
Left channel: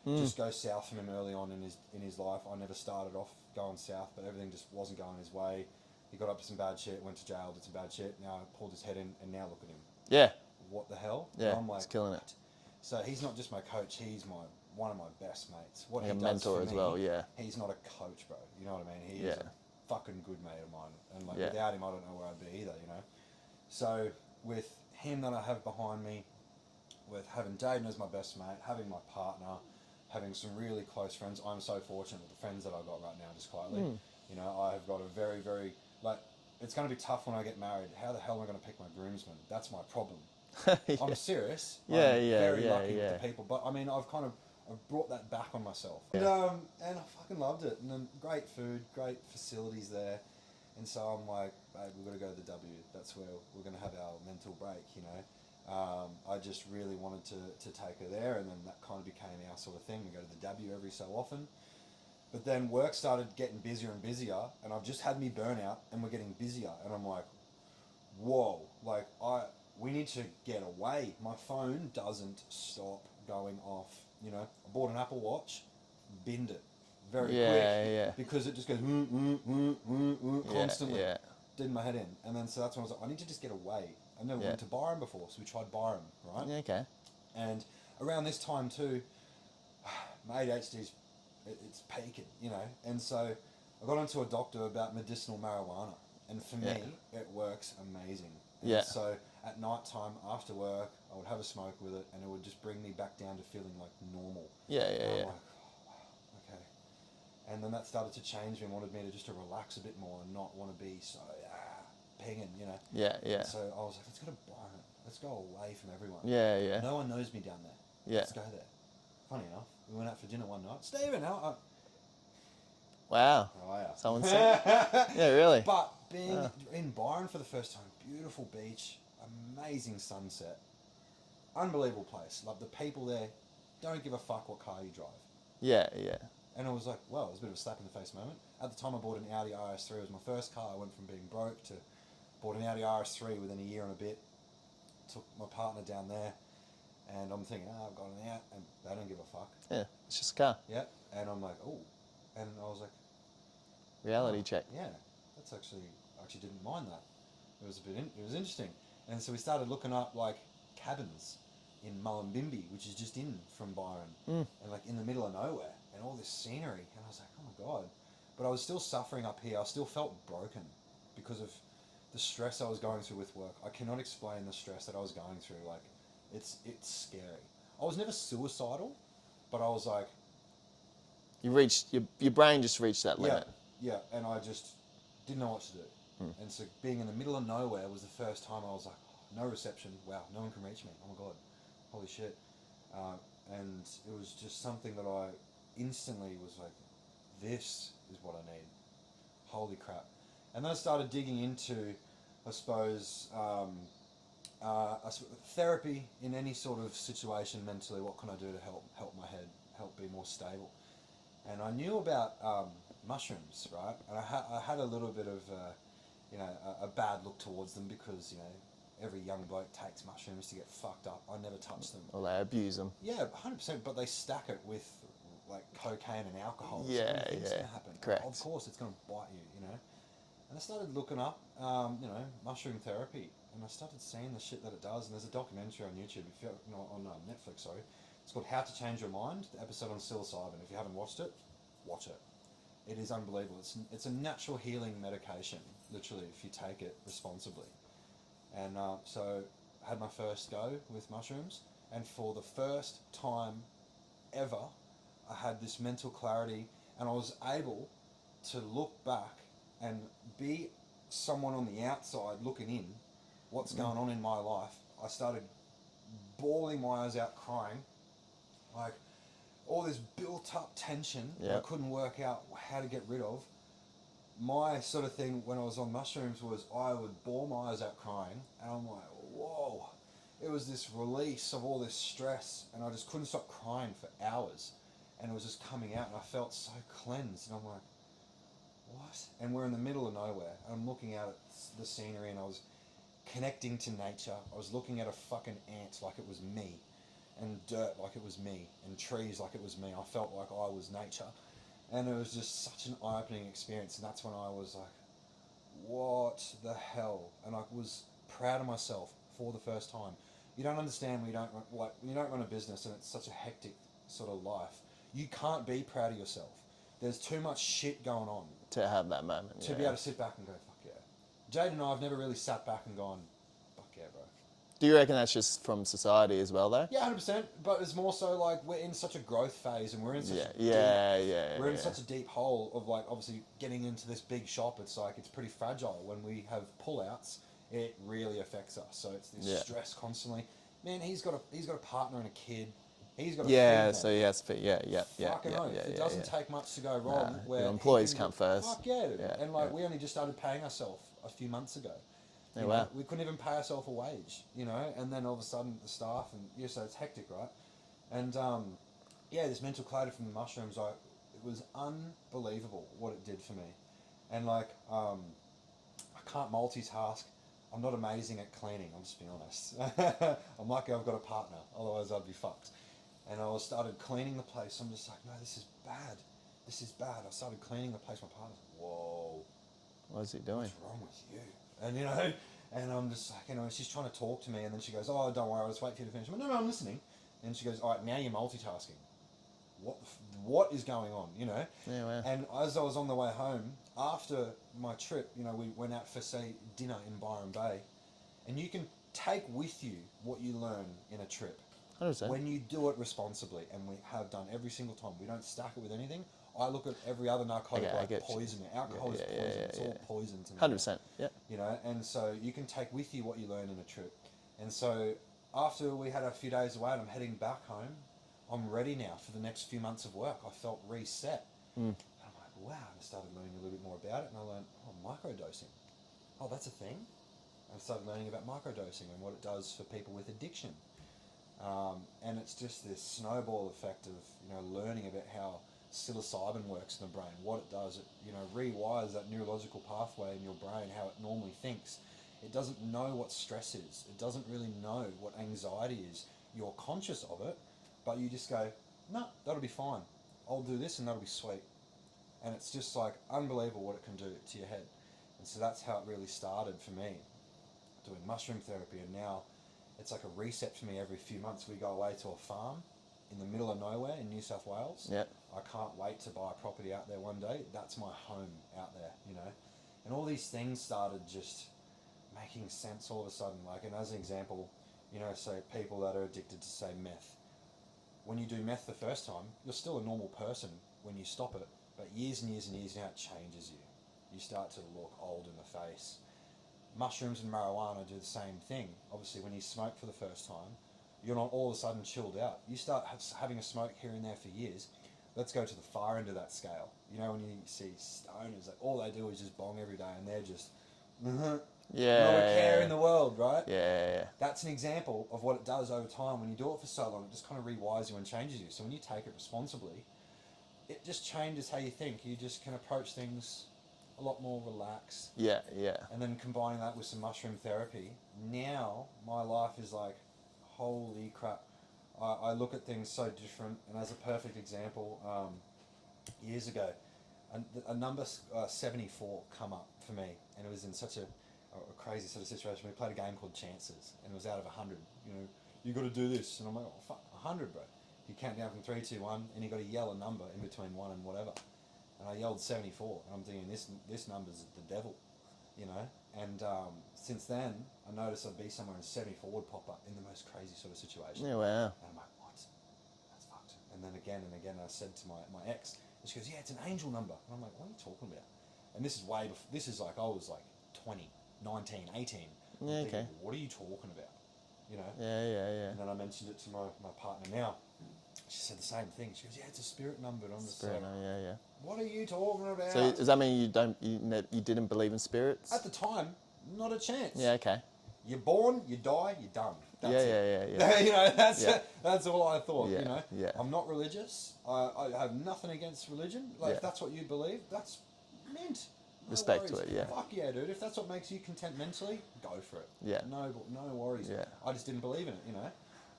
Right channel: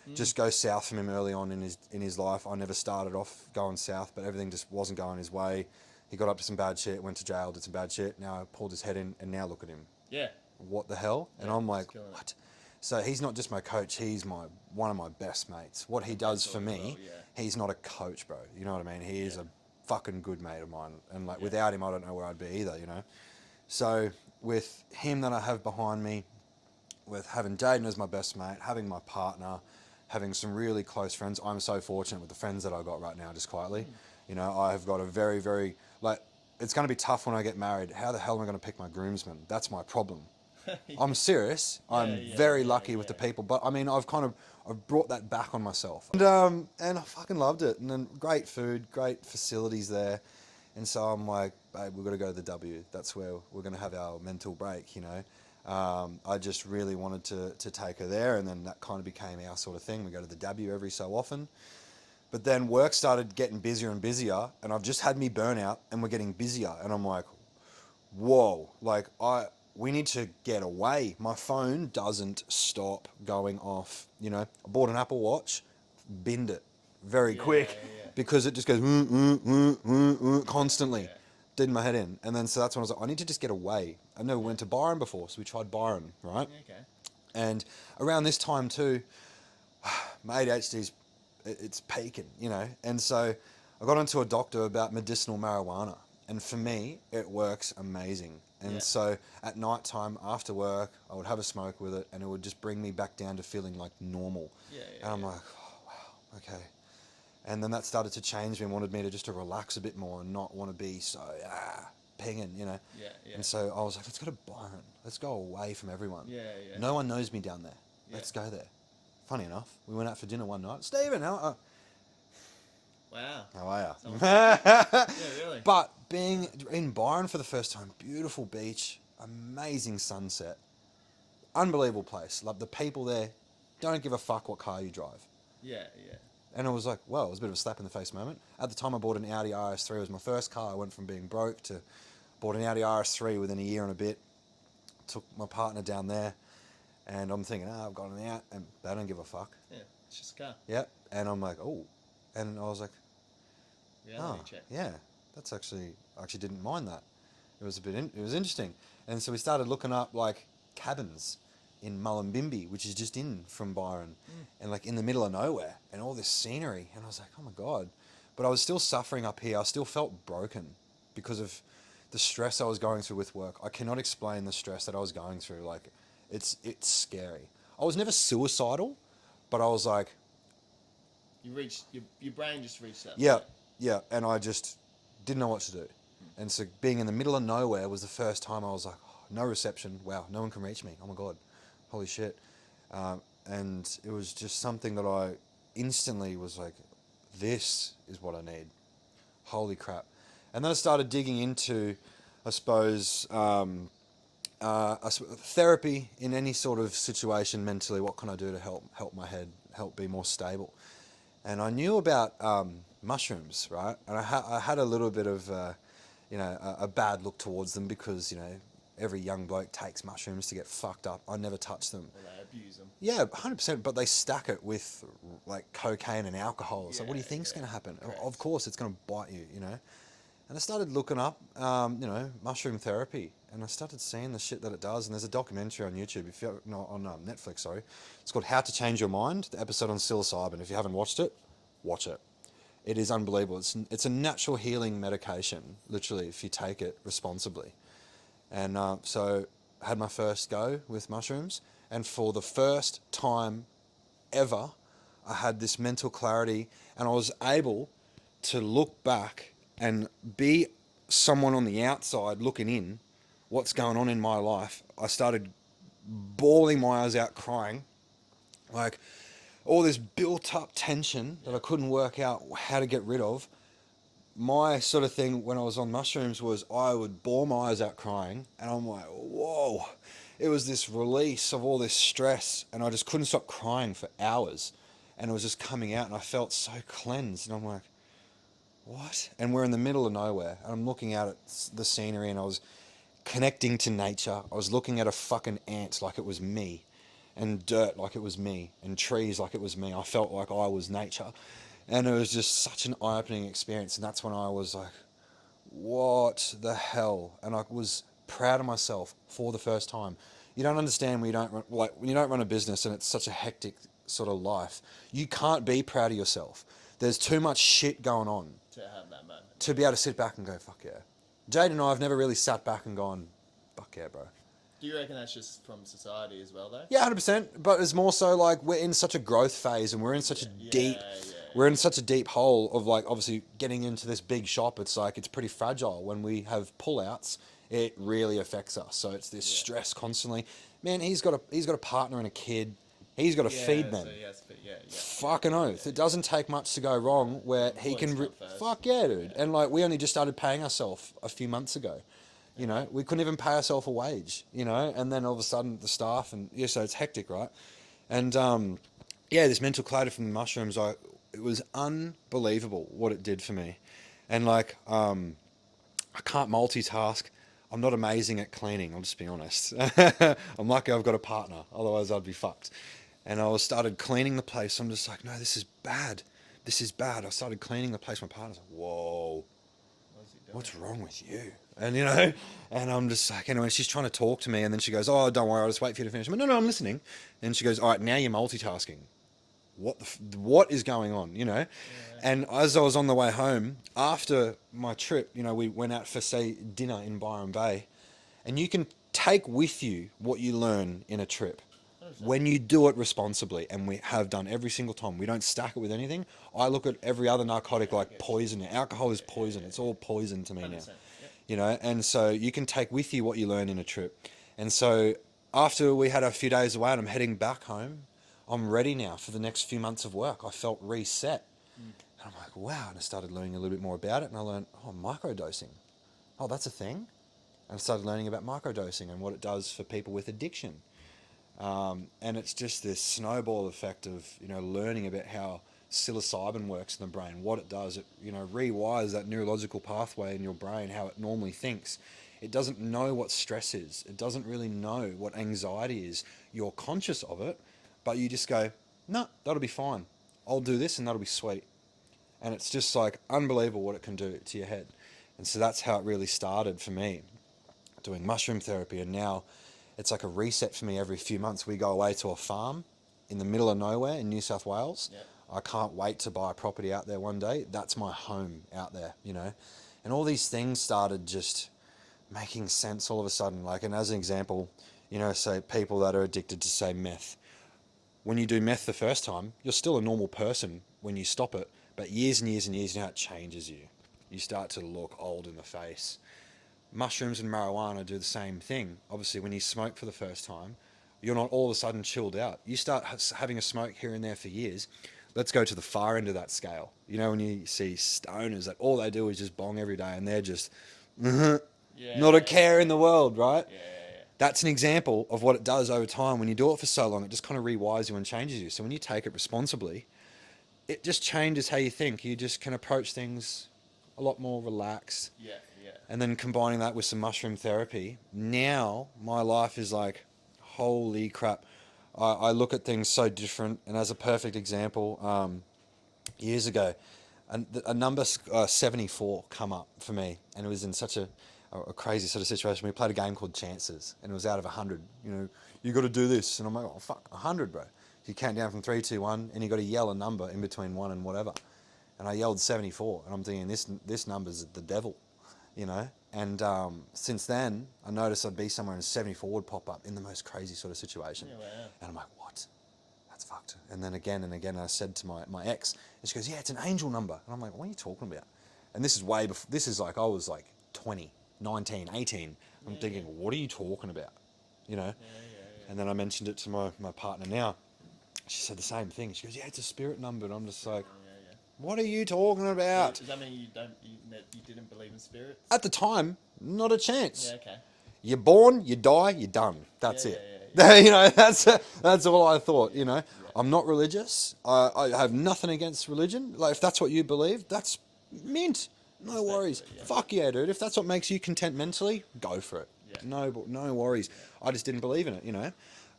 just go south from him early on in his life. I never started off going south, but everything just wasn't going his way. He got up to some bad shit, went to jail, did some bad shit. Now pulled his head in, and now look at him. Yeah. What the hell? Yeah, and I'm like, he's killing it. what? So he's not just my coach, he's one of my best mates. What he a does mentor for as me, well, yeah. he's not a coach, bro. You know what I mean? He is Yeah. a fucking good mate of mine. And like Yeah. without him, I don't know where I'd be either, you know? So with him that I have behind me, with having Jaden as my best mate, having my partner, having some really close friends, I'm so fortunate with the friends that I got right now, just quietly. You know, I've got a very, very, like, it's going to be tough when I get married. How the hell am I going to pick my groomsmen? That's my problem. Yeah. I'm serious. Yeah, I'm yeah, very yeah, lucky with the yeah. people, but I mean, I've brought that back on myself, and I fucking loved it. And then great food, great facilities there, and so I'm like, babe, we've got to go to the W. That's where we're going to have our mental break, you know. I just really wanted to take her there, and then that kind of became our sort of thing. We go to the W every so often. But then work started getting busier and busier, and I've just had me burnout, and we're getting busier, and I'm like, whoa, like we need to get away. My phone doesn't stop going off. You know, I bought an Apple Watch, binned it very quick Yeah. because it just goes constantly. Yeah. Did my head in, and then so that's when I was like, I need to just get away. I never went to Byron before, so we tried Byron, right? Yeah, okay. And around this time too, my ADHD's it's peaking, you know. And so I got into a doctor about medicinal marijuana, and for me, it works amazing. And Yeah. so at night time after work, I would have a smoke with it, and it would just bring me back down to feeling like normal. Yeah. And I'm like, oh, wow, okay. And then that started to change me and wanted me to just to relax a bit more and not want to be so pinging, you know. Yeah. And so I was like, let's go to Byron. Let's go away from everyone. Yeah. No one knows me down there. Yeah. Let's go there. Funny enough, we went out for dinner one night. Stephen, how Wow. are you? Someone said, yeah, really. But being in Byron for the first time, beautiful beach, amazing sunset, unbelievable place. Like the people there don't give a fuck what car you drive. Yeah. And it was like, well, it was a bit of a slap in the face moment. At the time I bought an Audi RS3, it was my first car. I went from being broke to bought an Audi RS3 within a year and a bit. Took my partner down there, and I'm thinking, I've got an out, and they don't give a fuck. Yeah. It's just a car. Yep. And I'm like, oh. And I was like, Reality check. yeah, that's actually, I actually didn't mind that. It was it was interesting. And so we started looking up like cabins in Mullumbimby, which is just in from Byron, and like in the middle of nowhere, and all this scenery. And I was like, oh my God. But I was still suffering up here. I still felt broken because of the stress I was going through with work. I cannot explain the stress that I was going through. Like, it's scary. I was never suicidal, but I was like, You reached your brain just reached that yeah, limit. yeah, and I just didn't know what to do. And so being in the middle of nowhere was the first time I was like, oh, no reception. Wow, no one can reach me. Oh my God, holy shit. And it was just something that I instantly was like, this is what I need. Holy crap. And then I started digging into, I suppose, therapy in any sort of situation mentally. What can I do to help my head, help be more stable? And I knew about mushrooms, right? And I had a little bit of, a bad look towards them because, every young bloke takes mushrooms to get fucked up. I never touched them. Or they abuse them. Yeah, 100%. But they stack it with like cocaine and alcohol. So what do you think's going to happen? Correct. Of course, it's going to bite you, And I started looking up, mushroom therapy, and I started seeing the shit that it does. And there's a documentary on YouTube, on Netflix, sorry. It's called How to Change Your Mind. The episode on psilocybin. If you haven't watched it, watch it. It is unbelievable. It's a natural healing medication, literally, if you take it responsibly. And so I had my first go with mushrooms, and for the first time ever, I had this mental clarity, and I was able to look back and be someone on the outside looking in, what's going on in my life. I started bawling my eyes out, crying, like all this built up tension that I couldn't work out how to get rid of. My sort of thing when I was on mushrooms was I would bawl my eyes out crying, and I'm like, whoa. It was this release of all this stress, and I just couldn't stop crying for hours, and it was just coming out, and I felt so cleansed, and I'm like, what? And we're in the middle of nowhere, and I'm looking out at the scenery, and I was connecting to nature. I was looking at a fucking ant like it was me, and dirt like it was me, and trees like it was me. I felt like I was nature. And it was just such an eye-opening experience. And that's when I was like, what the hell? And I was proud of myself for the first time. You don't understand when you don't when you don't run a business and it's such a hectic sort of life. You can't be proud of yourself. There's too much shit going on To have that moment. to be able to sit back and go, fuck yeah. Jade and I have never really sat back and gone, fuck yeah, bro. Do you reckon that's just from society as well, though? Yeah, 100%. But it's more so like we're in such a growth phase and we're in such we're in such a deep hole of like obviously getting into this big shop. It's like it's pretty fragile. When we have pullouts, it really affects us. So it's this stress constantly. Man, he's got a partner and a kid. He's got to feed them. So he has to feed. Fucking oath. It doesn't take much to go wrong where he can. Come first. Fuck yeah, dude. And like we only just started paying ourselves a few months ago. You know, we couldn't even pay ourselves a wage, you know, and then all of a sudden the staff and so it's hectic, right? And this mental clarity from the mushrooms, it was unbelievable what it did for me. And like, I can't multitask. I'm not amazing at cleaning, I'll just be honest. I'm lucky I've got a partner, otherwise I'd be fucked. And I started cleaning the place. I'm just like, no, this is bad. This is bad. I started cleaning the place. My partner's like, whoa. What's he doing? What's wrong with you? And, you know, and I'm just like, anyway, she's trying to talk to me. And then she goes, oh, don't worry, I'll just wait for you to finish. I'm like, no, I'm listening. And she goes, all right, now you're multitasking. What is going on, you know? And as I was on the way home, after my trip, you know, we went out for, say, dinner in Byron Bay. And you can take with you what you learn in a trip. 100%. When you do it responsibly, and we have done every single time, we don't stack it with anything. I look at every other narcotic like poison. Alcohol is poison. It's all poison to me. 100%. Yeah. You know, and so you can take with you what you learn in a trip. And so after we had a few days away and I'm heading back home, I'm ready now for the next few months of work. I felt reset. And I'm like, wow. And I started learning a little bit more about it. And I learned, microdosing. Oh, that's a thing. And I started learning about microdosing and what it does for people with addiction. And it's just this snowball effect of, you know, learning about how psilocybin works in the brain, what it does. It, you know, rewires that neurological pathway in your brain, how it normally thinks. It doesn't know what stress is. It doesn't really know what anxiety is. You're conscious of it, but you just go, no, that'll be fine. I'll do this and that'll be sweet. And it's just like unbelievable what it can do to your head. And so that's how it really started for me, doing mushroom therapy. And now it's like a reset for me every few months. We go away to a farm in the middle of nowhere in New South Wales. Yeah. I can't wait to buy a property out there one day. That's my home out there, you know. And all these things started just making sense all of a sudden. Like, and as an example, you know, say people that are addicted to, say, meth. When you do meth the first time, you're still a normal person when you stop it. But years and years and years now, it changes you. You start to look old in the face. Mushrooms and marijuana do the same thing. Obviously, when you smoke for the first time, you're not all of a sudden chilled out. You start having a smoke here and there for years. Let's go to the far end of that scale. You know, when you see stoners that all they do is just bong every day and they're just not a care in the world, right? Yeah. That's an example of what it does over time. When you do it for so long, it just kind of rewires you and changes you. So when you take it responsibly, it just changes how you think. You just can approach things a lot more relaxed. Yeah. And then combining that with some mushroom therapy, now my life is like, holy crap. I look at things so different. And as a perfect example, years ago, a number 74 come up for me. And it was in such a crazy sort of situation. We played a game called Chances, and it was out of 100. You know, you got to do this. And I'm like, oh, fuck, 100, bro. You count down from 3, 2, 1, and you got to yell a number in between 1 and whatever. And I yelled 74, and I'm thinking, this number's the devil, you know? And since then, I noticed I'd be somewhere and 74 would pop up in the most crazy sort of situation. Yeah, wow. And I'm like, what? That's fucked. And then again and again, I said to my ex, and she goes, yeah, it's an angel number. And I'm like, what are you talking about? And this is way before, this is like, I was like 20, 19, 18. I'm thinking, what are you talking about? You know? Yeah. And then I mentioned it to my partner now. She said the same thing. She goes, yeah, it's a spirit number. And I'm just like, yeah. what are you talking about? So does that mean you didn't believe in spirits? At the time, not a chance. Yeah, okay. You're born, you die, you're done. That's it. Yeah. You know, that's all I thought. Yeah, You know, yeah. I'm not religious. I have nothing against religion. Like if that's what you believe, that's mint. No Respect worries. to it, yeah. Fuck yeah, dude. If that's what makes you content mentally, go for it. Yeah. No worries. Yeah. I just didn't believe in it. You know,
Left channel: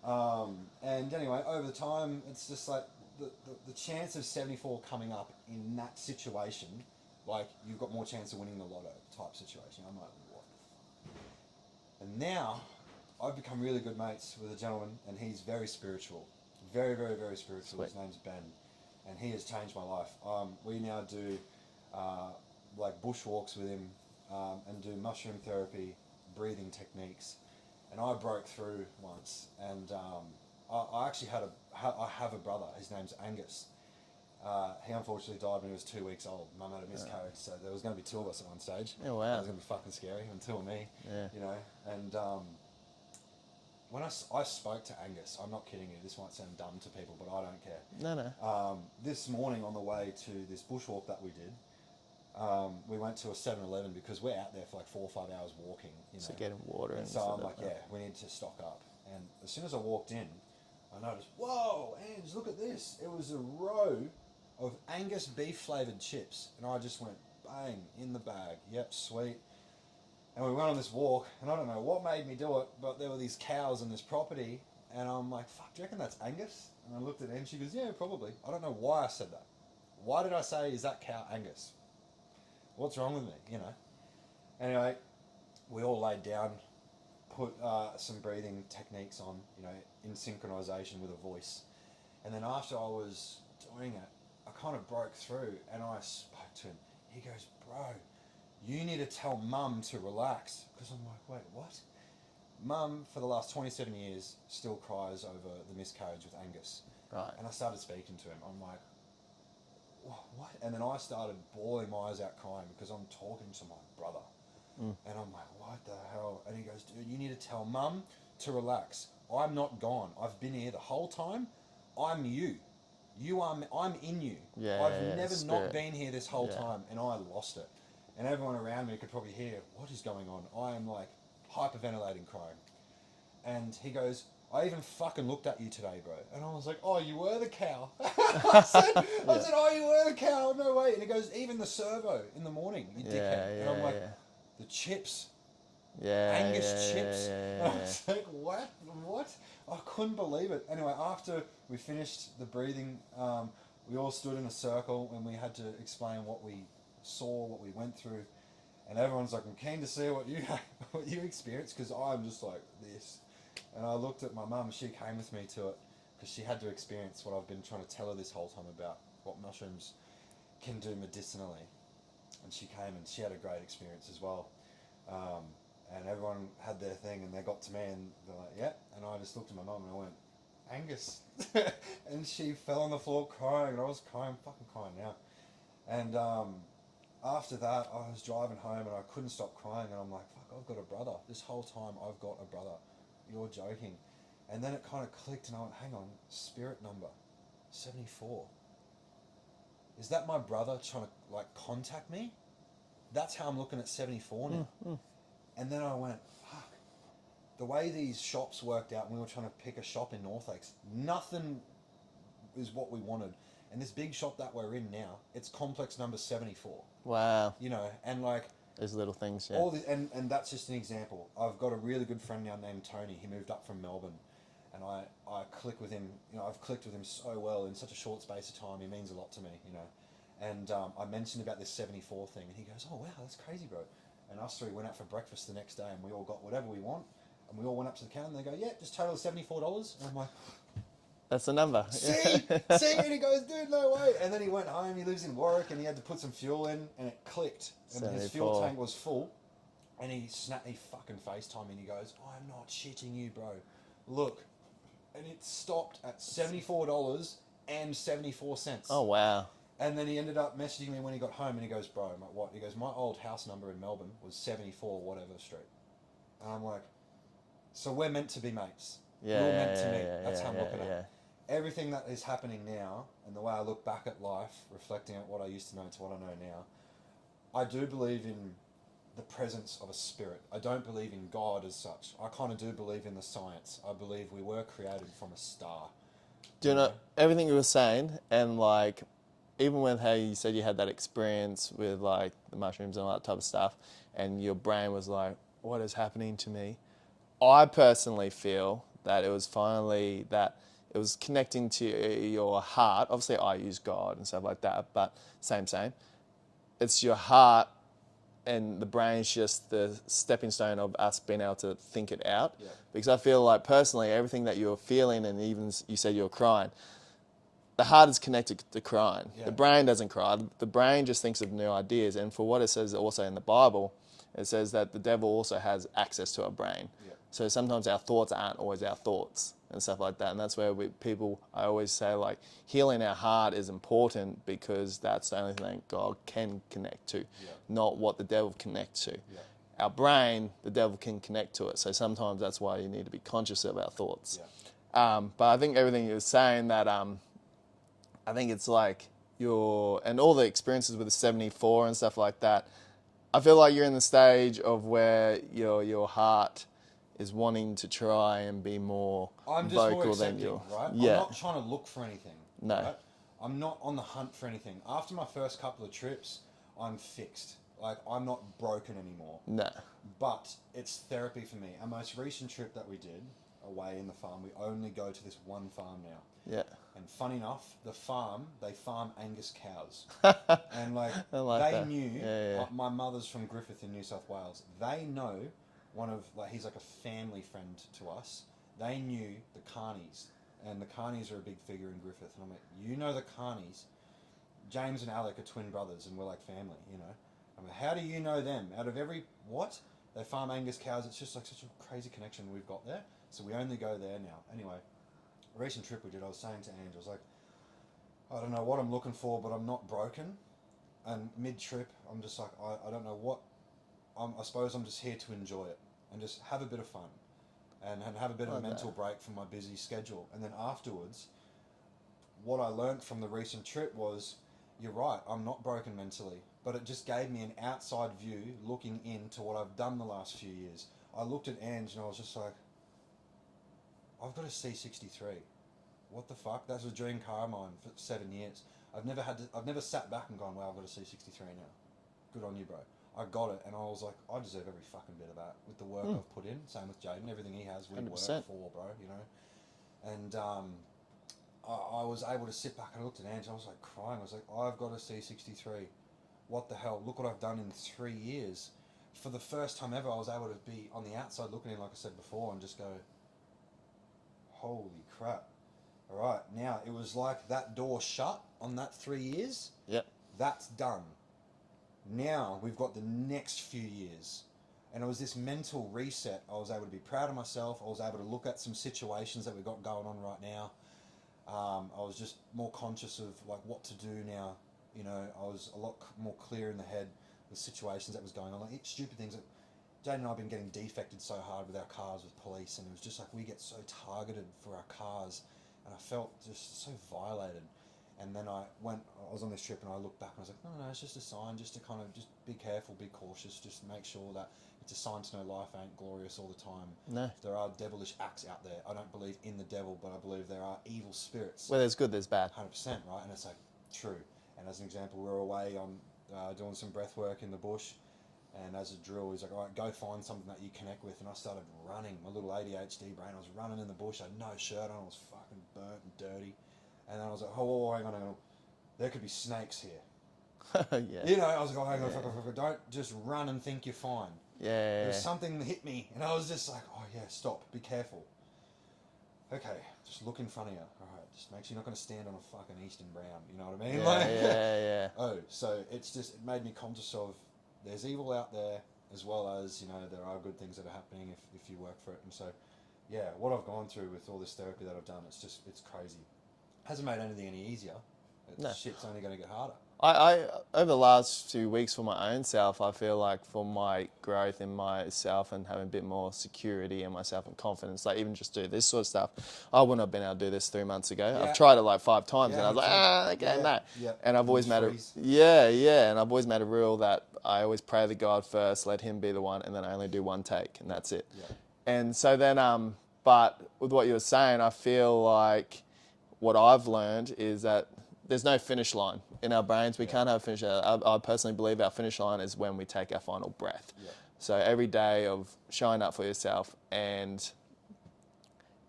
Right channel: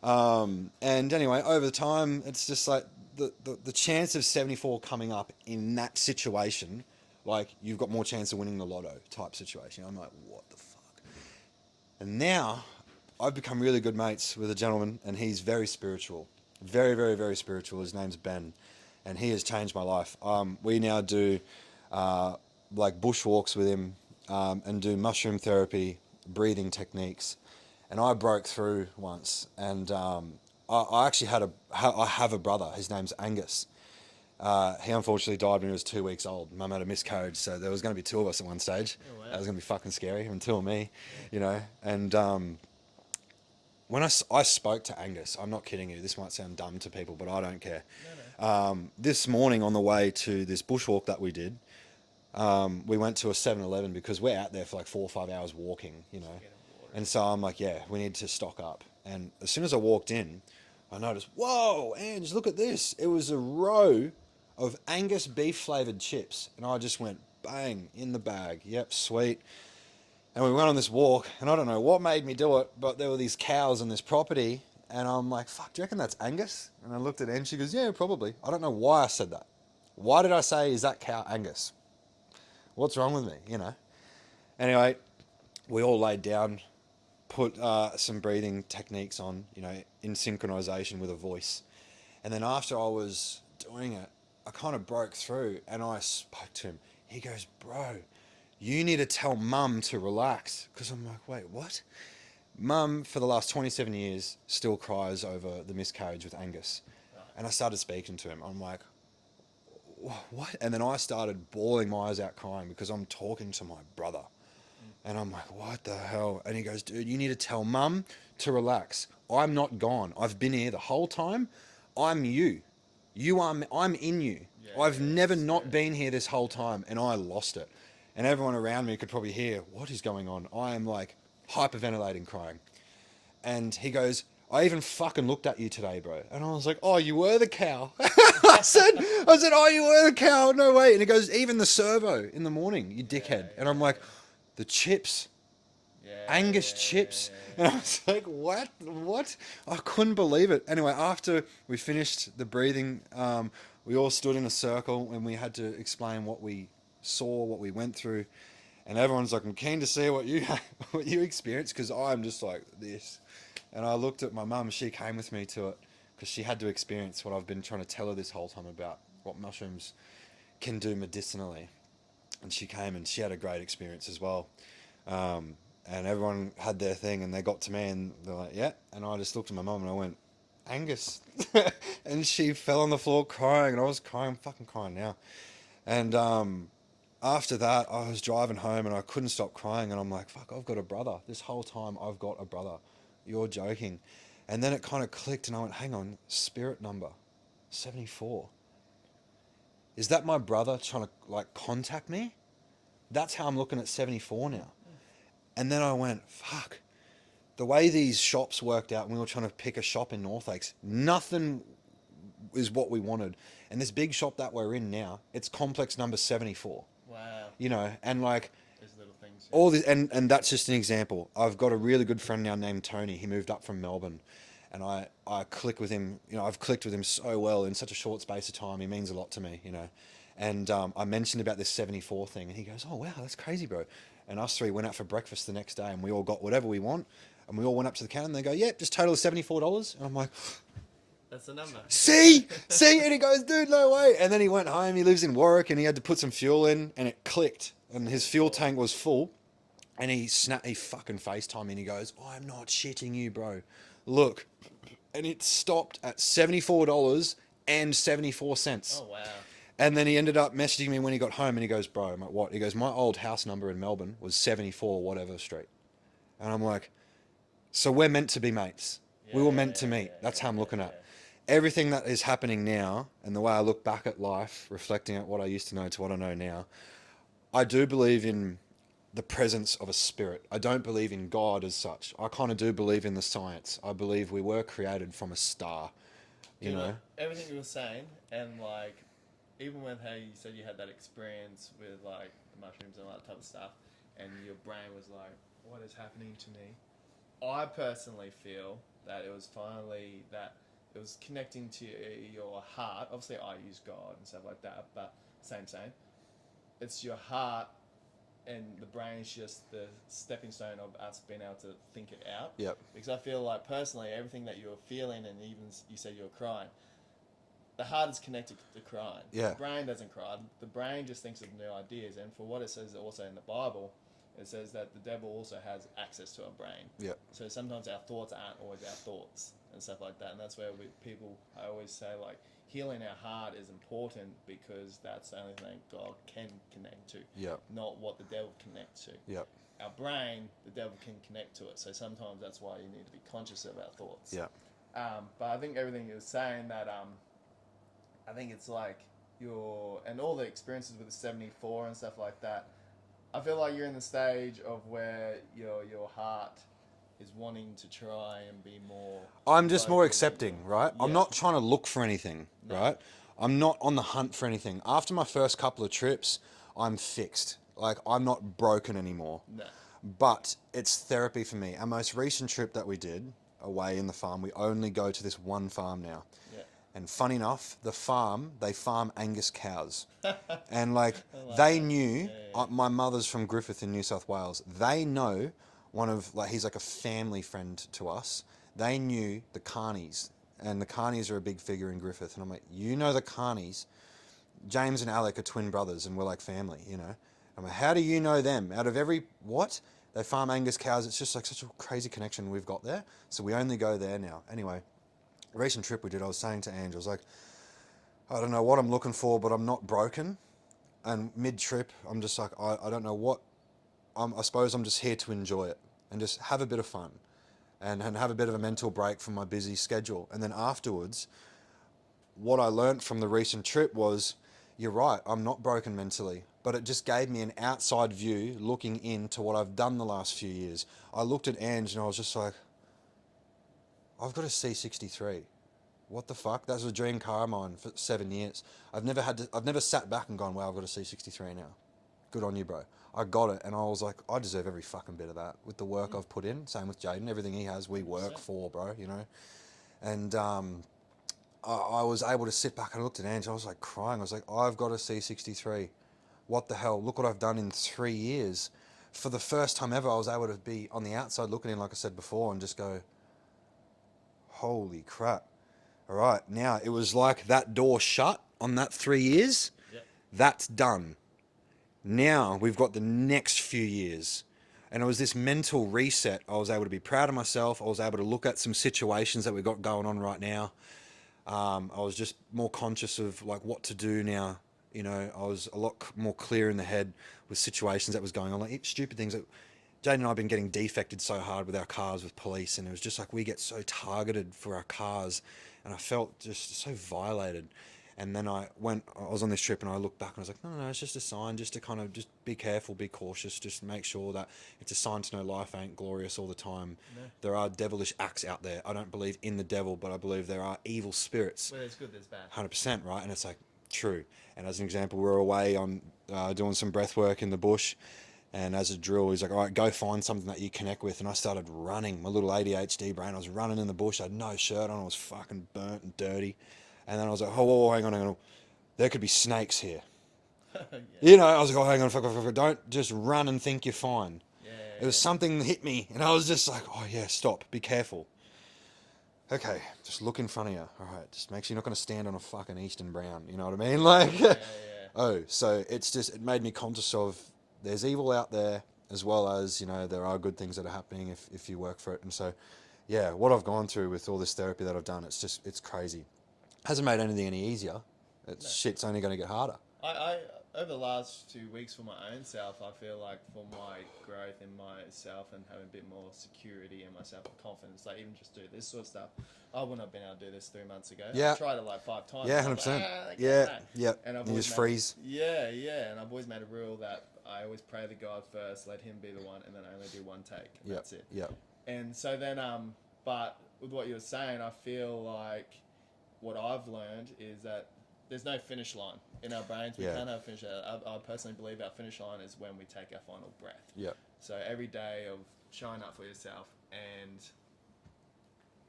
And anyway, over the time, it's just like the chance of 74 coming up in that situation, like you've got more chance of winning the lotto type situation. I'm like, what the fuck? And now I've become really good mates with a gentleman, and he's very spiritual. Very, very, very spiritual. His name's Ben, and he has changed my life. We now do like bushwalks with him, and do mushroom therapy, breathing techniques. And I broke through once, and I actually I have a brother. His name's Angus. He unfortunately died when he was 2 weeks old. Mum had a miscarriage, so there was going to be two of us at one stage. Oh, wow. That was going to be fucking scary, and two of me, Yeah. you know. And when I spoke to Angus, I'm not kidding you, this might sound dumb to people, but I don't care. No. This morning on the way to this bushwalk that we did, we went to a 7-Eleven because we're out there for like 4 or 5 hours walking, you know. So getting water. And so I'm like, yeah, we need to stock up. And as soon as I walked in, I noticed, whoa, Ange, look at this. It was a row of Angus beef flavoured chips. And I just went, bang, in the bag. Yep, sweet. And we went on this walk, and I don't know what made me do it, but there were these cows on this property, and I'm like, fuck, do you reckon that's Angus? And I looked at Ange, she goes, yeah, probably. I don't know why I said that. Why did I say, is that cow Angus? What's wrong with me, you know? Anyway, we all laid down, put some breathing techniques on, you know, in synchronization with a voice. And then after I was doing it, I kind of broke through, and I spoke to him. He goes, bro, you need to tell Mum to relax. Because I'm like, wait, what? Mum, for the last 27 years, still cries over the miscarriage with Angus. Right. And I started speaking to him. I'm like, what? And then I started bawling my eyes out crying because I'm talking to my brother. And I'm like, what the hell? And he goes, dude, you need to tell Mum to relax. I'm not gone. I've been here the whole time. I'm you. I'm in you. Yeah, I've yeah, never spirit. not been here this whole time, and I lost it. And everyone around me could probably hear, what is going on? I am like hyperventilating, crying. And he goes, I even fucking looked at you today, bro. And I was like, oh, you were the cow. I said, oh, you were the cow. No way. And he goes, even the servo in the morning, you dickhead. And I'm like, the chips. Angus chips. And I was like, what? I couldn't believe it. Anyway, after we finished the breathing, we all stood in a circle and we had to explain what we saw, what we went through. And everyone's like, I'm keen to see what you experienced, because I'm just like this. And I looked at my mum, she came with me to it because she had to experience what I've been trying to tell her this whole time about what mushrooms can do medicinally. And she came and she had a great experience as well. And everyone had their thing, and they got to me and they're like, yeah. And I just looked at my mum and I went, Angus. And she fell on the floor crying, and I was crying, I'm fucking crying now. And after that, I was driving home and I couldn't stop crying, and I'm like, fuck, I've got a brother. This whole time I've got a brother. You're joking. And then it kind of clicked, and I went, hang on, spirit number 74. Is that my brother trying to like contact me? That's how I'm looking at 74 now. And then I went, fuck. The way these shops worked out when we were trying to pick a shop in North Lakes, nothing is what we wanted. And this big shop that we're in now, it's complex number 74. Wow. You know, and like Those little things. Yeah. all this, and that's just an example. I've got a really good friend now named Tony. He moved up from Melbourne, and I click with him. You know, I've clicked with him so well in such a short space of time. He means a lot to me, you know. And I mentioned about this 74 thing, and he goes, oh, wow, that's crazy, bro. And us three went out for breakfast the next day, and we all got whatever we want, and we all went up to the counter, and they go, yeah, just total of $74. And I'm like, That's the number. see? And he goes, dude, no way. And then he went home, he lives in Warwick, and he had to put some fuel in, and it clicked. And his fuel tank was full, and he fucking FaceTimed me, and he goes, I'm not shitting you, bro. Look. And it stopped at $74 and 74 cents. Oh, wow. And then he ended up messaging me when he got home, and he goes, bro, I'm like, what? He goes, my old house number in Melbourne was 74 whatever street. And I'm like, so we're meant to be mates. We were meant to meet. That's how I'm looking at it. Everything that is happening now, and the way I look back at life, reflecting at what I used to know to what I know now, I do believe in the presence of a spirit. I don't believe in God as such. I kind of do believe in the science. I believe we were created from a star. Do you know everything you were saying, and like, even with how you said you had that experience with like the mushrooms and all that type of stuff, and your brain was like, what is happening to me? I personally feel that it was finally that it was connecting to your heart. Obviously, I use God and stuff like that, but same. It's your heart, and the brain's just the stepping stone of us being able to think it out. Yep. Because I feel like personally, everything that you're feeling, and even you said you're crying, the heart is connected to crying. Yeah. The brain doesn't cry. The brain just thinks of new ideas. And for what it says also in the Bible, it says that the devil also has access to our brain. Yeah. So sometimes our thoughts aren't always our thoughts and stuff like that. And that's where I always say, like, healing our heart is important because that's the only thing God can connect to, Yeah. not what the devil connects to. Yeah. Our brain, the devil can connect to it. So sometimes that's why you need to be conscious of our thoughts. Yeah. But I think everything you were saying that I think it's like and all the experiences with the 74 and stuff like that, I feel like you're in the stage of where your heart is wanting to try and be more. I'm just more vocal than accepting, right? Yeah. I'm not trying to look for anything, No. right? I'm not on the hunt for anything. After my first couple of trips, I'm fixed. Like, I'm not broken anymore. No. But it's therapy for me. Our most recent trip that we did away in the farm, we only go to this one farm now. Yeah. And funny enough, they farm Angus cows. And like, like they that. knew, Yeah. my mother's from Griffith in New South Wales. They know he's like a family friend to us. They knew the Carneys. And the Carneys are a big figure in Griffith. And I'm like, you know the Carneys? James and Alec are twin brothers and we're like family, you know? I'm like, how do you know them? Out of what? They farm Angus cows. It's just like such a crazy connection we've got there. So we only go there now. Anyway, recent trip we did, I was saying to Ange, I was like, I don't know what I'm looking for, but I'm not broken. And mid-trip, I'm just like, I don't know what, I suppose I'm just here to enjoy it and just have a bit of fun and have a bit of a mental break from my busy schedule. And then afterwards, what I learnt from the recent trip was, you're right, I'm not broken mentally, but it just gave me an outside view looking into what I've done the last few years. I looked at Ange and I was just like, I've got a C63. What the fuck? That was a dream car of mine for 7 years. I've never sat back and gone, wow, I've got a C63 now. Good on you, bro. I got it, and I was like, I deserve every fucking bit of that with the work I've put in. Same with Jaden. Everything he has, we 100%. work for, bro, you know? And I was able to sit back and I looked at Ange. I was like crying. I was like, I've got a C63. What the hell? Look what I've done in 3 years. For the first time ever, I was able to be on the outside looking in, like I said before, and just go, holy crap. All right, now it was like that door shut on that 3 years. Yep. That's done. Now we've got the next few years. And it was this mental reset. I was able to be proud of myself. I was able to look at some situations that we've got going on right now. I was just more conscious of like what to do now. You know, I was a lot more clear in the head with situations that was going on, like stupid things that Jane and I have been getting defected so hard with our cars with police, and it was just like we get so targeted for our cars, and I felt just so violated. And then I was on this trip and I looked back and I was like, no, it's just a sign, just to kind of just be careful, be cautious, just make sure that it's a sign to know life ain't glorious all the time. No. There are devilish acts out there. I don't believe in the devil, but I believe there are evil spirits. Well, there's good, there's bad. 100%, right? And it's like, true. And as an example, we were away on doing some breath work in the bush, and as a drill, he's like, all right, go find something that you connect with. And I started running, my little ADHD brain. I was running in the bush. I had no shirt on. I was fucking burnt and dirty. And then I was like, oh, hang on. There could be snakes here. Yeah. You know, I was like, oh, hang on, fuck. Don't just run and think you're fine. Yeah. There was something that hit me, and I was just like, oh, yeah, stop. Be careful. Okay, just look in front of you. All right, just make sure you're not going to stand on a fucking Eastern Brown. You know what I mean? Yeah. Oh, so it made me conscious of there's evil out there, as well as, you know, there are good things that are happening if you work for it. And so, yeah, what I've gone through with all this therapy that I've done, it's crazy. Hasn't made anything any easier. Shit's only going to get harder. I over the last few weeks for my own self, I feel like for my growth in myself and having a bit more security in myself and confidence, like even just do this sort of stuff, I wouldn't have been able to do this 3 months ago. Yeah. I've tried it like 5 times, Yeah, and I was like, no. Yeah. And I've always made freeze. and I've always made a rule that I always pray to God first, let Him be the one, and then I only do one take, and that's it. Yeah. And so then, but with what you were saying, I feel like what I've learned is that there's no finish line in our brains. We can't have a finish line. I personally believe our finish line is when we take our final breath. Yeah. So every day of showing up for yourself and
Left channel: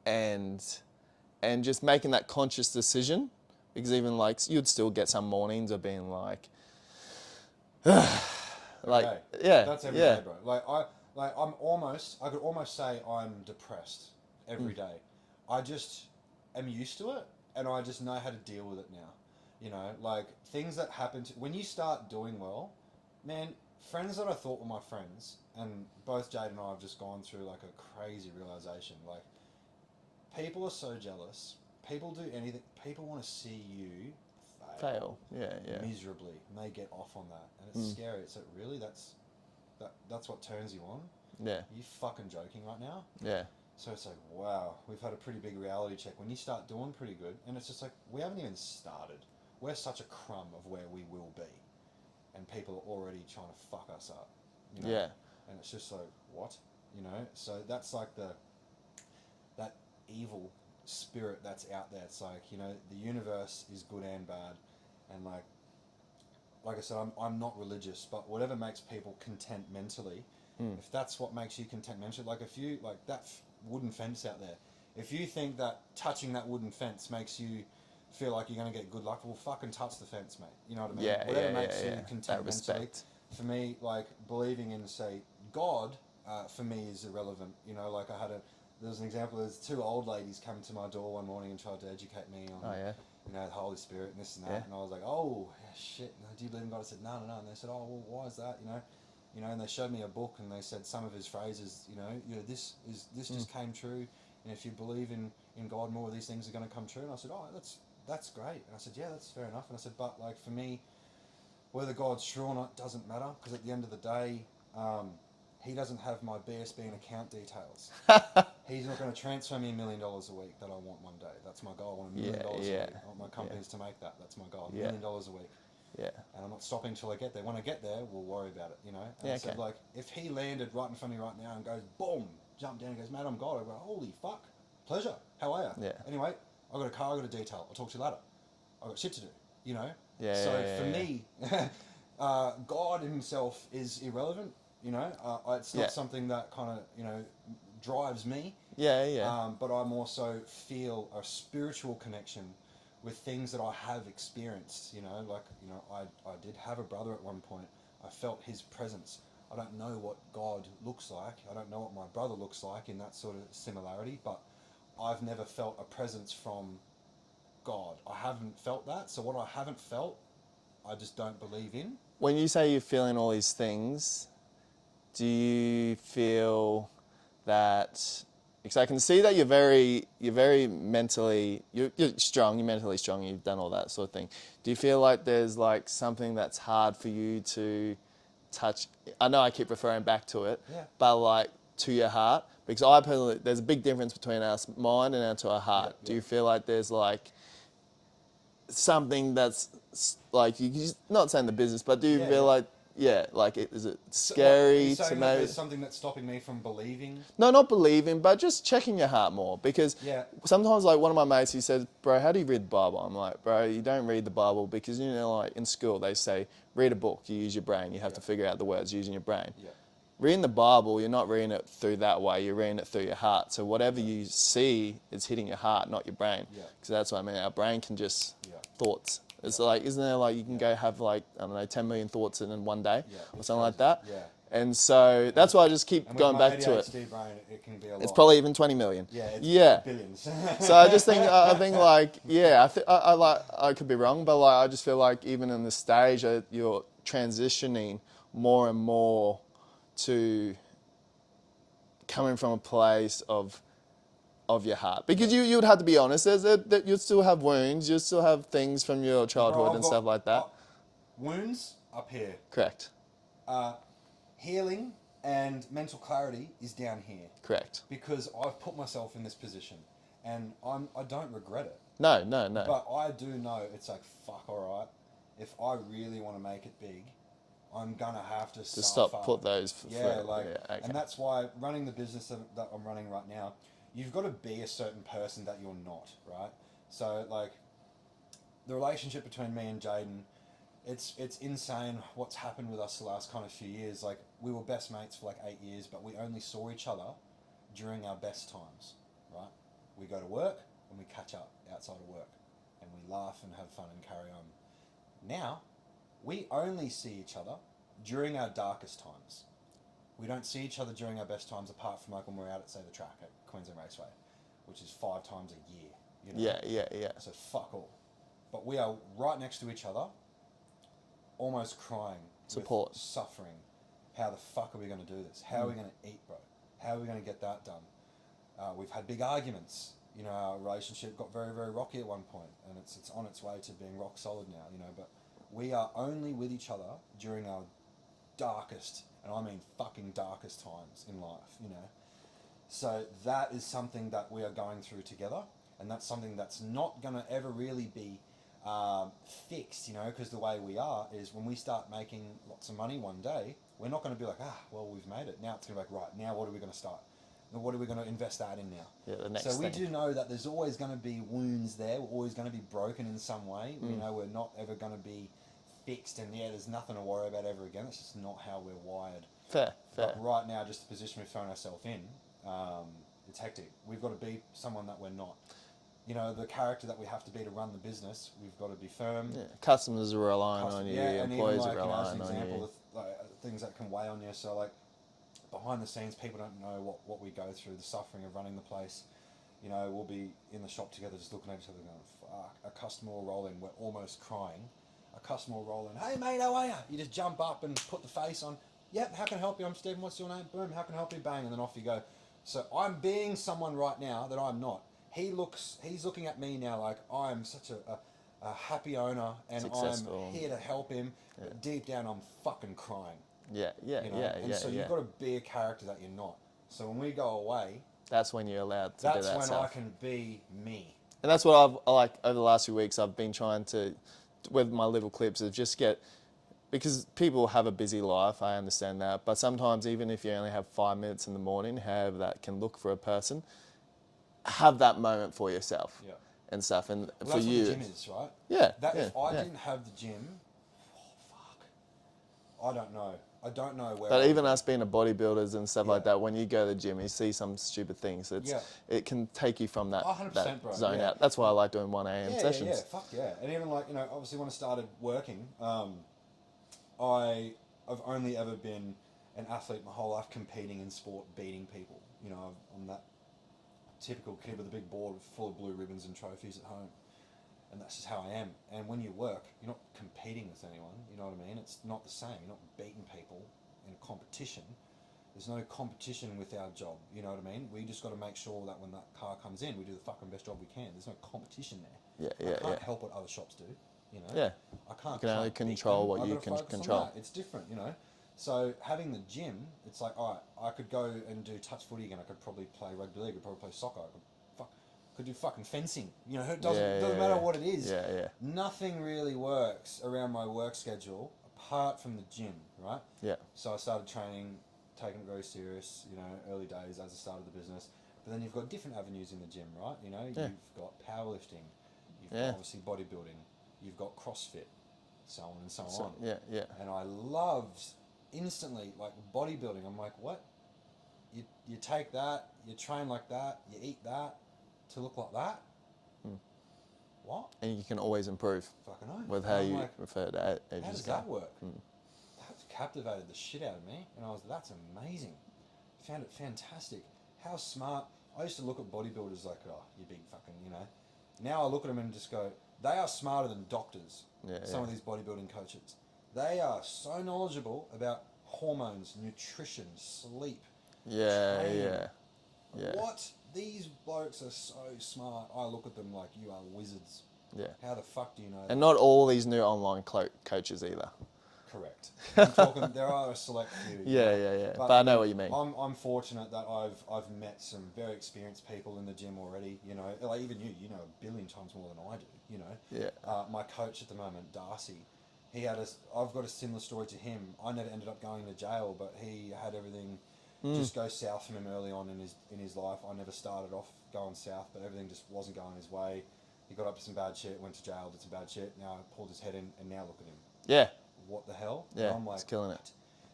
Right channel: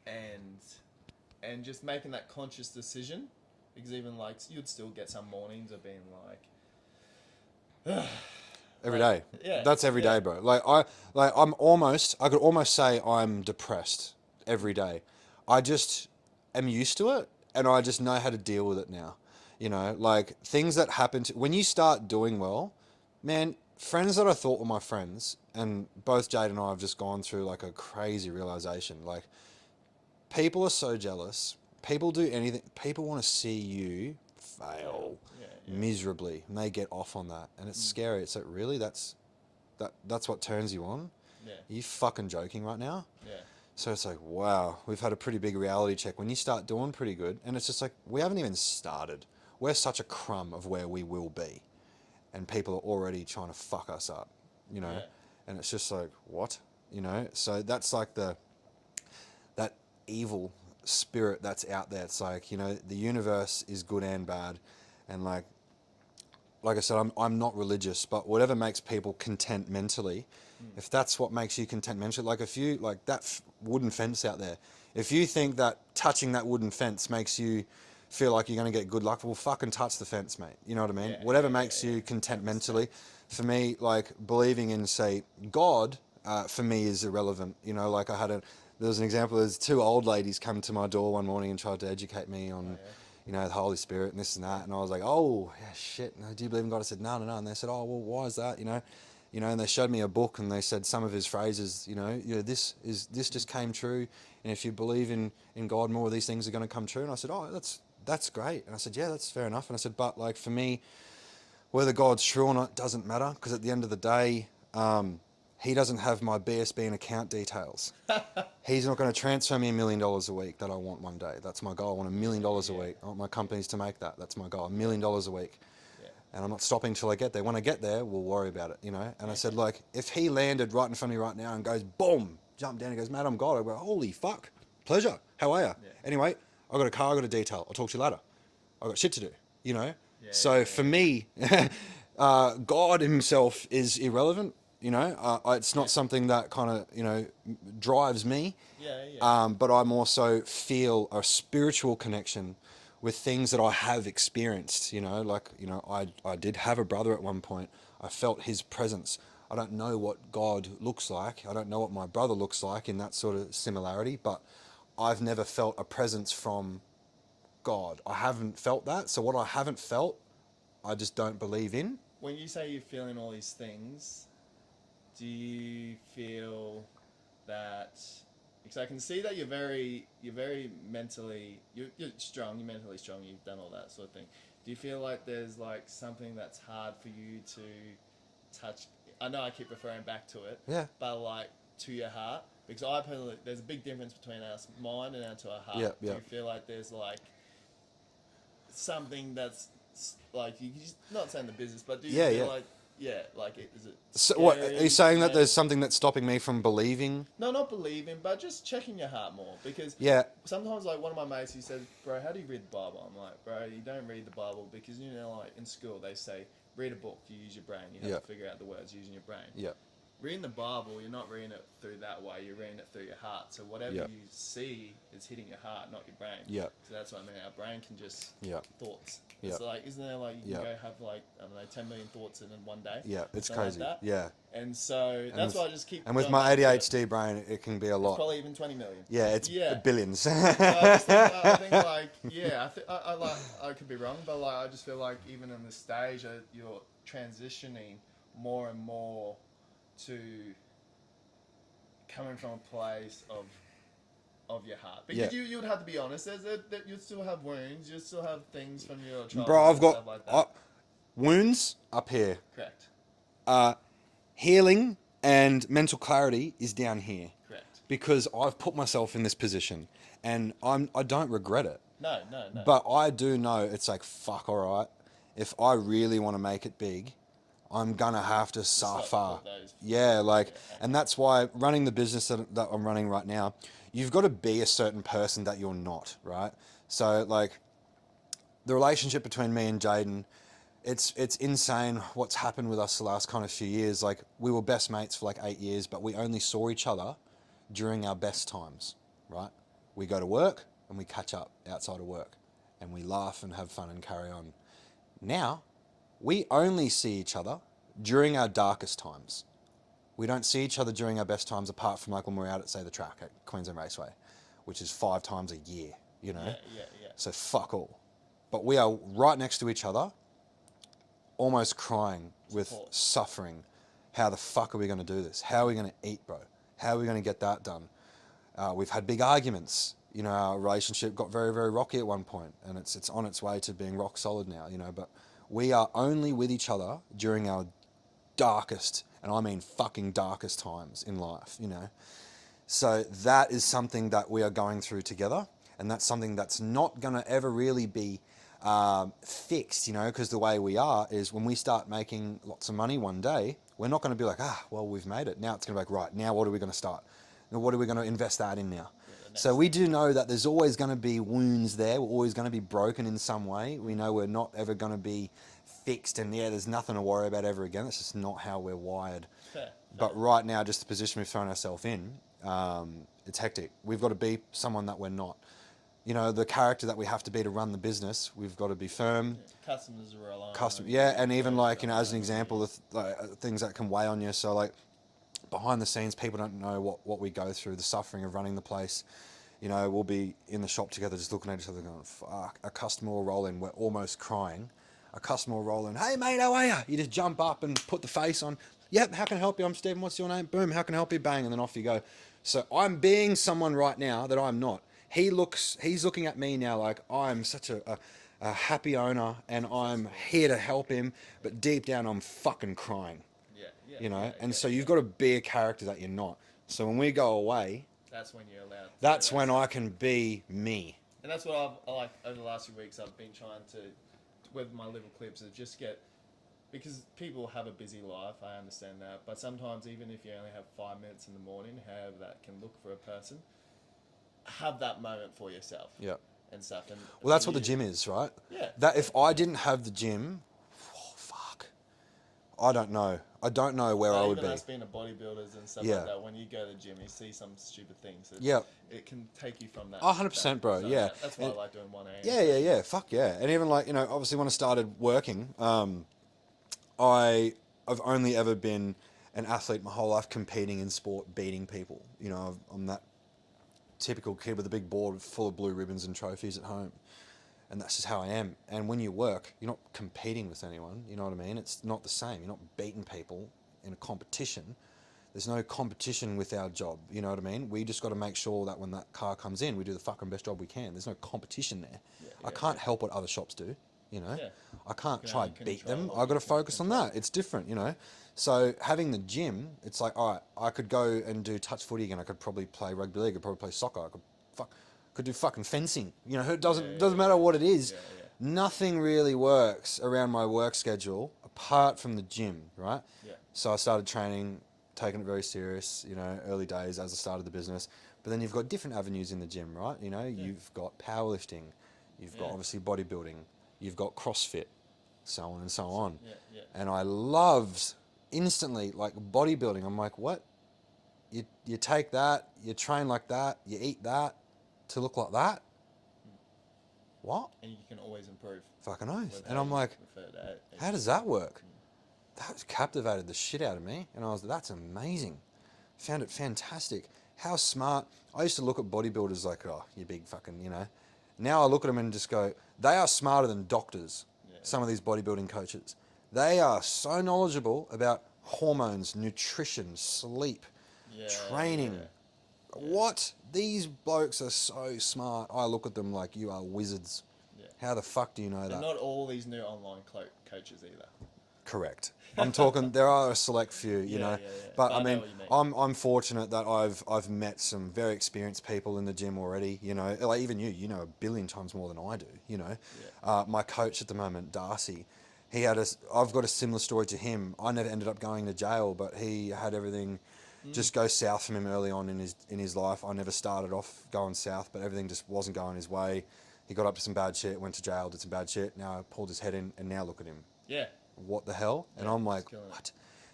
and just making that conscious decision, because even like you'd still get some mornings of being like, Every day. Yeah, That's every day, bro. I could almost say I'm depressed every day. I just am used to it, and I just know how to deal with it now. You know, like things that happen when you start doing well, man, friends that I thought were my friends, and both Jade and I have just gone through like a crazy realization. Like, people are so jealous. People do anything. People want to see you fail Yeah. miserably, and they get off on that, and it's scary. It's like, really, that's what turns you on? Yeah. Are you fucking joking right now? Yeah. So it's like, wow, we've had a pretty big reality check. When you start doing pretty good, and it's just like, we haven't even started. We're such a crumb of where we will be, and people are already trying to fuck us up, you know? Yeah. And it's just like, what? You know? So that's like that evil spirit that's out there. It's like, you know, the universe is good and bad, and like I said, I'm not religious, but whatever makes people content mentally, if that's what makes you content mentally, like if you, like that wooden fence out there, if you think that touching that wooden fence makes you feel like you're going to get good luck, well, fucking touch the fence, mate. You know what I mean? Whatever makes you content mentally. For me, like believing in, say, God, for me is irrelevant. You know, like there was an example, there's two old ladies come to my door one morning and tried to educate me on, you know, the Holy Spirit and this and that. Yeah. And I was like, oh, yeah, shit, no, do you believe in God? I said, no. And they said, oh, well, why is that? You know, and they showed me a book, and they said some of his phrases, this just came true. And if you believe in God, more of these things are going to come true. And I said, oh, that's great. And I said, yeah, that's fair enough. And I said, but like for me, whether God's true or not doesn't matter, because at the end of the day, he doesn't have my BSB and account details. He's not going to transfer me $1 million a week that I want one day. That's my goal. I want $1 million a week. I want my companies to make that. That's my goal. $1 million a week. Yeah. And I'm not stopping till I get there. When I get there, we'll worry about it, you know? And I said, like, if he landed right in front of me right now and goes, boom, jump down and goes, mate, I'm God. I go, holy fuck. Pleasure. How are you? Yeah. Anyway, I got a car, I got a detail. I'll talk to you later. I got shit to do, you know? For me, God himself is irrelevant. You know, it's not something that kind of, you know, drives me. But I more so feel a spiritual connection with things that I have experienced. You know, like, you know, I did have a brother at one point. I felt his presence. I don't know what God looks like. I don't know what my brother looks like in that sort of similarity, but I've never felt a presence from God. I haven't felt that. So what I haven't felt, I just don't believe in. When you say you're feeling all these things, do you feel that, because I can see that you're very mentally, you're strong, you're mentally strong, you've done all that sort of thing. Do you feel like there's like something that's hard for you to touch? I know I keep referring back to it, but like to your heart, because I personally, there's a big difference between our mind and to our heart. Do you feel like there's like something that's like, you're not saying the business, but do you feel like, like, is it scary? What, are you saying that there's something that's stopping me from believing? No, not believing, but just checking your heart more. Because sometimes, like, one of my mates, he said, bro, how do you read the Bible? I'm like, bro, you don't read the Bible because, you know, like, in school, they say, read a book, you use your brain. You have to figure out the words using your brain. Reading the Bible, you're not reading it through that way. You're reading it through your heart. So whatever you see is hitting your heart, not your brain. So that's what I mean. Our brain can just thoughts. It's like, isn't there like, you can go have like, I don't know, 10 million thoughts in one day? It's something crazy. like that. And so that's why I just keep going back to it. And with my ADHD brain, it can be a lot. It's probably even 20 million. It's billions. So I just think, like, I could be wrong, but like, I just feel like even in this stage, you're transitioning more and more to coming from a place of your heart, because you would have to be honest. That you still have wounds, you still have things from your childhood and stuff like that. Wounds up here. Correct. Healing and mental clarity is down here. Correct. Because I've put myself in this position, and I don't regret it. No. But I do know it's like, fuck, all right. If I really want to make it big, I'm gonna have to suffer. Put those. And that's why running the business that I'm running right now, you've got to be a certain person that you're not, right? So like, the relationship between me and Jaden, it's insane what's happened with us the last kind of few years. Like, we were best mates for like 8 years, but we only saw each other during our best times, right? We go to work and we catch up outside of work and we laugh and have fun and carry on. Now, we only see each other during our darkest times. We don't see each other during our best times apart from like when we're out at, say, the track at Queensland Raceway, which is 5 times a year, you know? Yeah. So fuck all. But we are right next to each other, almost crying Support. with suffering. How the fuck are we going to do this? How are we going to eat, bro? How are we going to get that done? We've had big arguments. You know, our relationship got very, very rocky at one point, and it's on its way to being rock solid now, you know. But we are only with each other during our darkest, and I mean fucking darkest times in life, you know. So that is something that we are going through together, and that's something that's not going to ever really be fixed, you know, because the way we are is when we start making lots of money one day, we're not going to be like, well, we've made it. Now it's going to be like, right, now what are we going to start? Now what are we going to invest that in now? So we do know that there's always going to be wounds there. We're always going to be broken in some way. We know we're not ever going to be fixed, and there's nothing to worry about ever again. That's just not how we're wired. Fair. But right now, just the position we've thrown ourselves in, it's hectic. We've got to be someone that we're not. You know, the character that we have to be to run the business, we've got to be firm. Yeah. Customers are relying on you. Yeah, and even employees like, are you know, as an relying on example, you. the things that can weigh on you. So like behind the scenes, people don't know what we go through, the suffering of running the place. You know, we'll be in the shop together just looking at each other going, fuck. A customer will roll in, we're almost crying. A customer will roll in, hey mate, how are you? You just jump up and put the face on. Yep, how can I help you? I'm Stephen, what's your name? Boom, how can I help you? Bang, and then off you go. So I'm being someone right now that I'm not. He's looking at me now like I'm such a happy owner and Successful. I'm here to help him, but deep down I'm fucking crying. Yeah. You know, so you've got to be a character that you're not. So when we go away, That's when you're allowed to that's do that when stuff. I can be me. And that's what I've, like, over the last few weeks, I've been trying to, with my little clips, is just get, because people have a busy life, I understand that, but sometimes even if you only have 5 minutes in the morning, however that can look for a person, have that moment for yourself. Yeah. And stuff. And Well, that's for what the you- gym is, right? Yeah. That if I didn't have the gym, fuck, I don't know. I don't know where I But would even be. us being a bodybuilders and stuff Yeah. like that, when you go to the gym, you see some stupid things. It can take you from that. 100%, bro, zone yeah. out. That's why I like doing 1 a.m. Yeah, sessions. yeah, fuck yeah. And even like, you know, obviously when I started working, I've only ever been an athlete my whole life, competing in sport, beating people. You know, I'm that typical kid with a big board full of blue ribbons and trophies at home. And that's just how I am. And when you work, you're not competing with anyone, you know what I mean? It's not the same. You're not beating people in a competition. There's no competition with our job, you know what I mean? We just got to make sure that when that car comes in, we do the fucking best job we can. There's no competition there. I can't help what other shops do, you know? Yeah. I can't You can try only and beat control them. what I've got you to can focus on control. that. It's different, you know? So having the gym, it's like, all right, I could go and do touch footy again. I could probably play rugby league. I could probably play soccer. I could do fucking fencing. You know, it doesn't matter what it is. Yeah. Nothing really works around my work schedule apart from the gym, right? Yeah. So I started training, taking it very serious, you know, early days as I started the business. But then you've got different avenues in the gym, right? You know, you've got powerlifting, you've got obviously bodybuilding, you've got CrossFit, so on and so on. Yeah. And I loved instantly, like bodybuilding. I'm like, what? You take that, you train like that, you eat that to look like that? What? And you can always improve. Fucking oath. With And how I'm you like, refer to it. how does that work? That captivated the shit out of me. And I was, that's amazing. Found it fantastic. How smart. I used to look at bodybuilders like, oh, you big fucking, you know. Now I look at them and just go, they are smarter than doctors, some of these bodybuilding coaches. They are so knowledgeable about hormones, nutrition, sleep, training. Yeah. What? These blokes are so smart. I look at them like, you are wizards. Yeah. How the fuck do you know that? And not all these new online coaches either. Correct. I'm talking. There are a select few. You know. Yeah. But I know what you mean. I'm fortunate that I've met some very experienced people in the gym already. You know, like even you know a billion times more than I do. You know. Yeah. My coach at the moment, Darcy, I've got a similar story to him. I never ended up going to jail, but he had everything just go south from him early on in his life. I never started off going south, but everything just wasn't going his way. He got up to some bad shit, went to jail, did some bad shit. Now pulled his head in, and now look at him. Yeah. What the hell? Yeah, And I'm like, he's killing it. what?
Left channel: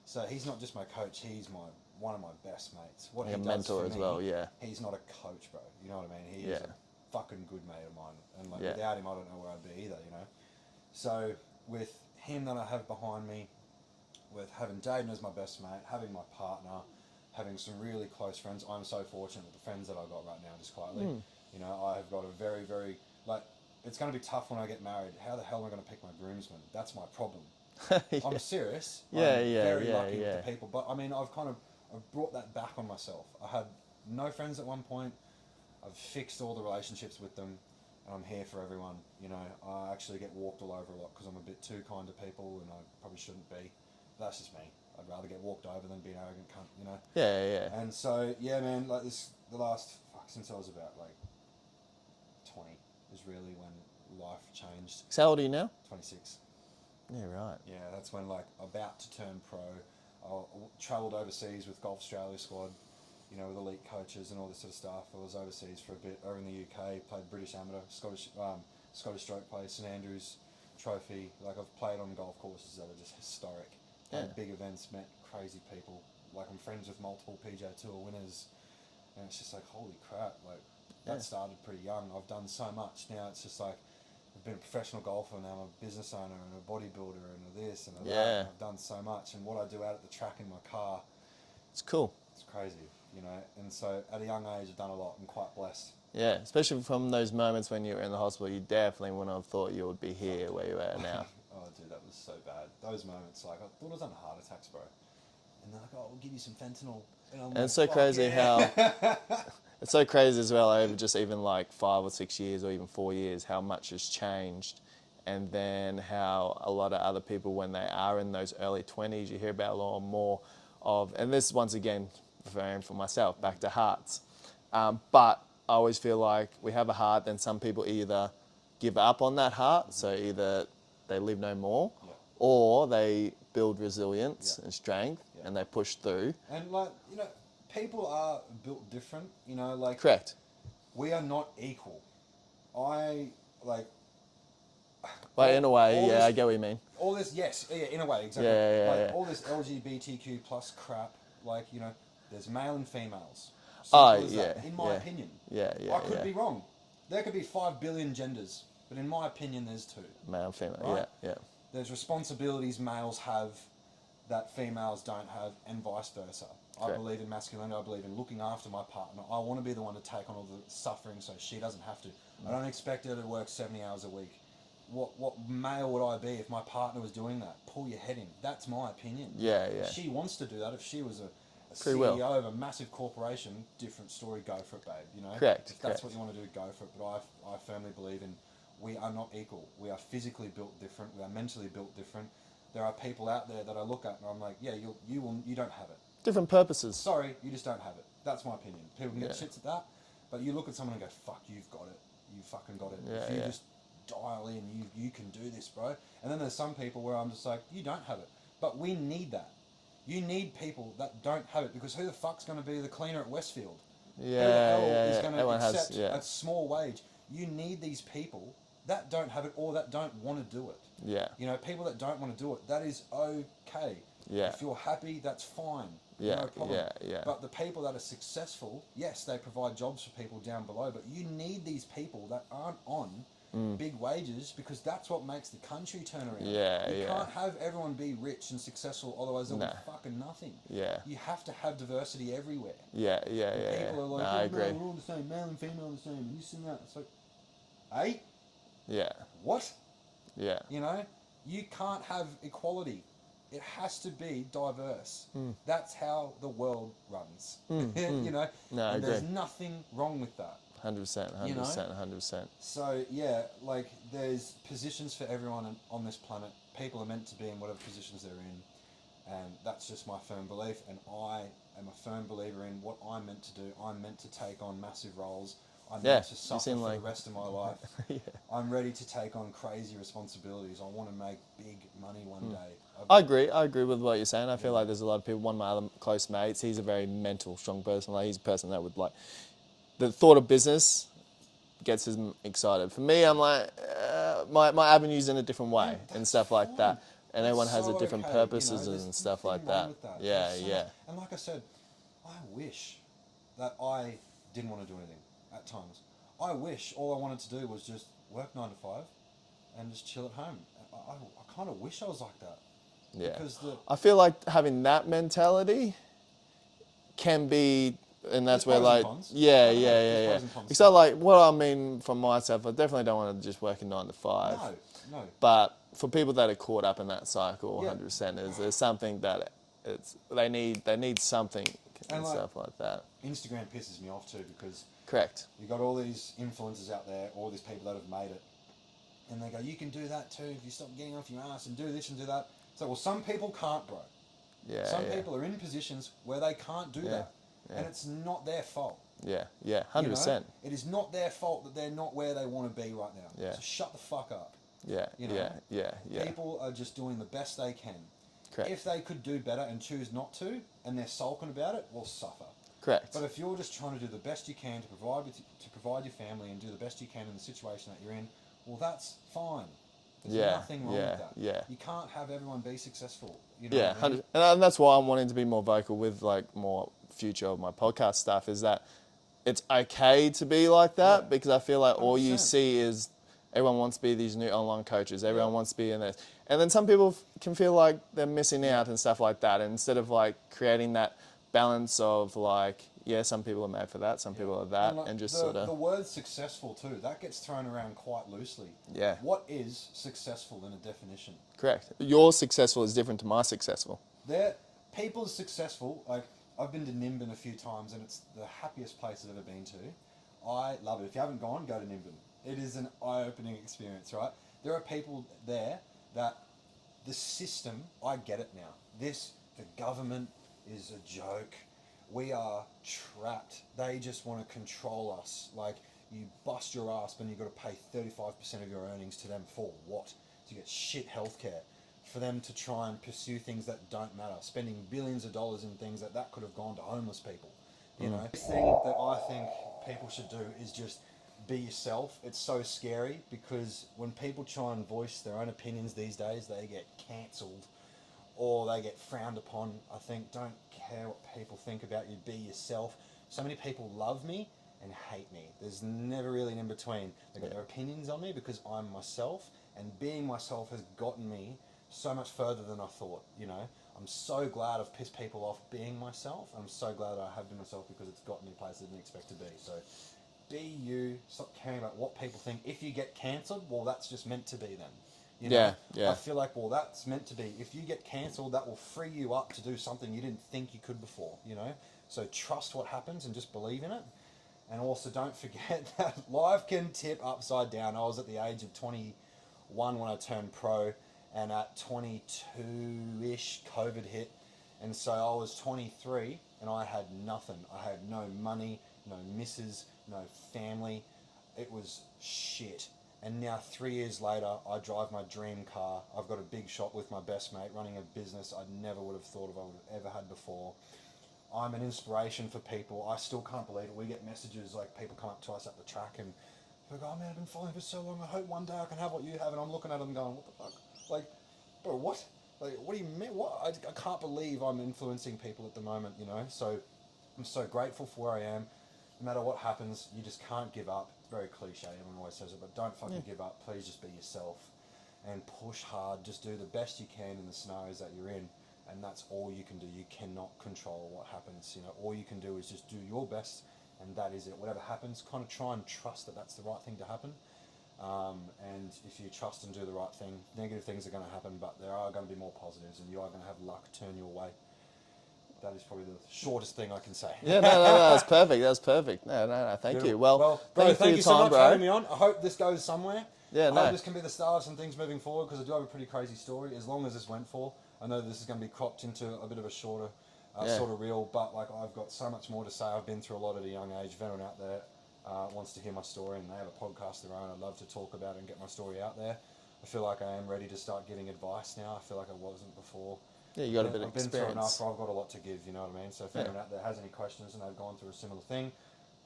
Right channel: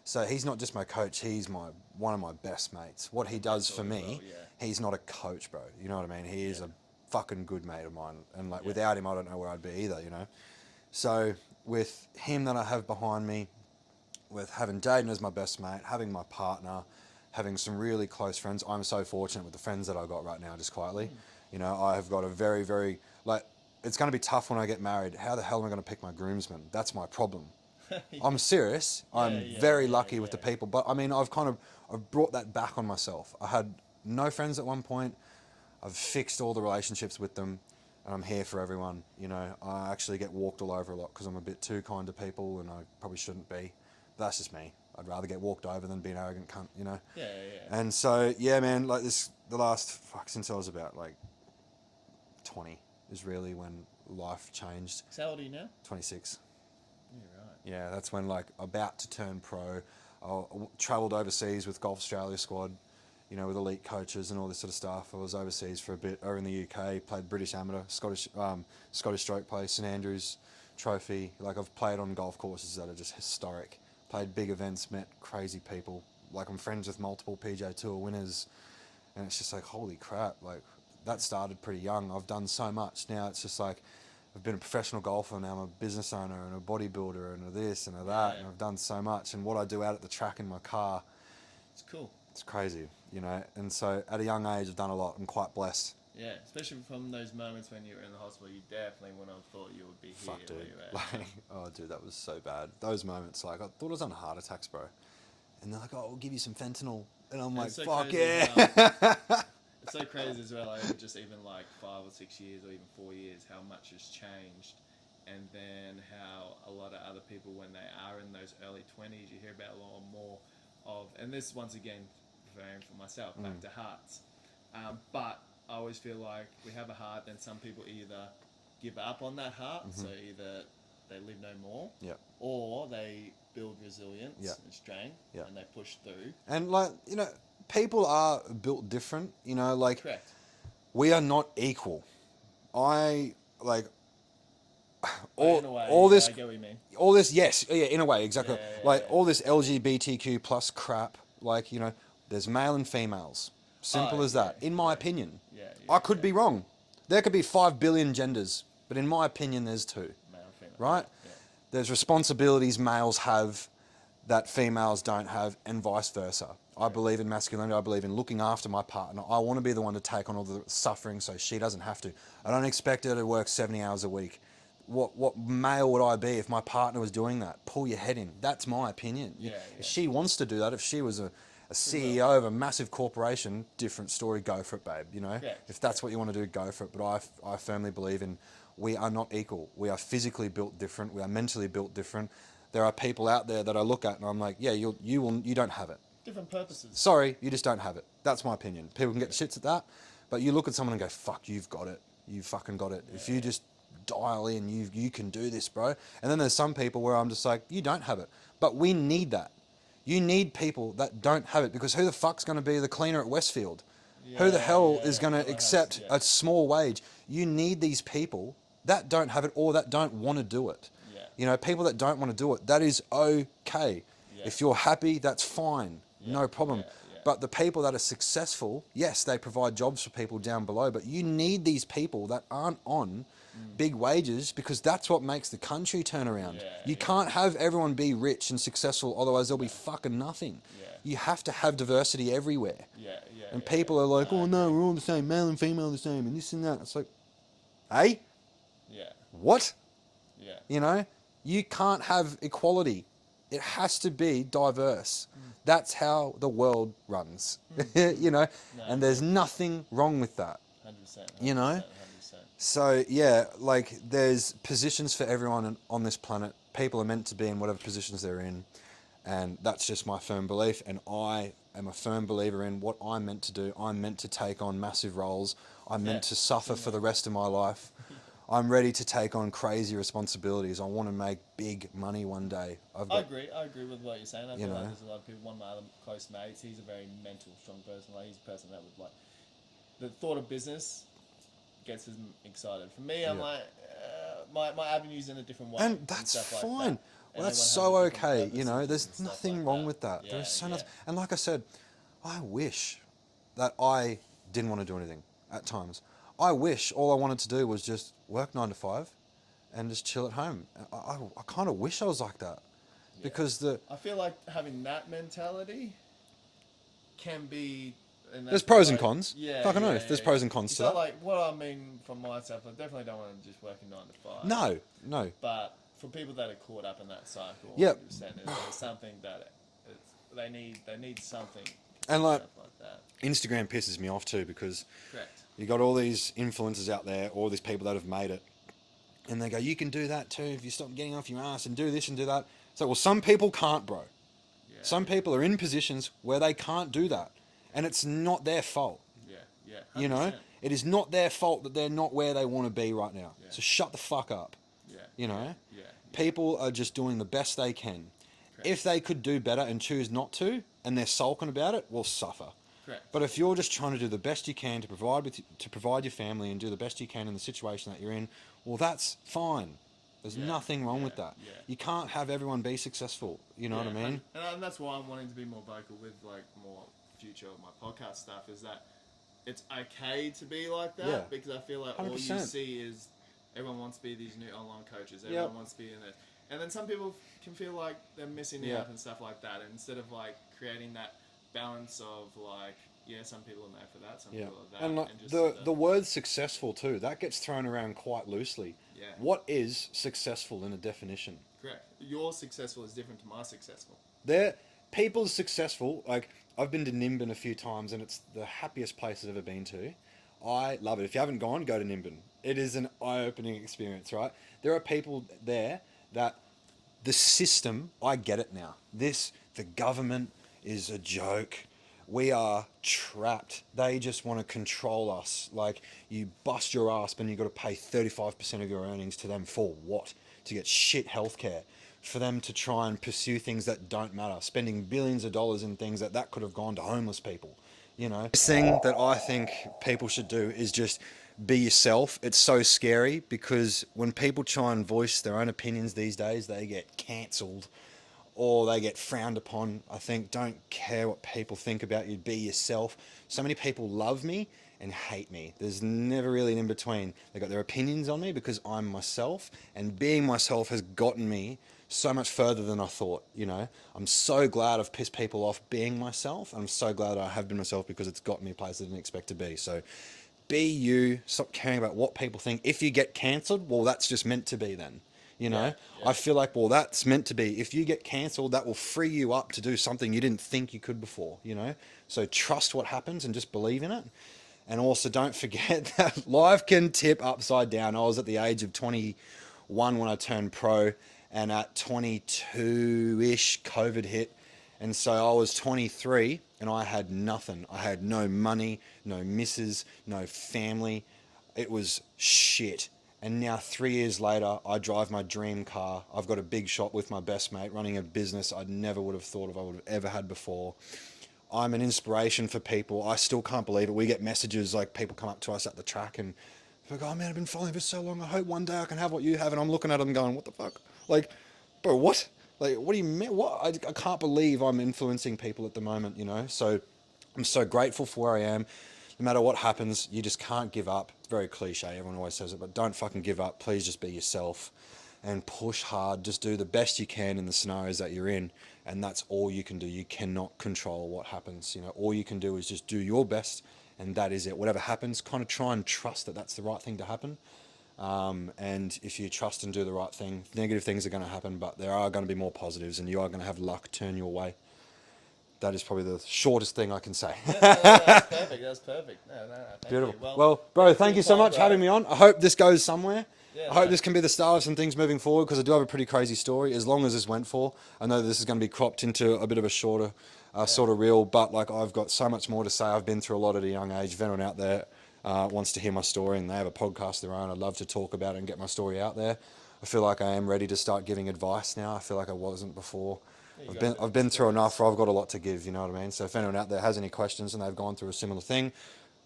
So he's not just my coach, he's one of my best mates. What he And does for mentor me, as well, yeah. he's not a coach, bro. You know what I mean? He is Yeah. a fucking good mate of mine. And like Yeah. without him, I don't know where I'd be either, you know? So with him that I have behind me, with having Jaden as my best mate, having my partner, having some really close friends, I'm so fortunate with the friends that I got right now, just quietly. You know, I have got a very, very, like, it's going to be tough when I get married. How the hell am I going to pick my groomsmen? That's my problem. Yeah. I'm serious. Yeah, I'm yeah, very yeah, lucky with the yeah. people, but I mean, I've brought that back on myself. I had no friends at one point. I've fixed all the relationships with them, and I'm here for everyone. You know, I actually get walked all over a lot because I'm a bit too kind to people, and I probably shouldn't be. But that's just me. I'd rather get walked over than be an arrogant cunt, you know. Yeah, yeah. And so, yeah, man, like the last since I was about like 20 is really when life changed. So how old are you now? 26. Yeah, right. Yeah, that's when like about to turn pro. I travelled overseas with Golf Australia squad, you know, with elite coaches and all this sort of stuff. I was overseas for a bit over in the UK, played British amateur, Scottish stroke play, St Andrews Trophy. Like I've played on golf courses that are just historic. Played big events, met crazy people. Like I'm friends with multiple PGA Tour winners, and it's just like holy crap. Like that started pretty young. I've done so much. Now it's just like I've been a professional golfer. Now I'm a business owner and a bodybuilder and a this and a that. Yeah. And I've done so much. And what I do out at the track in my car, It's cool. it's crazy, you know. And so at a young age, I've done a lot. I'm quite blessed. Yeah, especially from those moments when you were in the hospital, you definitely wouldn't have thought you would be here Fuck, dude. where you're at now. Oh, dude, that was so bad. Those moments, like I thought I was on heart attacks, bro. And they're like, "Oh, we'll give you some fentanyl," and I'm And like, it's so "Fuck crazy yeah." how it's so crazy as well over just even like 5 or 6 years or even 4 years how much has changed, and then how a lot of other people when they are in those early 20s you hear about a lot more of, and this once again referring for myself back to hearts, but I always feel like we have a heart, then some people either give up on that heart, so either they live no more, Yeah. or they build resilience Yeah. and strength, Yeah. and they push through. And like you know, people are built different. You know, like Correct. we are not equal. I like. But in a way, all yeah, this, I get what you mean. all this, yes, yeah, in a way, exactly. Yeah, yeah, like yeah. all this LGBTQ plus crap. Like you know, there's male and females. Simple as that. yeah, In my yeah. opinion. Yeah, yeah. I could yeah. be wrong. There could be 5 billion genders, but in my opinion, there's 2. Male and female. Right? Yeah, There's responsibilities males have that females don't have, and vice versa. I Correct. believe in masculinity. I believe in looking after my partner. I want to be the one to take on all the suffering so she doesn't have to. I don't expect her to work 70 hours a week. What male would I be if my partner was doing that? Pull your head in. That's my opinion. Yeah, yeah. If she wants to do that. If she was a Pretty CEO well. of a massive corporation, different story. Go for it, babe. You know. Correct, If that's correct. what you want to do, go for it. But I firmly believe in we are not equal. We are physically built different. We are mentally built different. There are people out there that I look at and I'm like, yeah, you don't have it. Different purposes. Sorry, you just don't have it. That's my opinion. People can get Yeah. shits at that, but you look at someone and go, fuck, you've got it. You fucking got it. If Yeah, you yeah. just dial in, you can do this, bro. And then there's some people where I'm just like, you don't have it. But we need that. You need people that don't have it, because who the fuck's going to be the cleaner at Westfield? Who the Yeah, hell yeah, is yeah. going to Everyone has- accept yeah. a small wage? You need these people that don't have it or that don't want to do it. Yeah. You know, people that don't want to do it, that is okay. Yeah. If you're happy, that's fine. Yeah, No problem. yeah, yeah. But the people that are successful, yes, they provide jobs for people down below, but you need these people that aren't on big wages, because that's what makes the country turn around. Yeah, You yeah. can't have everyone be rich and successful, otherwise there'll be No. fucking nothing. Yeah. You have to have diversity everywhere. Yeah, yeah. And yeah, people yeah. are like, I oh no, agree. we're all the same, male and female are the same, and this and that. It's like, hey, Yeah, what? yeah. You know, you can't have equality. It has to be diverse. That's how the world runs. You know, No, I and there's agree. nothing wrong with that. 100%. 100%. You know? 100%. So yeah, like there's positions for everyone on this planet. People are meant to be in whatever positions they're in, and that's just my firm belief. And I am a firm believer in what I'm meant to do. I'm meant to take on massive roles. I'm Yeah, meant to suffer seem for the like- rest of my life. I'm ready to take on crazy responsibilities. I want to make big money one day. I agree. I agree with what you're saying. I feel know? like there's a lot of people. One of my other close mates, he's a very mental, strong person. Like he's a person that would like the thought of business gets him excited. For me, I'm like my avenues in a different way and, that's stuff like fine. that. And That's everyone has so a different okay. You purposes know, there's and stuff nothing like wrong that. with that. Yeah, There's so yeah. and like I said, I wish that I didn't want to do anything at times. I wish all I wanted to do was just work 9 to 5 and just chill at home. I kind of wish I was like that Yeah. because I feel like having that mentality can be, and there's that's where pros and like, cons. yeah, Like I know yeah, yeah, there's yeah. pros and cons to So that. like, what I mean from myself, I definitely don't want to just work a 9 to 5. No, no. But for people that are caught up in that cycle, Yeah, 100%, there's something that they need something and and like stuff like that. Instagram pisses me off too because Correct. you got all these influencers out there, all these people that have made it, and they go, "You can do that too if you stop getting off your ass and do this and do that." So, well, some people can't, bro. Yeah. Some Yeah. people are in positions where they can't do Yeah. that, and Yeah. it's not their fault. Yeah. Yeah. You know, 100%. it is not their fault that they're not where they want to be right now. Yeah. So shut the fuck up. Yeah. You know, Yeah. Yeah. Yeah. people are just doing the best they can. Correct. If they could do better and choose not to, and they're sulking about it, will suffer. Correct. But if you're just trying to do the best you can to provide your family and do the best you can in the situation that you're in, well, that's fine. There's Yeah, nothing wrong with yeah, that. yeah. You can't have everyone be successful. You know Yeah, what I mean? and that's why I'm wanting to be more vocal with like more future of my podcast stuff. Is that it's okay to be like that Yeah. because I feel like all you 100%. see is everyone wants to be these new online coaches. Everyone Yeah. wants to be in this, and then some people can feel like they're missing Yeah. out and stuff like that. And instead of like creating that balance of like, yeah, some people are made for that, some people are that, like, and just the sort of the word successful too, that gets thrown around quite loosely. Yeah. What is successful in a definition? correct. Your successful is different to my successful. There, people's successful. Like I've been to Nimbin a few times, and it's the happiest place I've ever been to. I love it. If you haven't gone, go to Nimbin. It is an eye-opening experience, right? There are people there that the system. I get it now. The government is a joke. We are trapped. They just want to control us. Like you bust your ass, but you got to pay 35% of your earnings to them for what? To get shit healthcare. For them to try and pursue things that don't matter, spending billions of dollars in things that could have gone to homeless people. You know, this thing that I think people should do is just be yourself. It's so scary because when people try and voice their own opinions these days, they get cancelled or they get frowned upon. I think don't care what people think about you. Be yourself. So many people love me and hate me. There's never really an in between. They got their opinions on me because I'm myself, and being myself has gotten me so much further than I thought. You know, I'm so glad I've pissed people off being myself. I'm so glad I have been myself because it's got me a place I didn't expect to be. So be you. Stop caring about what people think. If you get cancelled, well, that's just meant to be then. You know, Yeah, yeah. I feel like, well, that's meant to be. If you get cancelled, that will free you up to do something you didn't think you could before, you know? So trust what happens and just believe in it. And also don't forget that life can tip upside down. I was at the age of 21 when I turned pro, and at 22-ish, COVID hit. And so I was 23 and I had nothing. I had no money, no missus, no family. It was shit. And now 3 years later, I drive my dream car. I've got a big shop with my best mate, running a business I never would have thought of I would have ever had before. I'm an inspiration for people. I still can't believe it. We get messages like people come up to us at the track and like, oh man, I've been following for so long. I hope one day I can have what you have. And I'm looking at them going, what the fuck? Like, bro, what? Like, what do you mean? What? I can't believe I'm influencing people at the moment, you know? So I'm so grateful for where I am. No matter what happens, you just can't give up. It's very cliche, everyone always says it, but don't fucking give up. Please just be yourself and push hard. Just do the best you can in the scenarios that you're in, and that's all you can do. You cannot control what happens. You know, all you can do is just do your best, and that is it. Whatever happens, kind of try and trust that that's the right thing to happen. And if you trust and do the right thing, negative things are going to happen, but there are going to be more positives, and you are going to have luck turn your way. That is probably the shortest thing I can say. Yeah, no, that's perfect. That's perfect. No, thank Beautiful. you. Well, bro, thank you so much for having me on. I hope this goes somewhere. Yeah, I hope this can be the start of some things moving forward because I do have a pretty crazy story. As long as this went for, I know this is going to be cropped into a bit of a shorter sort of reel, but like I've got so much more to say. I've been through a lot at a young age. If anyone out there wants to hear my story and they have a podcast of their own, I'd love to talk about it and get my story out there. I feel like I am ready to start giving advice now. I feel like I wasn't before. Yeah, I've been through enough where I've got a lot to give, you know what I mean? So if anyone out there has any questions and they've gone through a similar thing,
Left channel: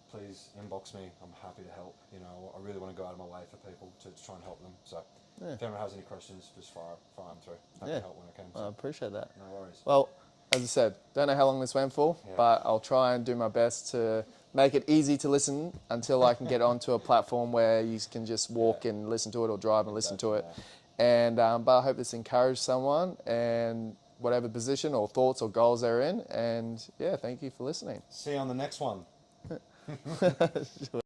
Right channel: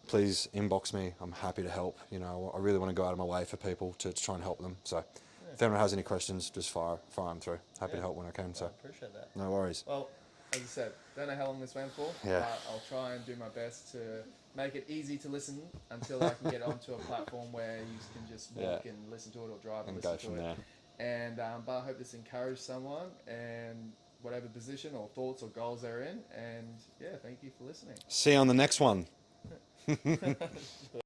please inbox me. I'm happy to help. You know, I really want to go out of my way for people to try and help them. So if anyone has any questions, just fire them through. Happy to help when I can. I So appreciate that. no worries. Well, as I said, don't know how long this went for, Yeah. but I'll try and do my best to make it easy to listen until I can get onto a platform where you can just walk and listen to it or drive and listen to it. And but I hope this encouraged someone and whatever position or thoughts or goals they're in. And yeah, thank you for listening. See you on the next one.